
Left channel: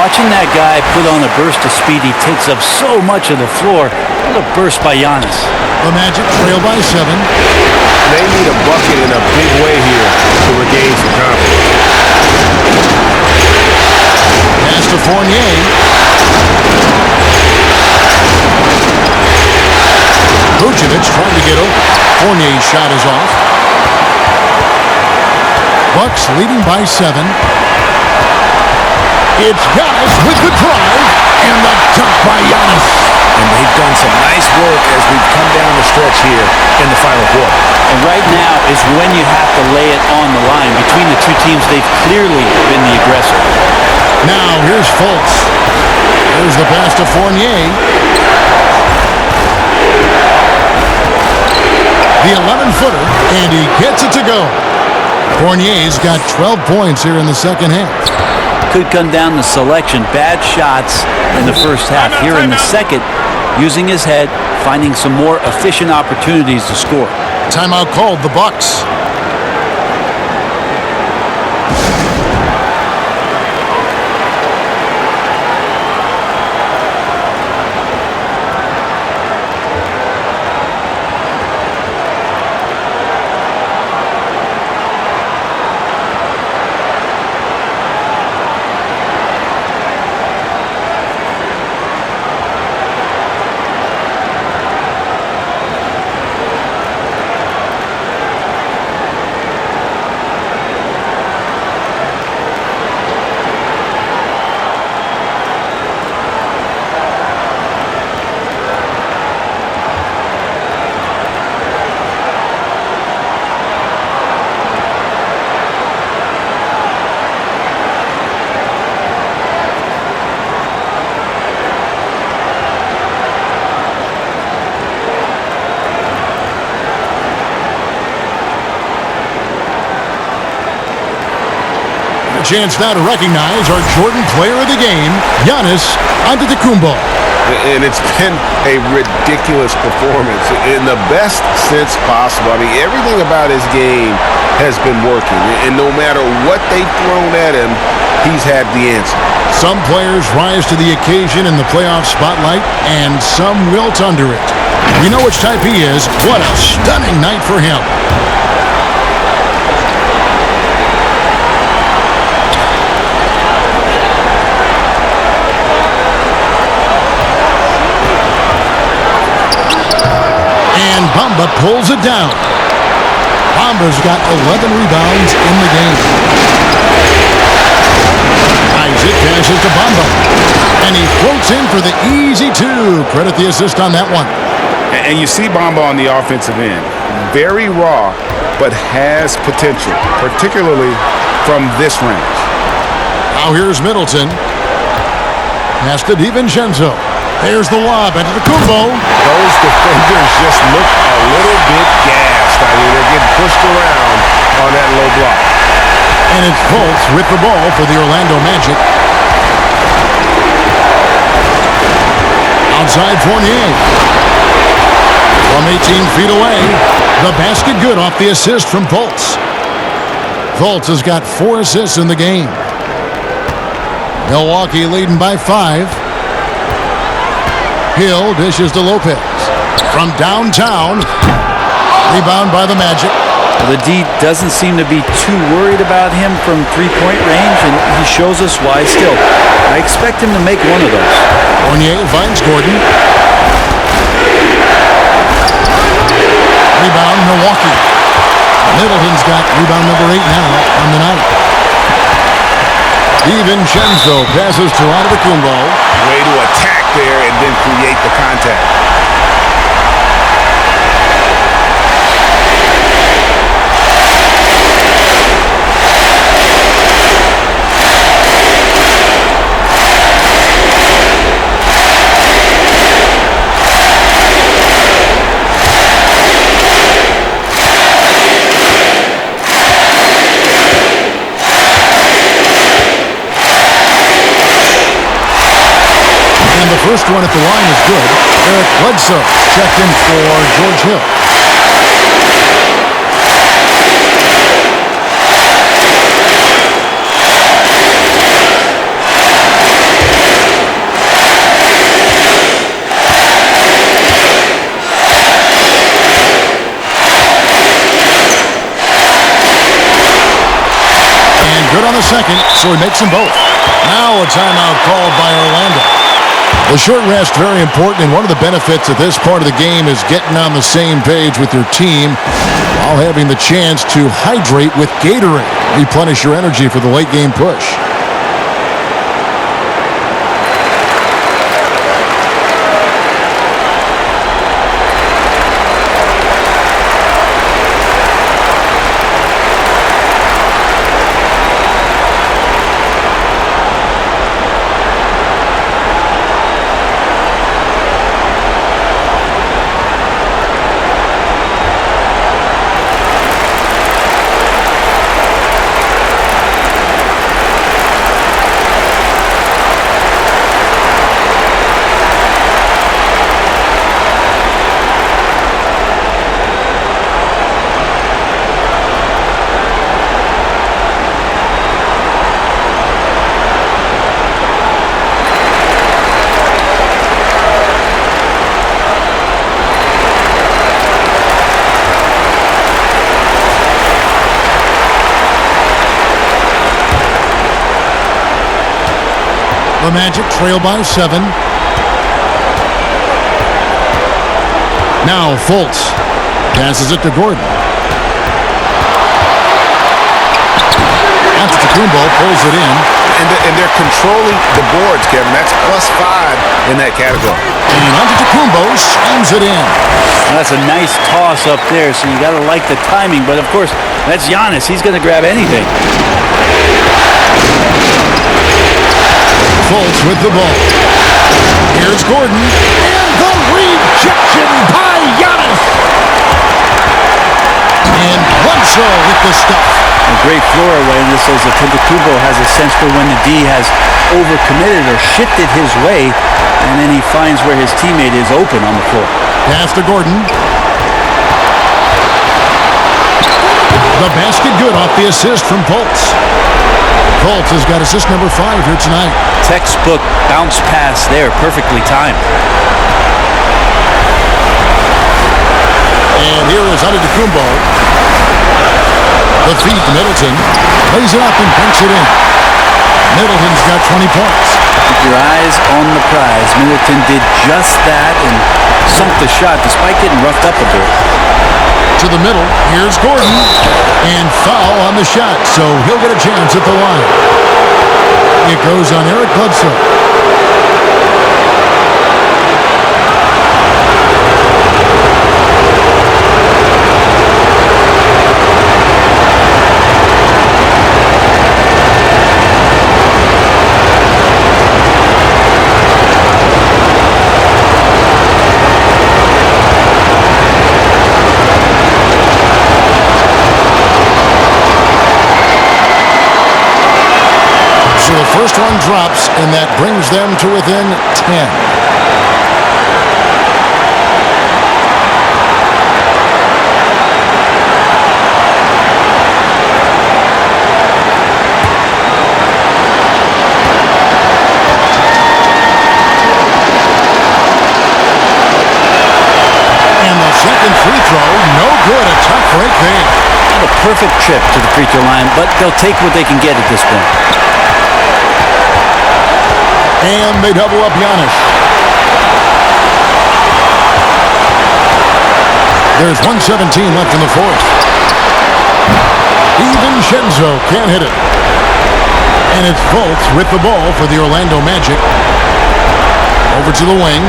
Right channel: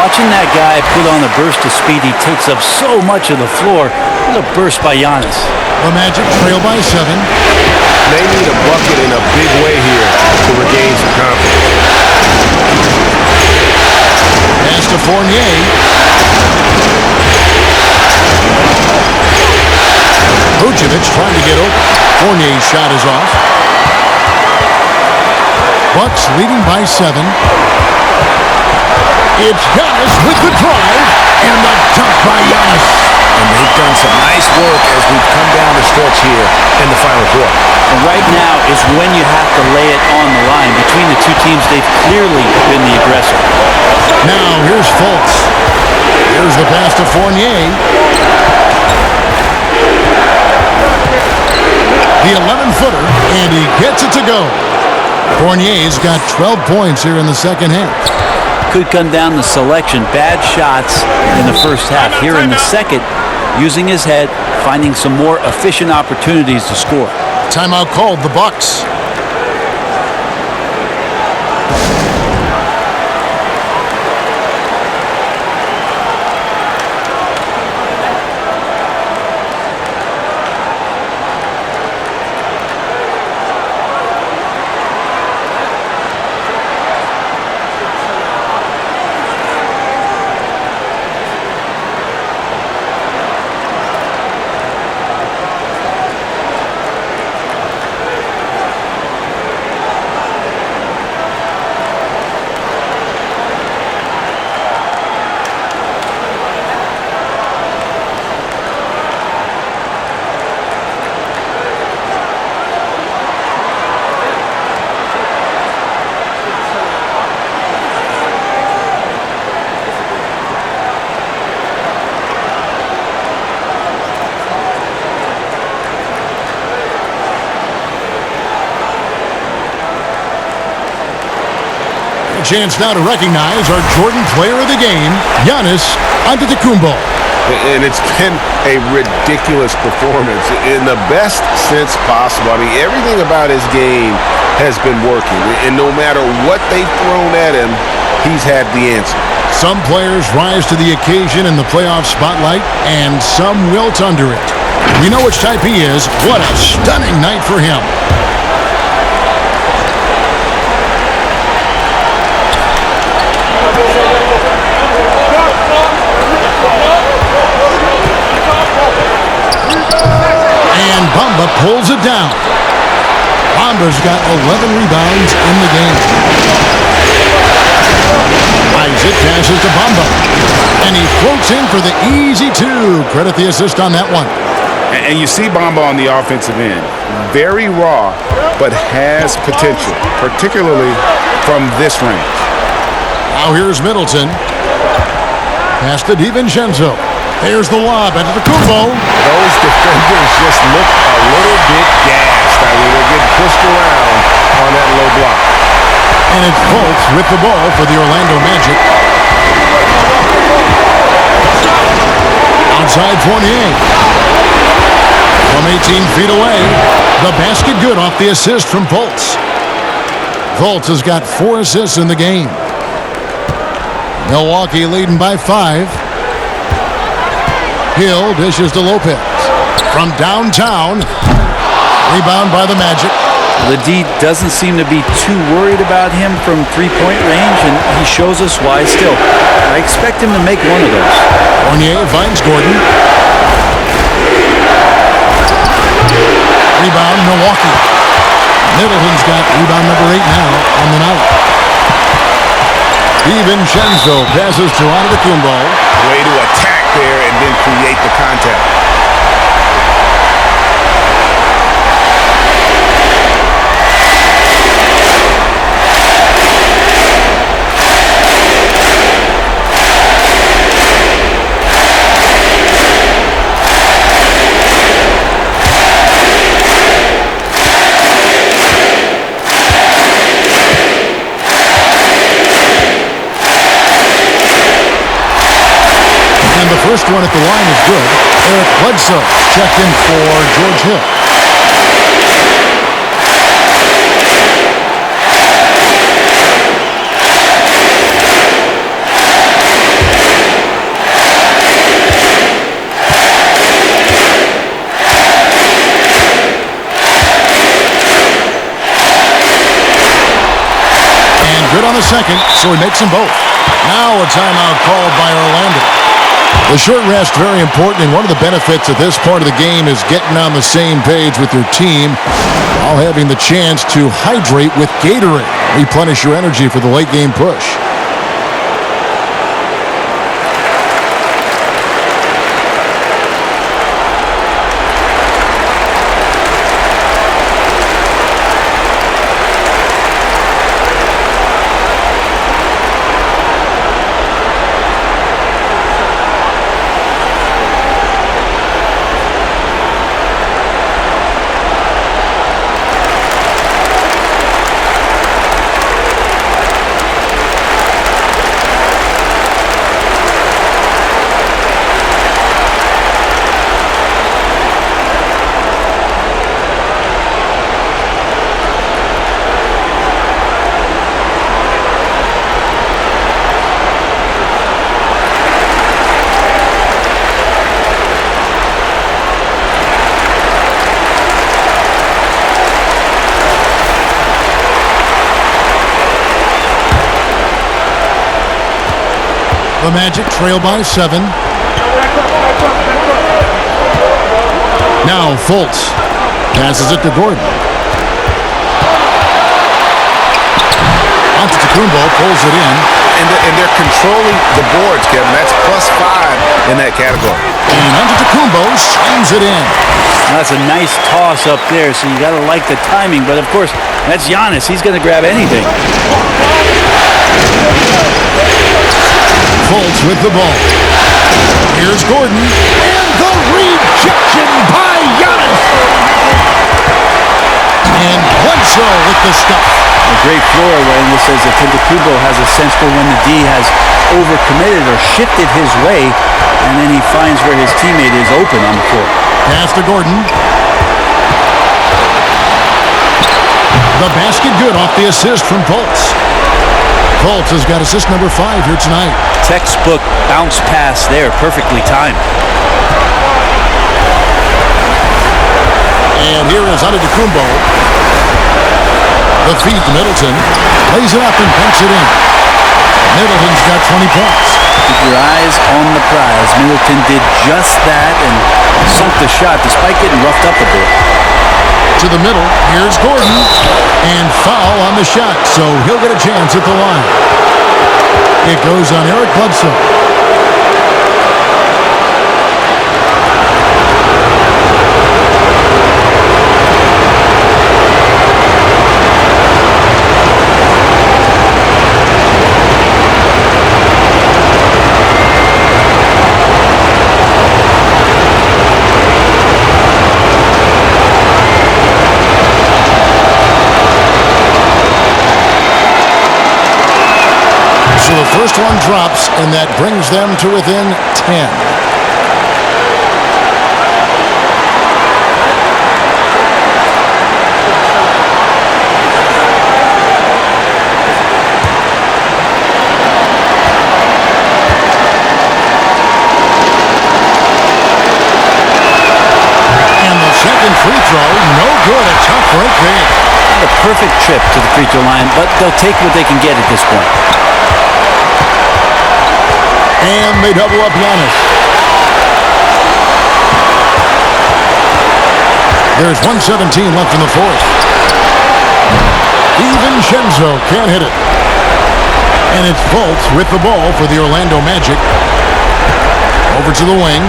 Watching that guy put on a burst of speed, he takes up so much of the floor. What a burst by Giannis. The Magic trail by 7. They need a bucket in a big way here to regain some confidence. Pass to Fournier. Vucevic trying to get open. Fournier's shot is off. Bucks leading by 7. It's Giannis with the drive and the dunk by Giannis. And they've done some nice work as we've come down the stretch here in the final quarter. And right now is when you have to lay it on the line. Between the two teams, they've clearly been the aggressor. Now here's Fultz. Here's the pass to Fournier. The 11-footer, and he gets it to go. Fournier's got 12 points here in the second half. Could come down to selection. Bad shots in the first half. Here in the second, using his head, finding some more efficient opportunities to score. Timeout called, the Bucks. A chance now to recognize our Jordan Player of the Game, Giannis Antetokounmpo. And it's been a ridiculous performance in the best sense possible. I mean, everything about his game has been working. And no matter what they've thrown at him, he's had the answer. Some players rise to the occasion in the playoff spotlight, and some wilt under it. We know which type he is. What a stunning night for him. And Bamba pulls it down. Bamba's got 11 rebounds in the game. Isaac passes to Bamba. And he floats in for the easy 2. Credit the assist on that one. And you see Bamba on the offensive end. Very raw, but has potential, particularly from this range. Now here's Middleton. Pass to DiVincenzo. There's the lob into the Kumbo. Those defenders just look a little bit gassed. I mean, they're getting pushed around on that low block. And it's Fultz with the ball for the Orlando Magic. Outside Fournier. From 18 feet away, the basket good off the assist from Fultz. Fultz has got 4 assists in the game. Milwaukee leading by 5. Hill dishes to Lopez. From downtown, rebound by the Magic. The D doesn't seem to be too worried about him from three-point range, and he shows us why still. I expect him to make one of those. Fournier finds Gordon. Rebound, Milwaukee. Middleton's got rebound number 8 now on the night. DiVincenzo passes to Antetokounmpo. Way to attack there and then create the contact. And the first one at the line is good. Eric Bledsoe checked in for George Hill. Good on the second, so he makes them both. Now a timeout called by Orlando. The short rest, very important, and one of the benefits at this part of the game is getting on the same page with your team while having the chance to hydrate with Gatorade. Replenish your energy for the late game push. The Magic trail by 7. Now Fultz passes it to Gordon. Antetokounmpo pulls it in. And they're controlling the boards, Kevin. That's +5 in that category. And Antetokounmpo slams it in. That's a nice toss up there, so you got to like the timing. But, of course, that's Giannis. He's going to grab anything. Fultz with the ball. Here's Gordon. And the rejection by Giannis. And Bledsoe with the stuff. A great floor awareness as Antetokounmpo has a sense for when the D has overcommitted or shifted his way, and then he finds where his teammate is open on the floor. Pass to Gordon. The basket good off the assist from Fultz. Fultz has got assist number 5 here tonight. Textbook bounce pass there, perfectly timed. And here is Antetokounmpo. The feed to Middleton. Lays it up and banks it in. Middleton's got 20 points. Keep your eyes on the prize. Middleton did just that and sunk the shot despite getting roughed up a bit. To the middle. Here's Gordon. And foul on the shot, so he'll get a chance at the line. It goes on Eric Bledsoe. So the first one drops, and that brings them to within 10. And the second free throw, no good. A tough break there. Not a perfect trip to the free throw line, but they'll take what they can get at this point. And they double up Giannis. There's 1:17 left in the fourth. DiVincenzo can't hit it. And it's Fultz with the ball for the Orlando Magic. Over to the wing.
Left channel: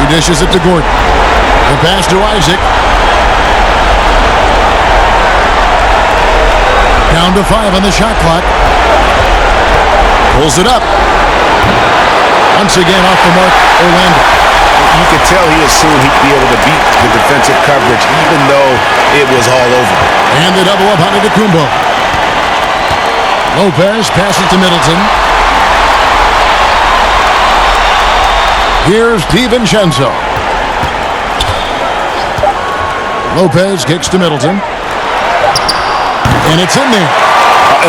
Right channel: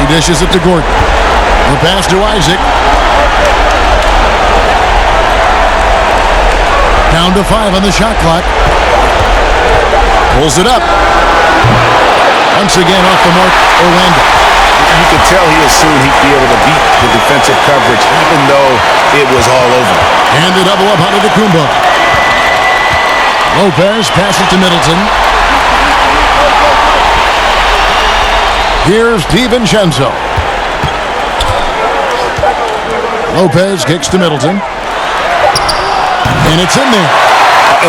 He dishes it to Gordon. The pass to Isaac. Down to 5 on the shot clock. Pulls it up. Once again off the mark, Orlando. You could tell he assumed he'd be able to beat the defensive coverage even though it was all over. And they double up Antetokounmpo. Lopez passes to Middleton. Here's DiVincenzo. Lopez kicks to Middleton. And it's in there.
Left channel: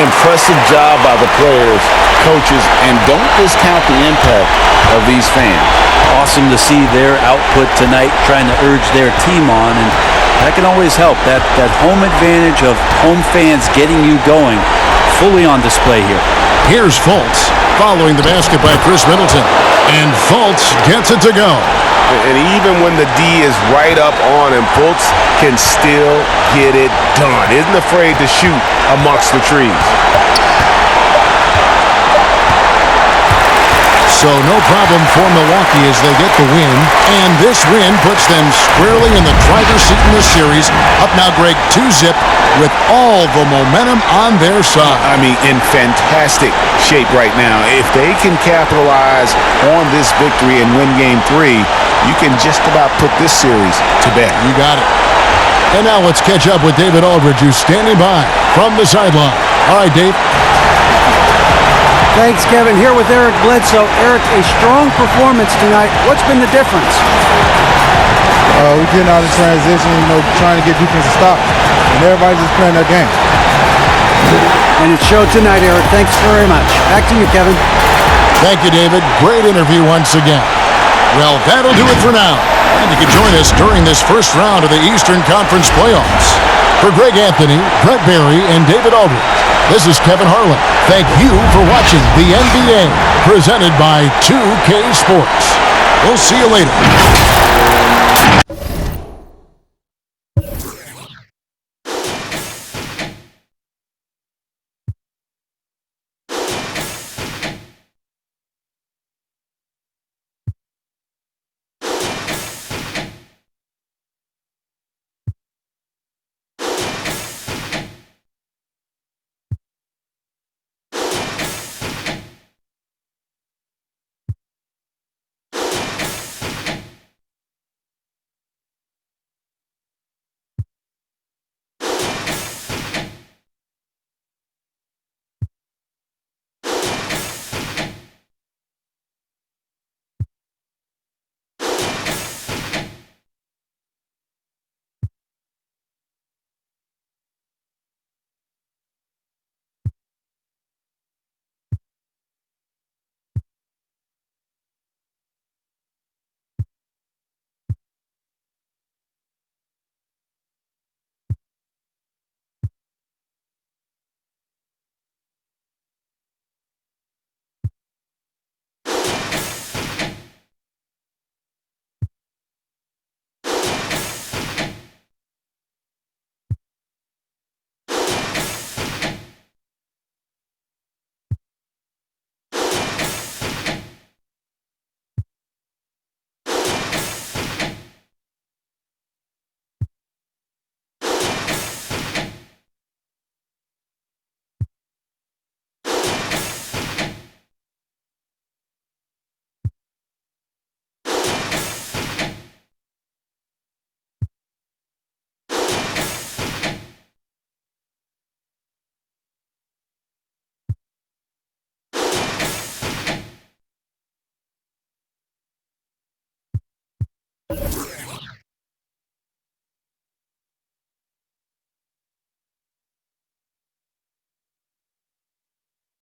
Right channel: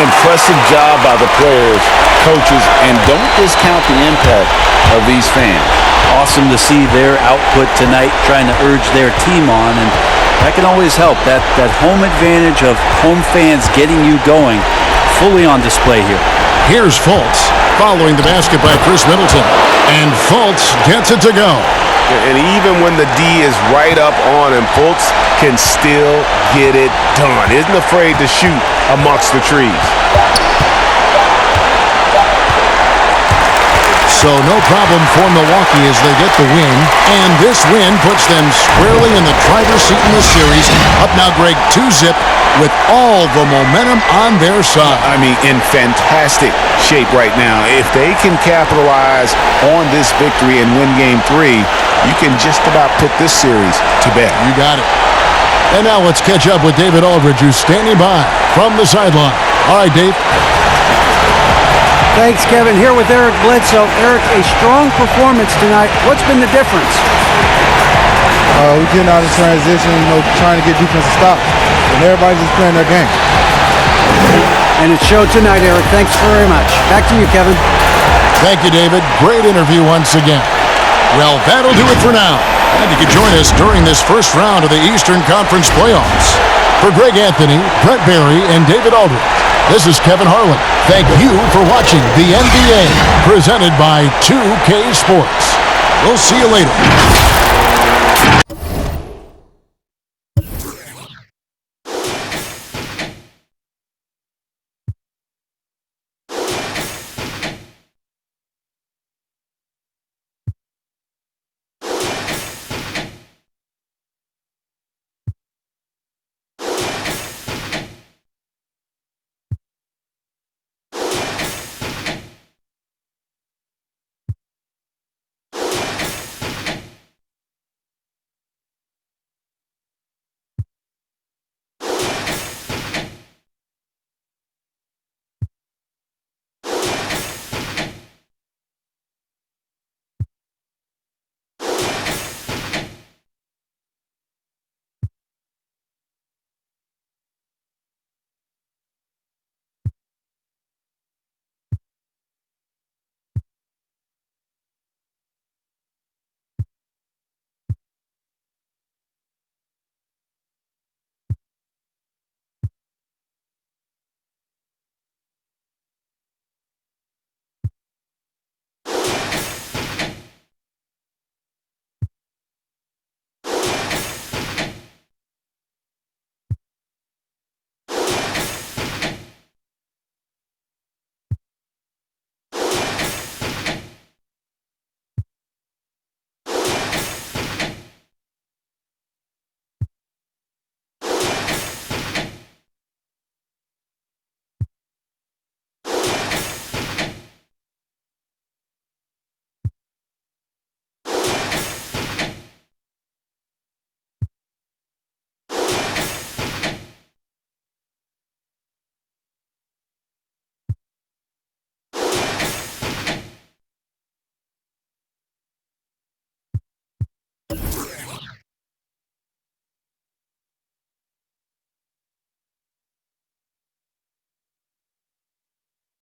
Impressive job by the players, coaches, and don't discount the impact of these fans. Awesome to see their output tonight, trying to urge their team on, and that can always help. That home advantage of home fans getting you going, fully on display here. Here's Fultz, following the basket by Chris Middleton. And Fultz gets it to go. And even when the D is right up on him, Fultz can still get it done. Isn't afraid to shoot amongst the trees. So no problem for Milwaukee as they get the win. And this win puts them squarely in the driver's seat in this series. Up now, Greg, 2-zip with all the momentum on their side. I mean, in fantastic shape right now. If they can capitalize on this victory and win Game 3, you can just about put this series to bed. You got it. And now let's catch up with David Aldridge, who's standing by from the sideline. All right, Dave. Thanks, Kevin. Here with Eric Bledsoe. Eric, a strong performance tonight. What's been the difference? We're getting out of transition, trying to get defensive stops. And everybody's just playing their game. And it showed tonight, Eric. Thanks very much. Back to you, Kevin. Thank you, David. Great interview once again. Well, that'll do it for now. Glad you could join us during this first round of the Eastern Conference playoffs. For Greg Anthony, Brett Barry, and David Aldridge, this is Kevin Harlan. Thank you for watching the NBA, presented by 2K Sports. We'll see you later.